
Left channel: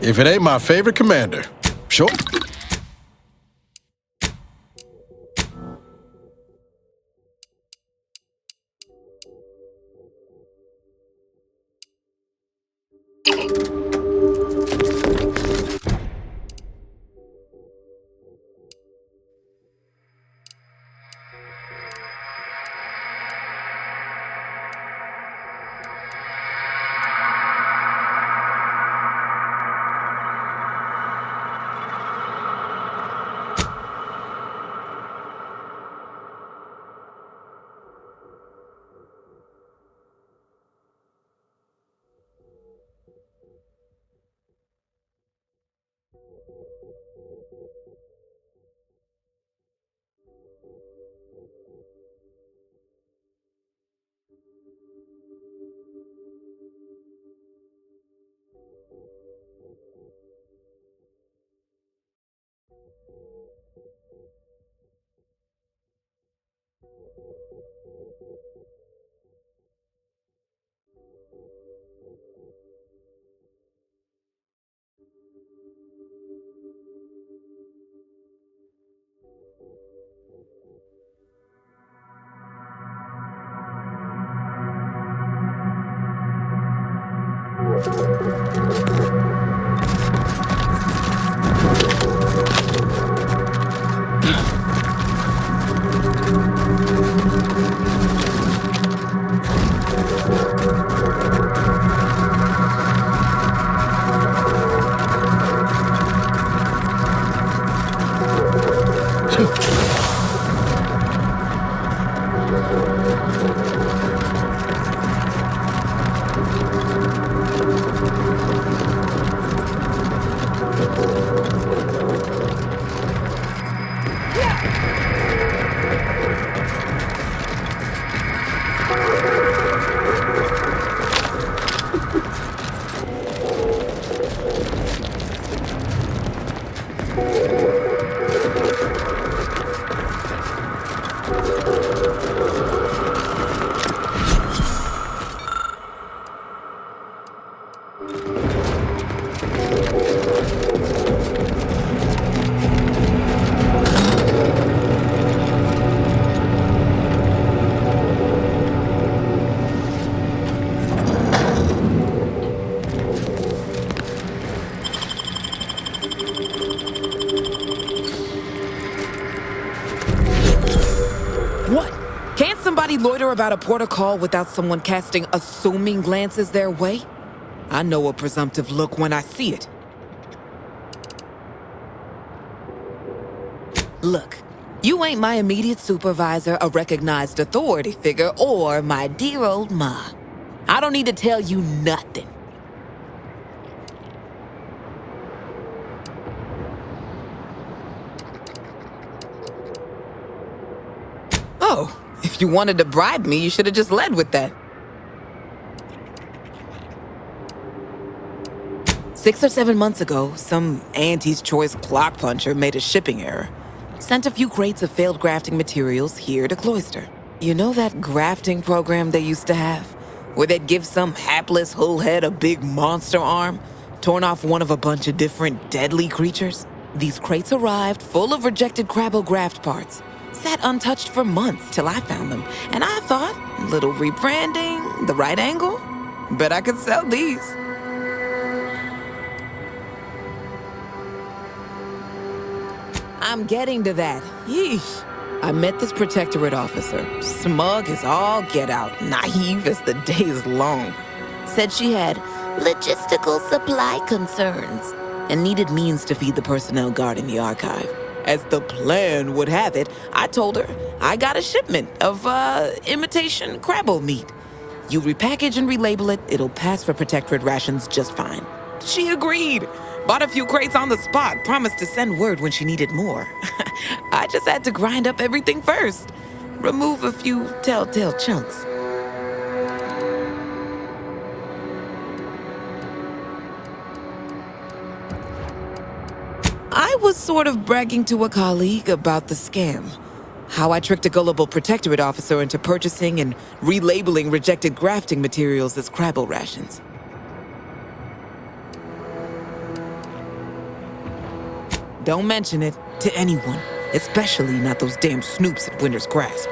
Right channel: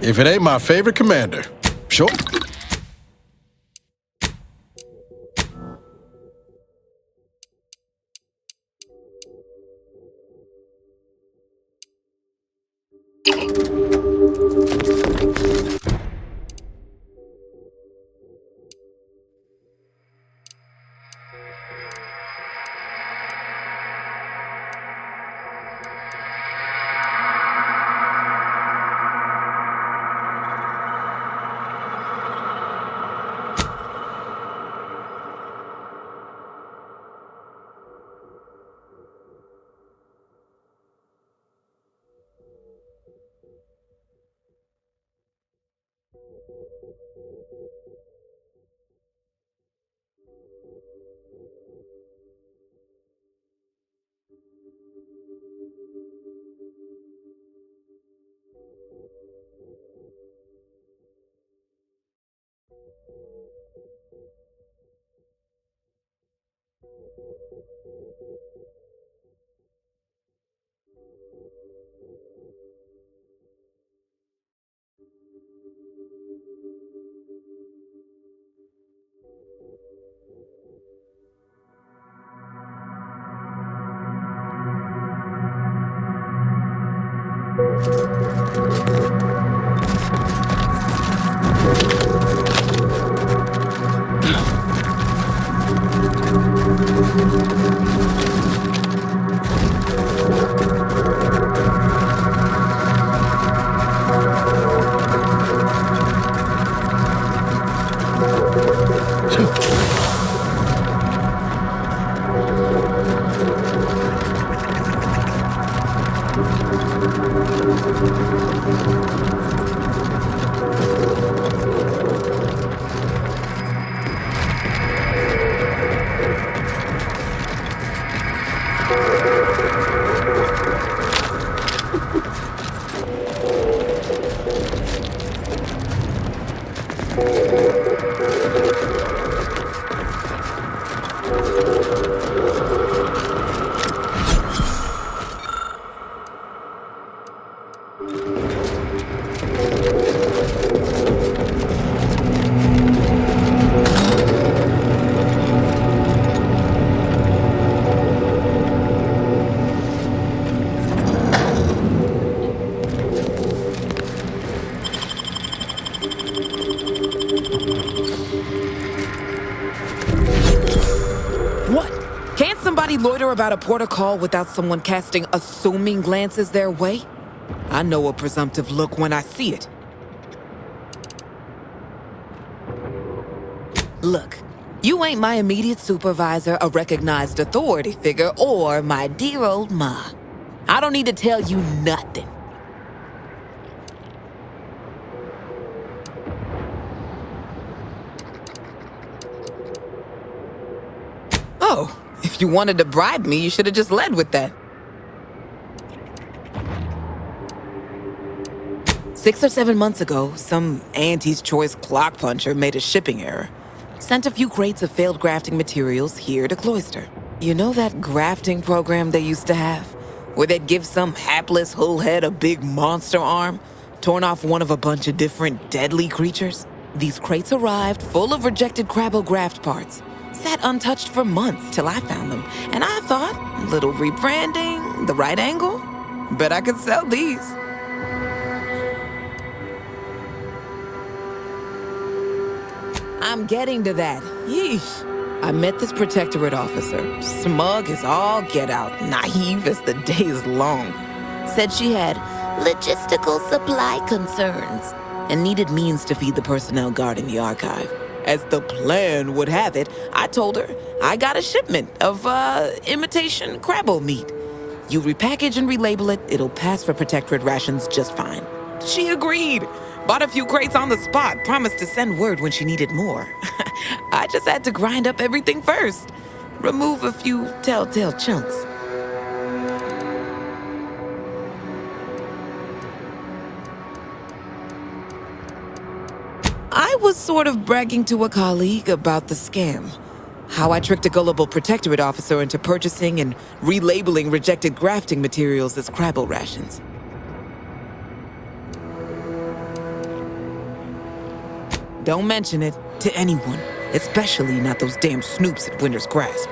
If it ain't my favorite commander, sure. What? Can't somebody loiter about a protocol without someone casting assuming glances their way? I know a presumptive look when I see it. Look, you ain't my immediate supervisor, a recognized authority figure, or my dear old ma. I don't need to tell you nothing. Oh, if you wanted to bribe me, you should have just led with that. 6 or 7 months ago, some Auntie's Choice clock puncher made a shipping error. Sent a few crates of failed grafting materials here to Cloister. You know that grafting program they used to have? Where they'd give some hapless hullhead a big monster arm, torn off one of a bunch of different deadly creatures? These crates arrived full of rejected Crabble graft parts. Sat untouched for months till I found them, and I thought, little rebranding, the right angle? Bet I could sell these. I'm getting to that. Yeesh. I met this protectorate officer. Smug as all get out, naive as the day is long. Said she had logistical supply concerns and needed means to feed the personnel guarding the archive. As the plan would have it, I told her I got a shipment of, imitation Crabble meat. You repackage and relabel it, it'll pass for protectorate rations just fine. She agreed. Bought a few crates on the spot, promised to send word when she needed more. I just had to grind up everything first. Remove a few telltale chunks. I was sort of bragging to a colleague about the scam. How I tricked a gullible protectorate officer into purchasing and relabeling rejected grafting materials as Crabble rations. Don't mention it to anyone, especially not those damn snoops at Winter's Grasp.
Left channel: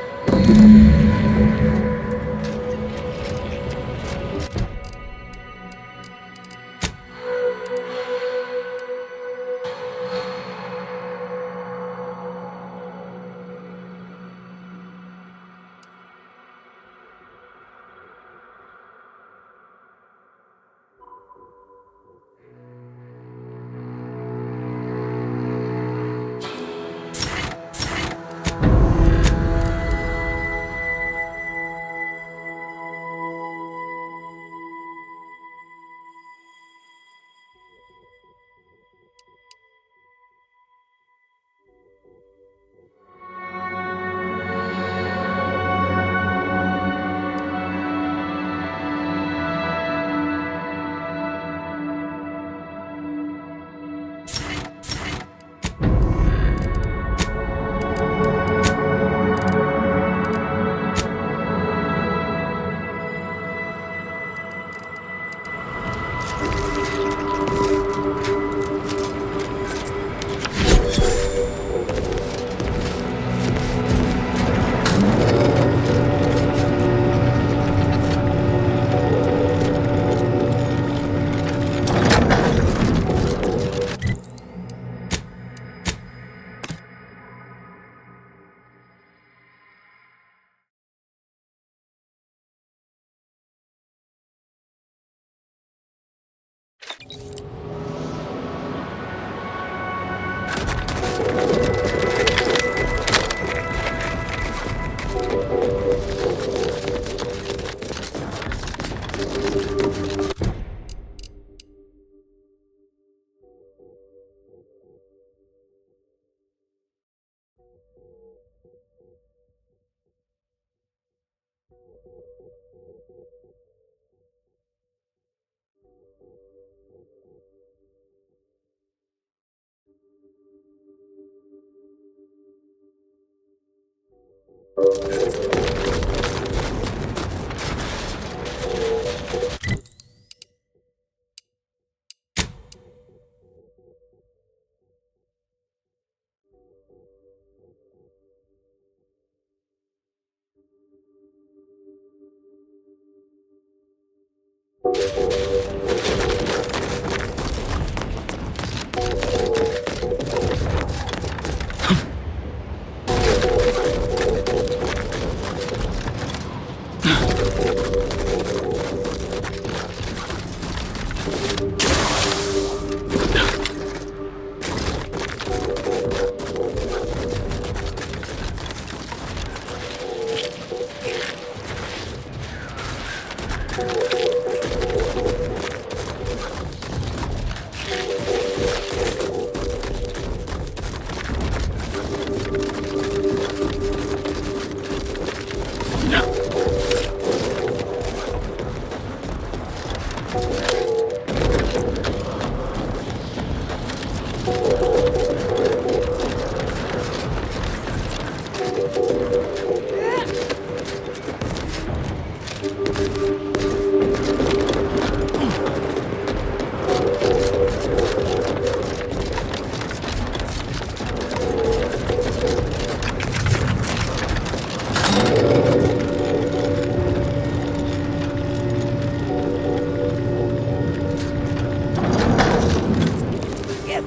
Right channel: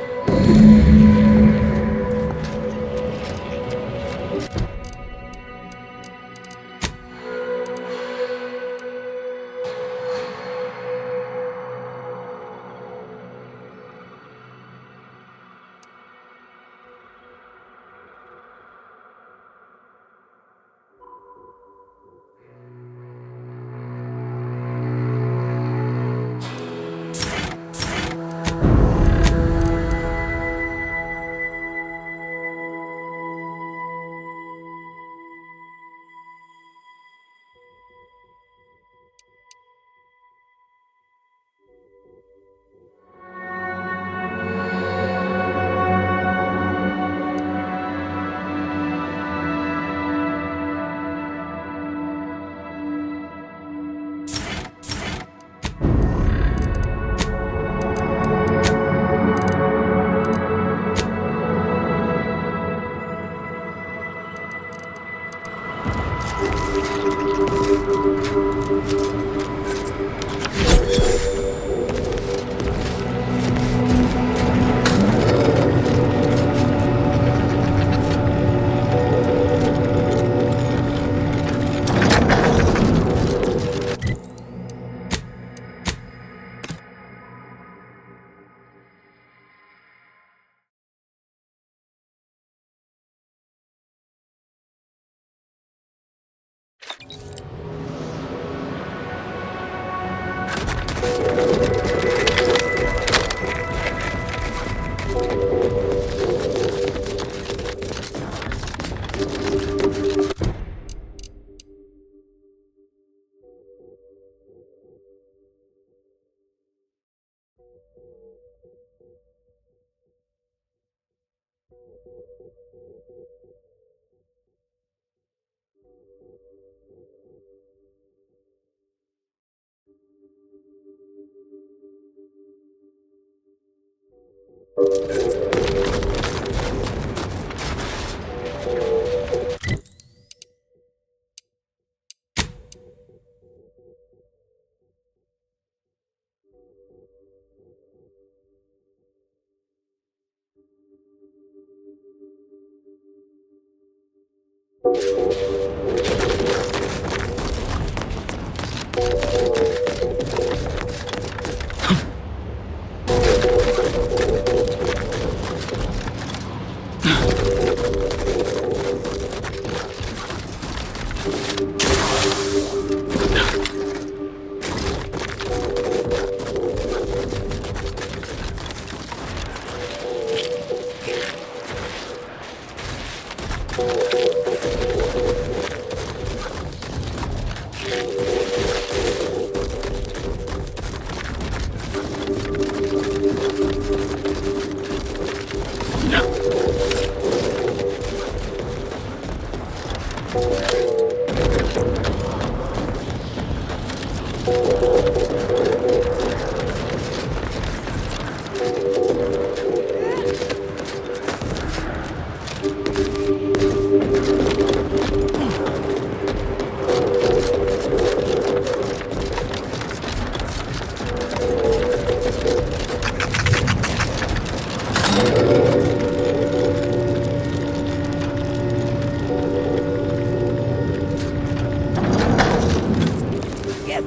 Guess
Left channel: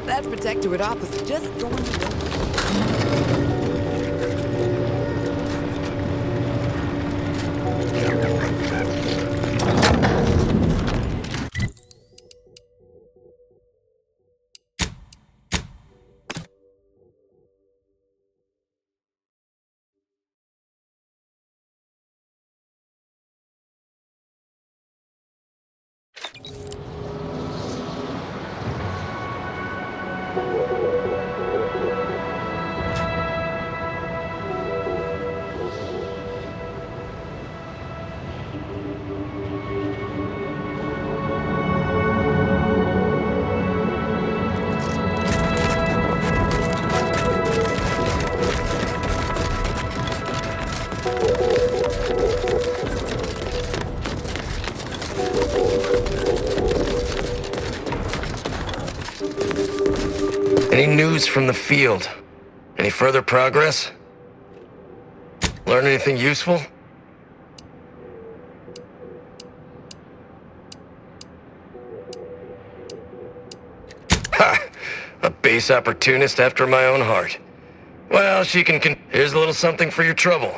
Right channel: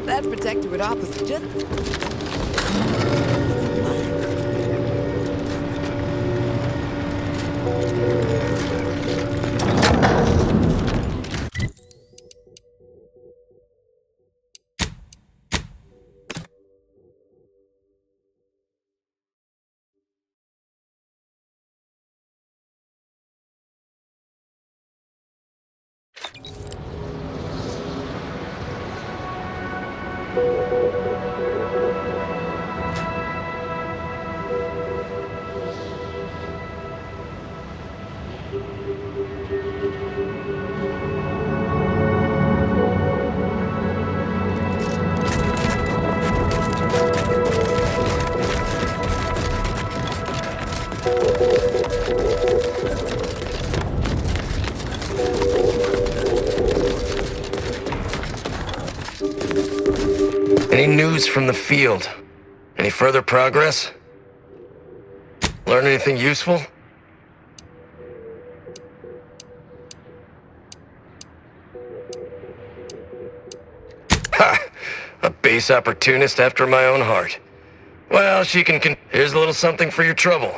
that protectorate officer just... Any news from the field? Any further progress? Learn anything useful? Ha! A base opportunist after my own heart. Well, she can here's a little something for your trouble.